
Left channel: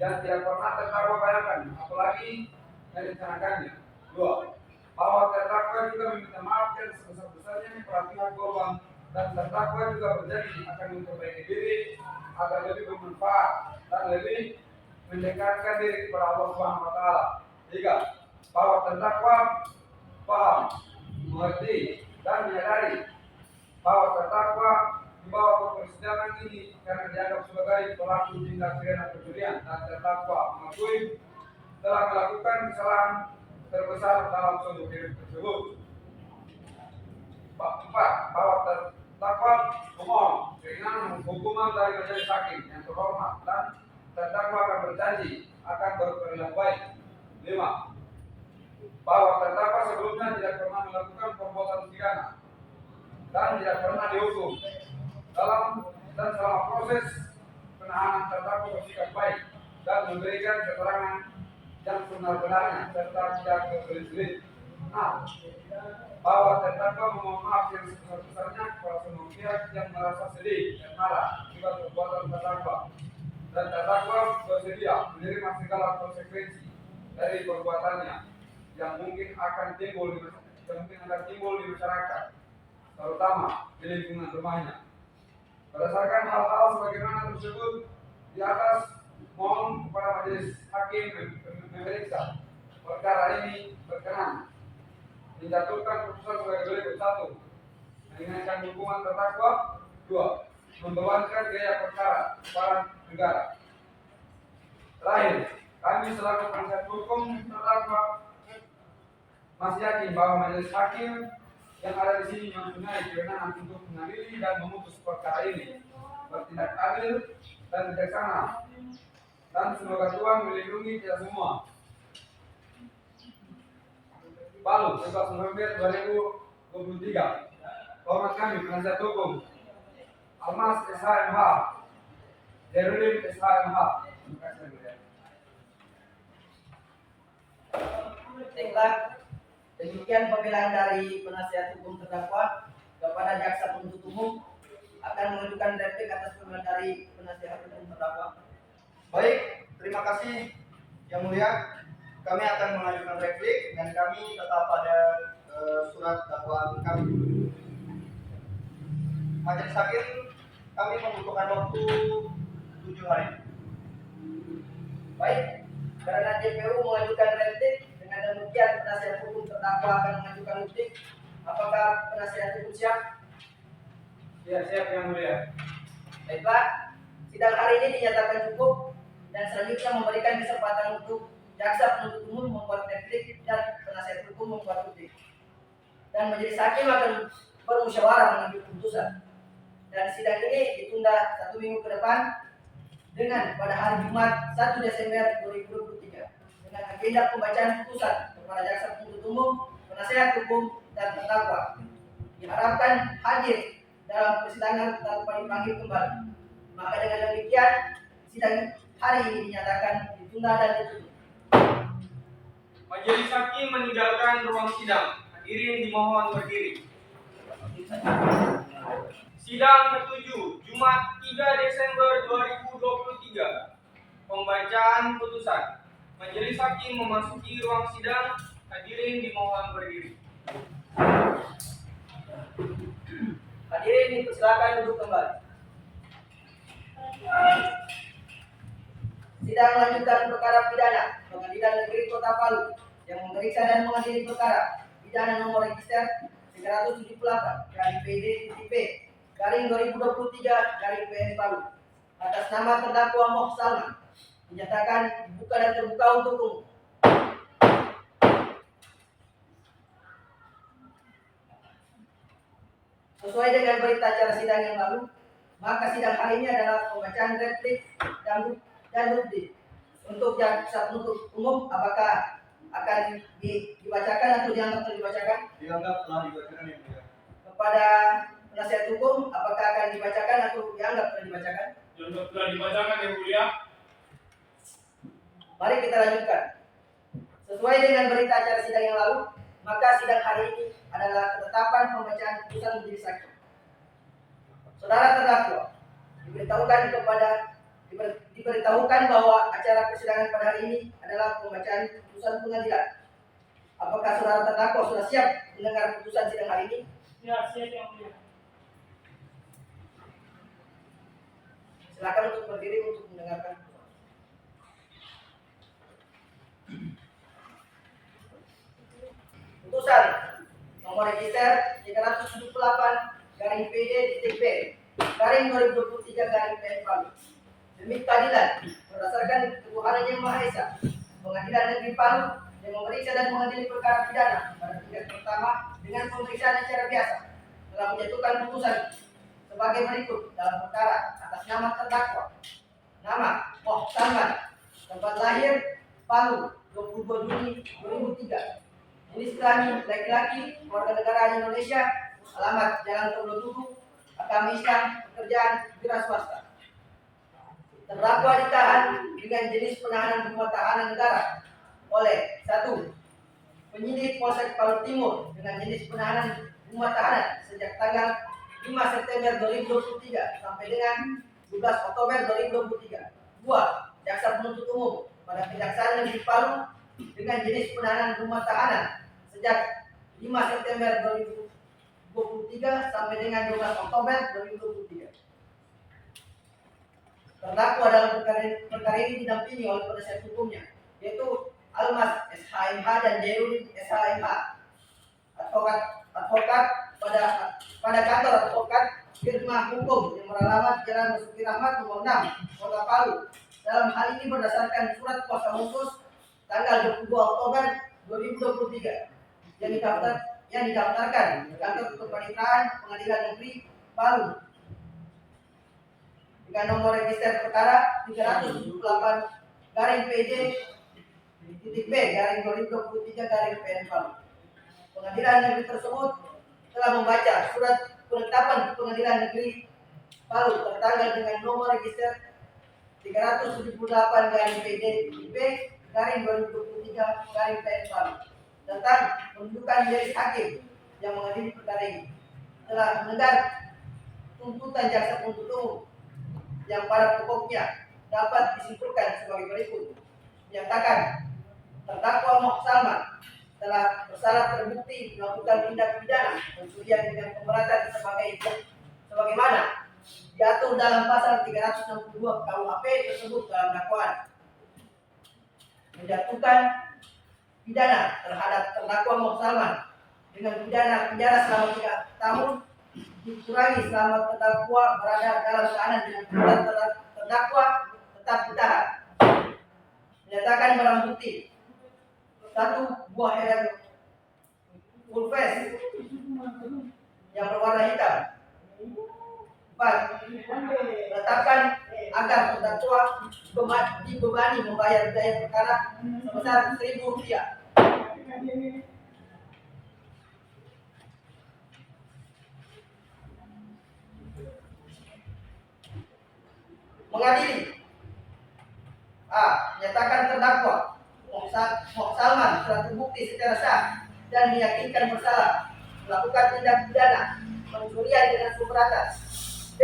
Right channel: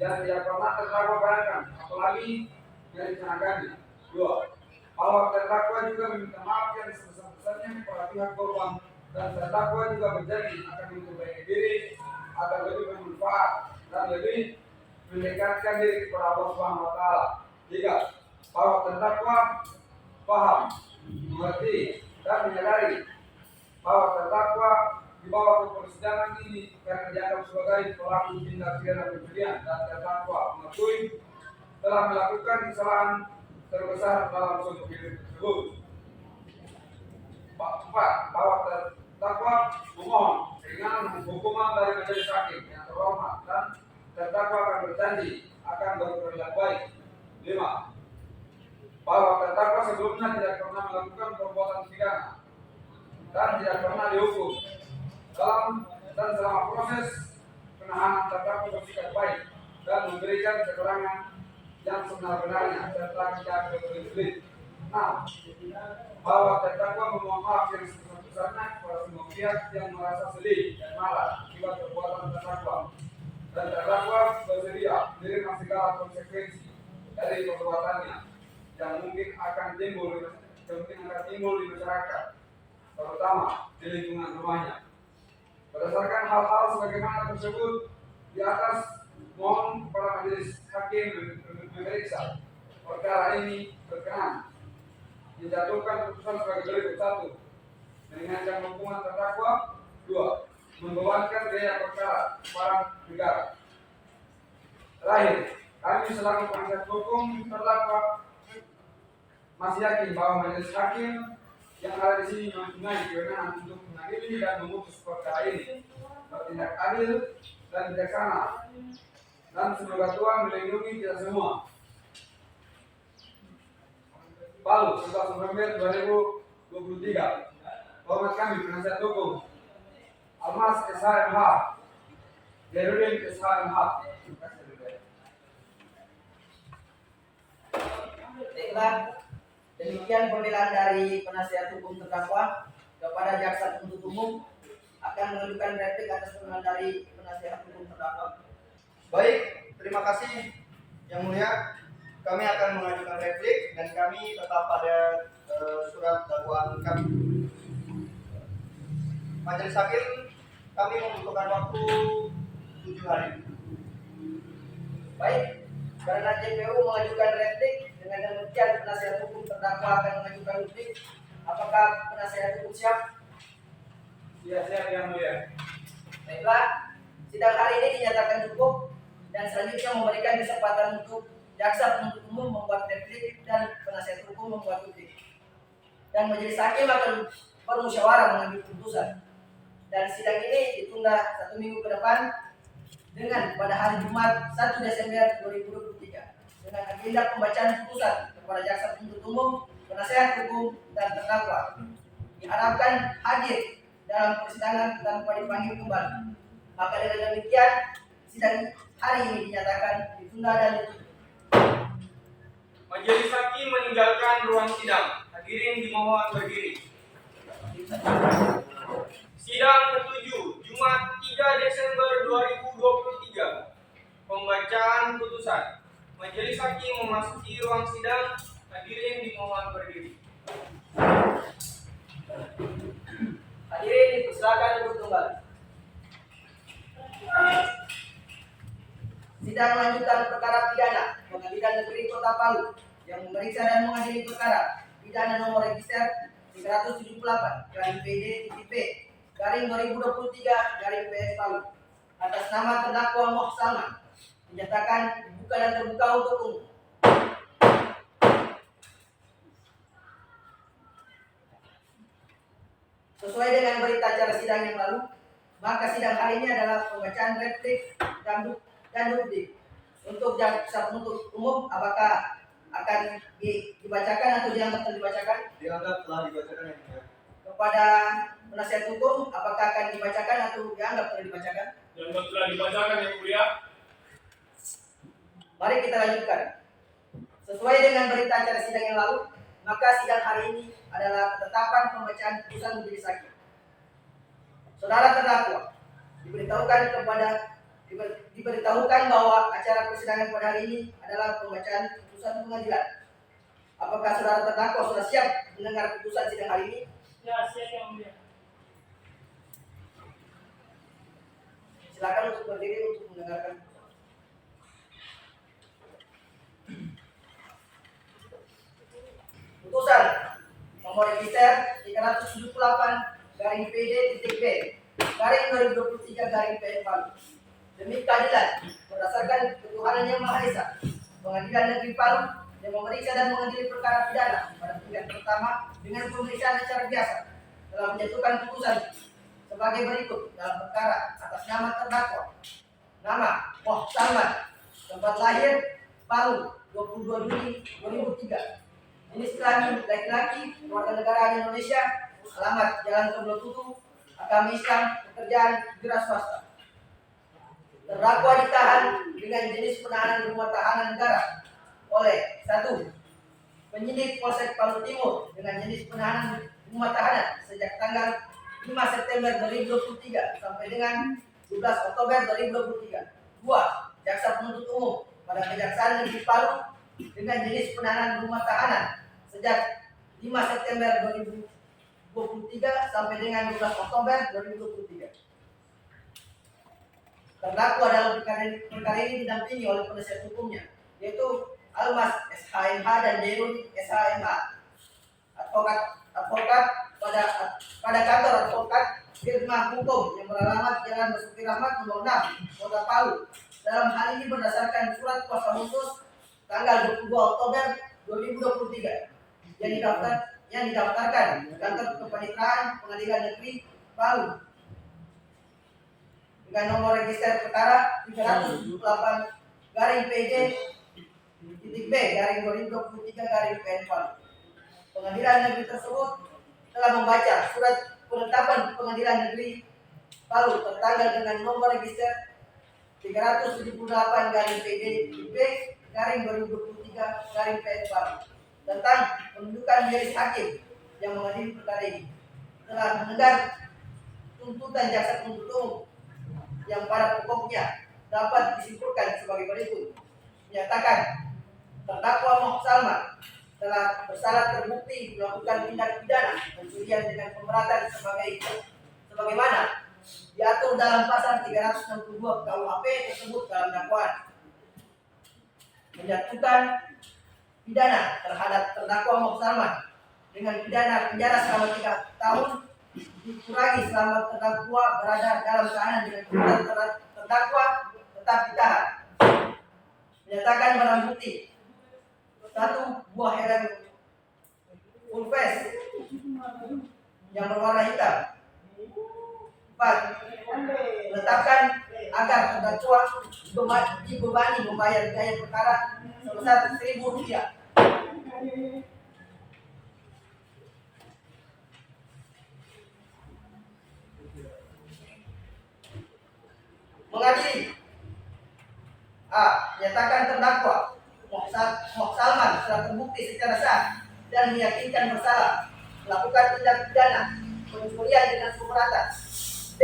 dan tidak pernah terdakwa bayangkan, apalagi merencanakannya. 2. Bahwa terdakwa juga meminta maaf yang sebesar-besarnya kepada pihak korban, dan terdakwa juga berjanji akan memperbaiki diri agar lebih bermanfaat dan lebih mendekatkan diri kepada Allah Subhanahu wa taala. 3. Bahwa terdakwa paham, mengerti dan menyadari bahwa terdakwa dibawa ke persidangan ini karena dianggap sebagai pelaku tindak pidana pencurian, dan terdakwa mengakui telah melakukan kesalahan terbesar dalam seumur hidup tersebut. 4. Bahwa terdakwa memohon keringanan hukuman dari majelis hakim yang terhormat, dan terdakwa akan berjanji akan berperilaku baik. 5. Bahwa terdakwa sebelumnya tidak pernah melakukan perbuatan pidana dan tidak pernah dihukum dan selama proses penahanan terdakwa bersikap baik dan memberikan keterangan yang sebenar-benarnya serta tidak berbelit-belit. 6. Bahwa terdakwa memohon maaf yang sebesar-besarnya kepada semua pihak yang merasa sedih dan marah akibat perbuatan terdakwa, dan terdakwa bersedia menerima segala konsekuensi dari perbuatannya yang mungkin akan timbul di masyarakat, terutama di lingkungan rumahnya. Berdasarkan hal-hal sebagaimana tersebut di atas, mohon kepada majelis hakim memeriksa perkara ini berkenan menjatuhkan putusan sebagai berikut: 1. Meringankan hukuman terdakwa. 2. Membebankan biaya perkara kepada negara. Terakhir, kami selaku penasihat hukum terdakwa masih yakin bahwa majelis hakim yang ada di sini mempunyai kewenangan untuk mengadili dan memutus perkara ini bertindak adil dan bijaksana, dan semoga Tuhan melindungi kita semua. Palu, 11 November 2023. Hormat kami penasihat hukum Almas SHMH, Zainuddin SHMH. Terima kasih yang mulia. Baiklah, demikian pembelaan dari penasihat hukum terdakwa kepada jaksa penuntut umum. Akan mengajukan replik atas pembelaan dari penasihat hukum terdakwa. Baik, terima kasih yang mulia. Kami akan mengajukan replik dan kami tetap pada surat dakwaan kami. Majelis Hakim, kami membutuhkan waktu 7 hari. Baik, karena JPU mengajukan replik, dengan demikian penasihat hukum terdakwa akan mengajukan replik. Apakah penasihat hukum siap? Siap yang mulia. Baiklah, sidang hari ini dinyatakan cukup dan selanjutnya memberikan kesempatan untuk jaksa penuntut umum membuat replik dan penasihat hukum membuat replik. Dan majelis hakim akan bermusyawarah mengambil keputusan. Dan sidang ini ditunda 1 minggu ke depan dengan pada hari Jumat 1 Desember 2023 dengan agenda pembacaan putusan kepada jaksa penuntut umum, penasihat hukum, dan terdakwa. Diharapkan hadir dalam persidangan tanpa dipanggil kembali. Maka dengan demikian sidang hari ini dinyatakan ditunda dan ditutup. Majelis hakim meninggalkan ruang sidang. Hadirin dimohon berdiri. Sidang ke-7, Jumat 3 Desember 2023. Pembacaan putusan. Majelis hakim memasuki ruang sidang. Hadirin dimohon berdiri. Hadirin dipersilakan duduk kembali. Sidang lanjutan perkara pidana Pengadilan Negeri Kota Palu yang memeriksa dan mengadili perkara pidana nomor register 370-8-P/2023 Palu atas nama terdakwa Moh Salman dinyatakan dibuka dan terbuka untuk umum. Sesuai dengan berita acara sidang yang lalu, maka sidang hari ini adalah pembacaan replik dan bukti. Untuk jaksa penuntut umum, apakah akan dibacakan atau dianggap telah dibacakan? Dianggap telah dibacakan yang mulia. Kepada penasihat hukum, apakah akan dibacakan atau dianggap telah dibacakan? Yang telah dibacakan yang mulia. Mari kita lanjutkan. Sesuai dengan berita acara sidang yang lalu, maka sidang hari ini adalah ketetapan pembacaan putusan majelis hakim. Saudara terdakwa diberitahukan bahwa acara persidangan pada hari ini adalah pembacaan putusan pengadilan. Apakah saudara terdakwa sudah siap mendengar putusan sidang hari ini? Ya, siap yang mulia. Silakan untuk berdiri untuk mendengarkan. Putusan nomor register 378-PD-B/2023 Palu. Demi keadilan berdasarkan ketuhanan yang Maha Esa, Pengadilan Negeri Palu yang memeriksa dan mengadili perkara pidana pada tingkat pertama dengan pemeriksaan secara biasa telah menjatuhkan putusan sebagai berikut dalam perkara atas nama terdakwa. Nama Moh Salman, tempat lahir Palu 22 Juni 2003. Jenis kelamin laki-laki, warga negara Indonesia, alamat Jalan Keblotutu, agama Islam, pekerjaan wira swasta. Terdakwa ditahan dengan jenis penahanan rumah tahanan negara oleh 1. Penyidik Polsek Palu Timur dengan jenis penahanan rumah tahanan sejak tanggal 5 September 2023 sampai dengan 12 Oktober 2023. 2. Jaksa penuntut umum pada Kejaksaan Negeri Palu dengan jenis penahanan rumah tahanan sejak 5 September 2023 sampai dengan 12 Oktober 2023. Terdakwa dalam perkara ini didampingi oleh penasihat hukumnya, yaitu Almas SHMH dan Zainuddin SHMH, advokat pada kantor advokat firma hukum yang beralamat Jalan Basuki Rahmat nomor 6, Kota Palu. Dalam hal ini berdasarkan surat kuasa khusus tanggal 22 Oktober 2023 yang didaftarkan di kantor kepaniteraan Pengadilan Negeri Palu dengan nomor register perkara 378-PD-B/2023 Palu. Pengadilan Negeri tersebut telah membaca surat penetapan Pengadilan Negeri Palu tertanggal dengan nomor register 378 garing PDIP garing 2023 garing PN Palu tentang penunjukan majelis hakim yang mengadili perkara ini telah mendengar tuntutan jaksa penuntut umum yang pada pokoknya dapat disimpulkan sebagai berikut: menyatakan terdakwa Moh Salman telah bersalah terbukti melakukan tindak pidana pencurian dengan pemberatan sebagaimana diatur dalam pasal 362 KUHP tersebut dalam dakwaan, menjatuhkan pidana terhadap terdakwa Moh Salman dengan pidana penjara selama 3 tahun dikurangi selama terdakwa berada dalam tahanan dengan tuntutan terdakwa tetap ditahan. Menyatakan barang bukti: 1 buah helm full face yang berwarna hitam. 4. Menetapkan agar terdakwa dibebani membayar biaya perkara sebesar Rp1.000. Mengadili: A. Menyatakan terdakwa Moh Salman telah terbukti secara sah dan meyakinkan bersalah melakukan tindak pidana pencurian dengan pemberatan. B.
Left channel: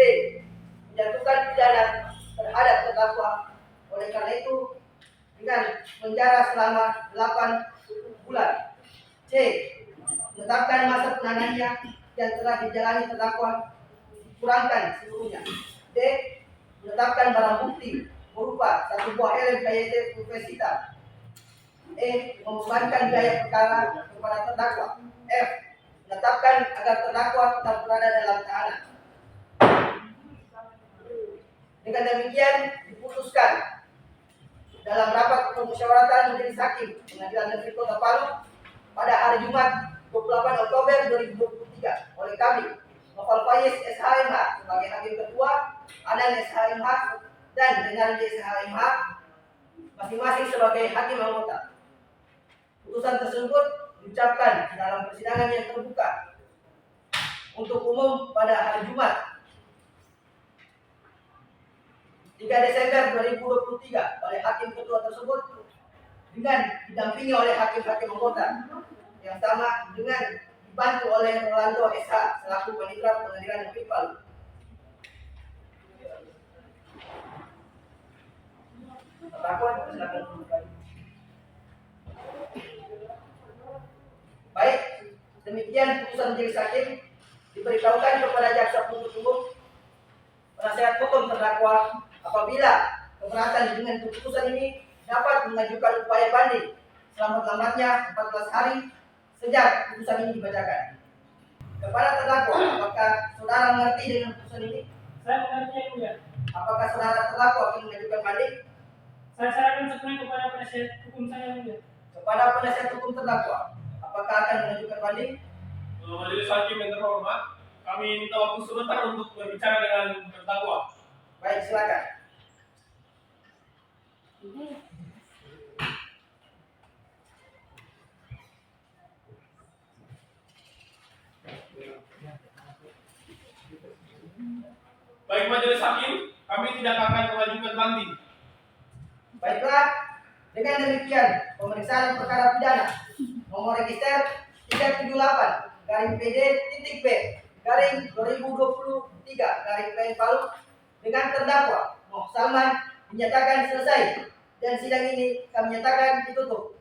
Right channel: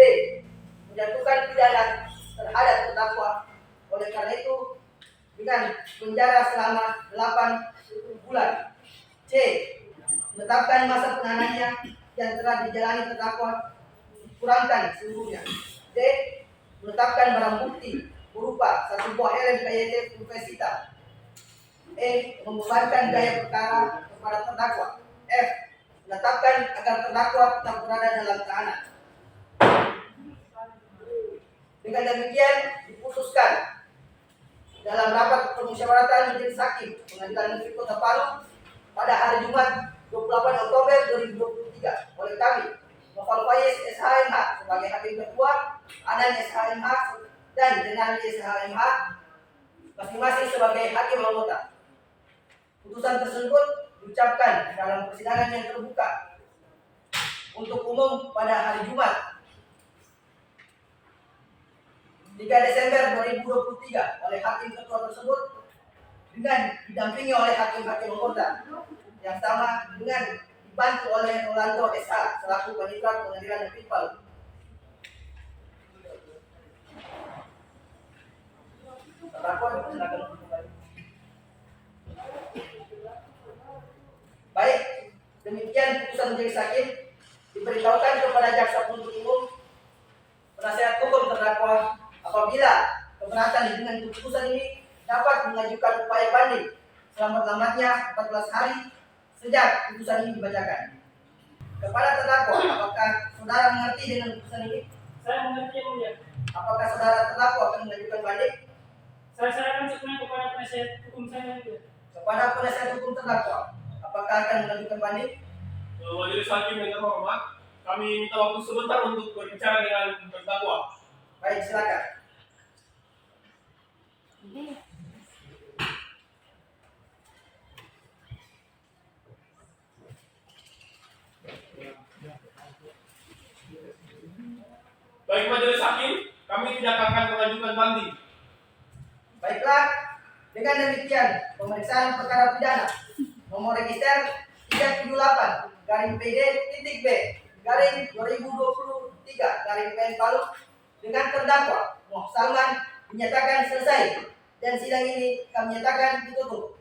Menjatuhkan pidana terhadap terdakwa oleh karena itu dengan penjara selama 8 bulan. C. Menetapkan masa penahanannya yang telah dijalani terdakwa dikurangkan seluruhnya. D. Menetapkan barang bukti berupa 1 buah helm KYT full face hitam. E. Membebankan biaya perkara kepada terdakwa. F. Menetapkan agar terdakwa tetap berada dalam tahanan. Dengan demikian diputuskan dalam rapat permusyawaratan majelis hakim Pengadilan Negeri Kota Palu pada hari Jumat 28 Oktober 2023 oleh kami, Noval Faiz SHMH sebagai hakim ketua, Adan SHMH dan Renaldi SHMH masing-masing sebagai hakim anggota. Putusan tersebut diucapkan dalam persidangan yang terbuka untuk umum pada hari Jumat 3 Desember 2023 oleh hakim ketua tersebut dengan didampingi oleh hakim-hakim anggota yang sama dengan dibantu oleh Rolando SH selaku Panitra Pengadilan Negeri Palu. Terdakwa silakan kembali. Baik, demikian putusan majelis hakim. Diberitahukan kepada jaksa penuntut umum, penasihat hukum terdakwa apabila keberatan dengan putusan ini dapat mengajukan upaya banding selambat-lambatnya 14 hari sejak putusan ini dibacakan. Kepada terdakwa, apakah saudara mengerti dengan putusan ini? Saya mengerti, yang mulia. Apakah saudara terdakwa akan mengajukan banding? Saya serahkan sepenuhnya kepada penasihat hukum saya, yang mulia. Kepada penasihat hukum terdakwa, apakah akan mengajukan banding? Majelis hakim yang terhormat, kami minta waktu sebentar untuk berbicara dengan terdakwa. Baik, silakan. Baik majelis hakim, kami tidak akan mengajukan banding. Baiklah, dengan demikian pemeriksaan perkara pidana nomor register 378 garing PD.B garing 2023 garing PN Palu dengan terdakwa Moh Salman dinyatakan selesai dan sidang ini kami nyatakan ditutup.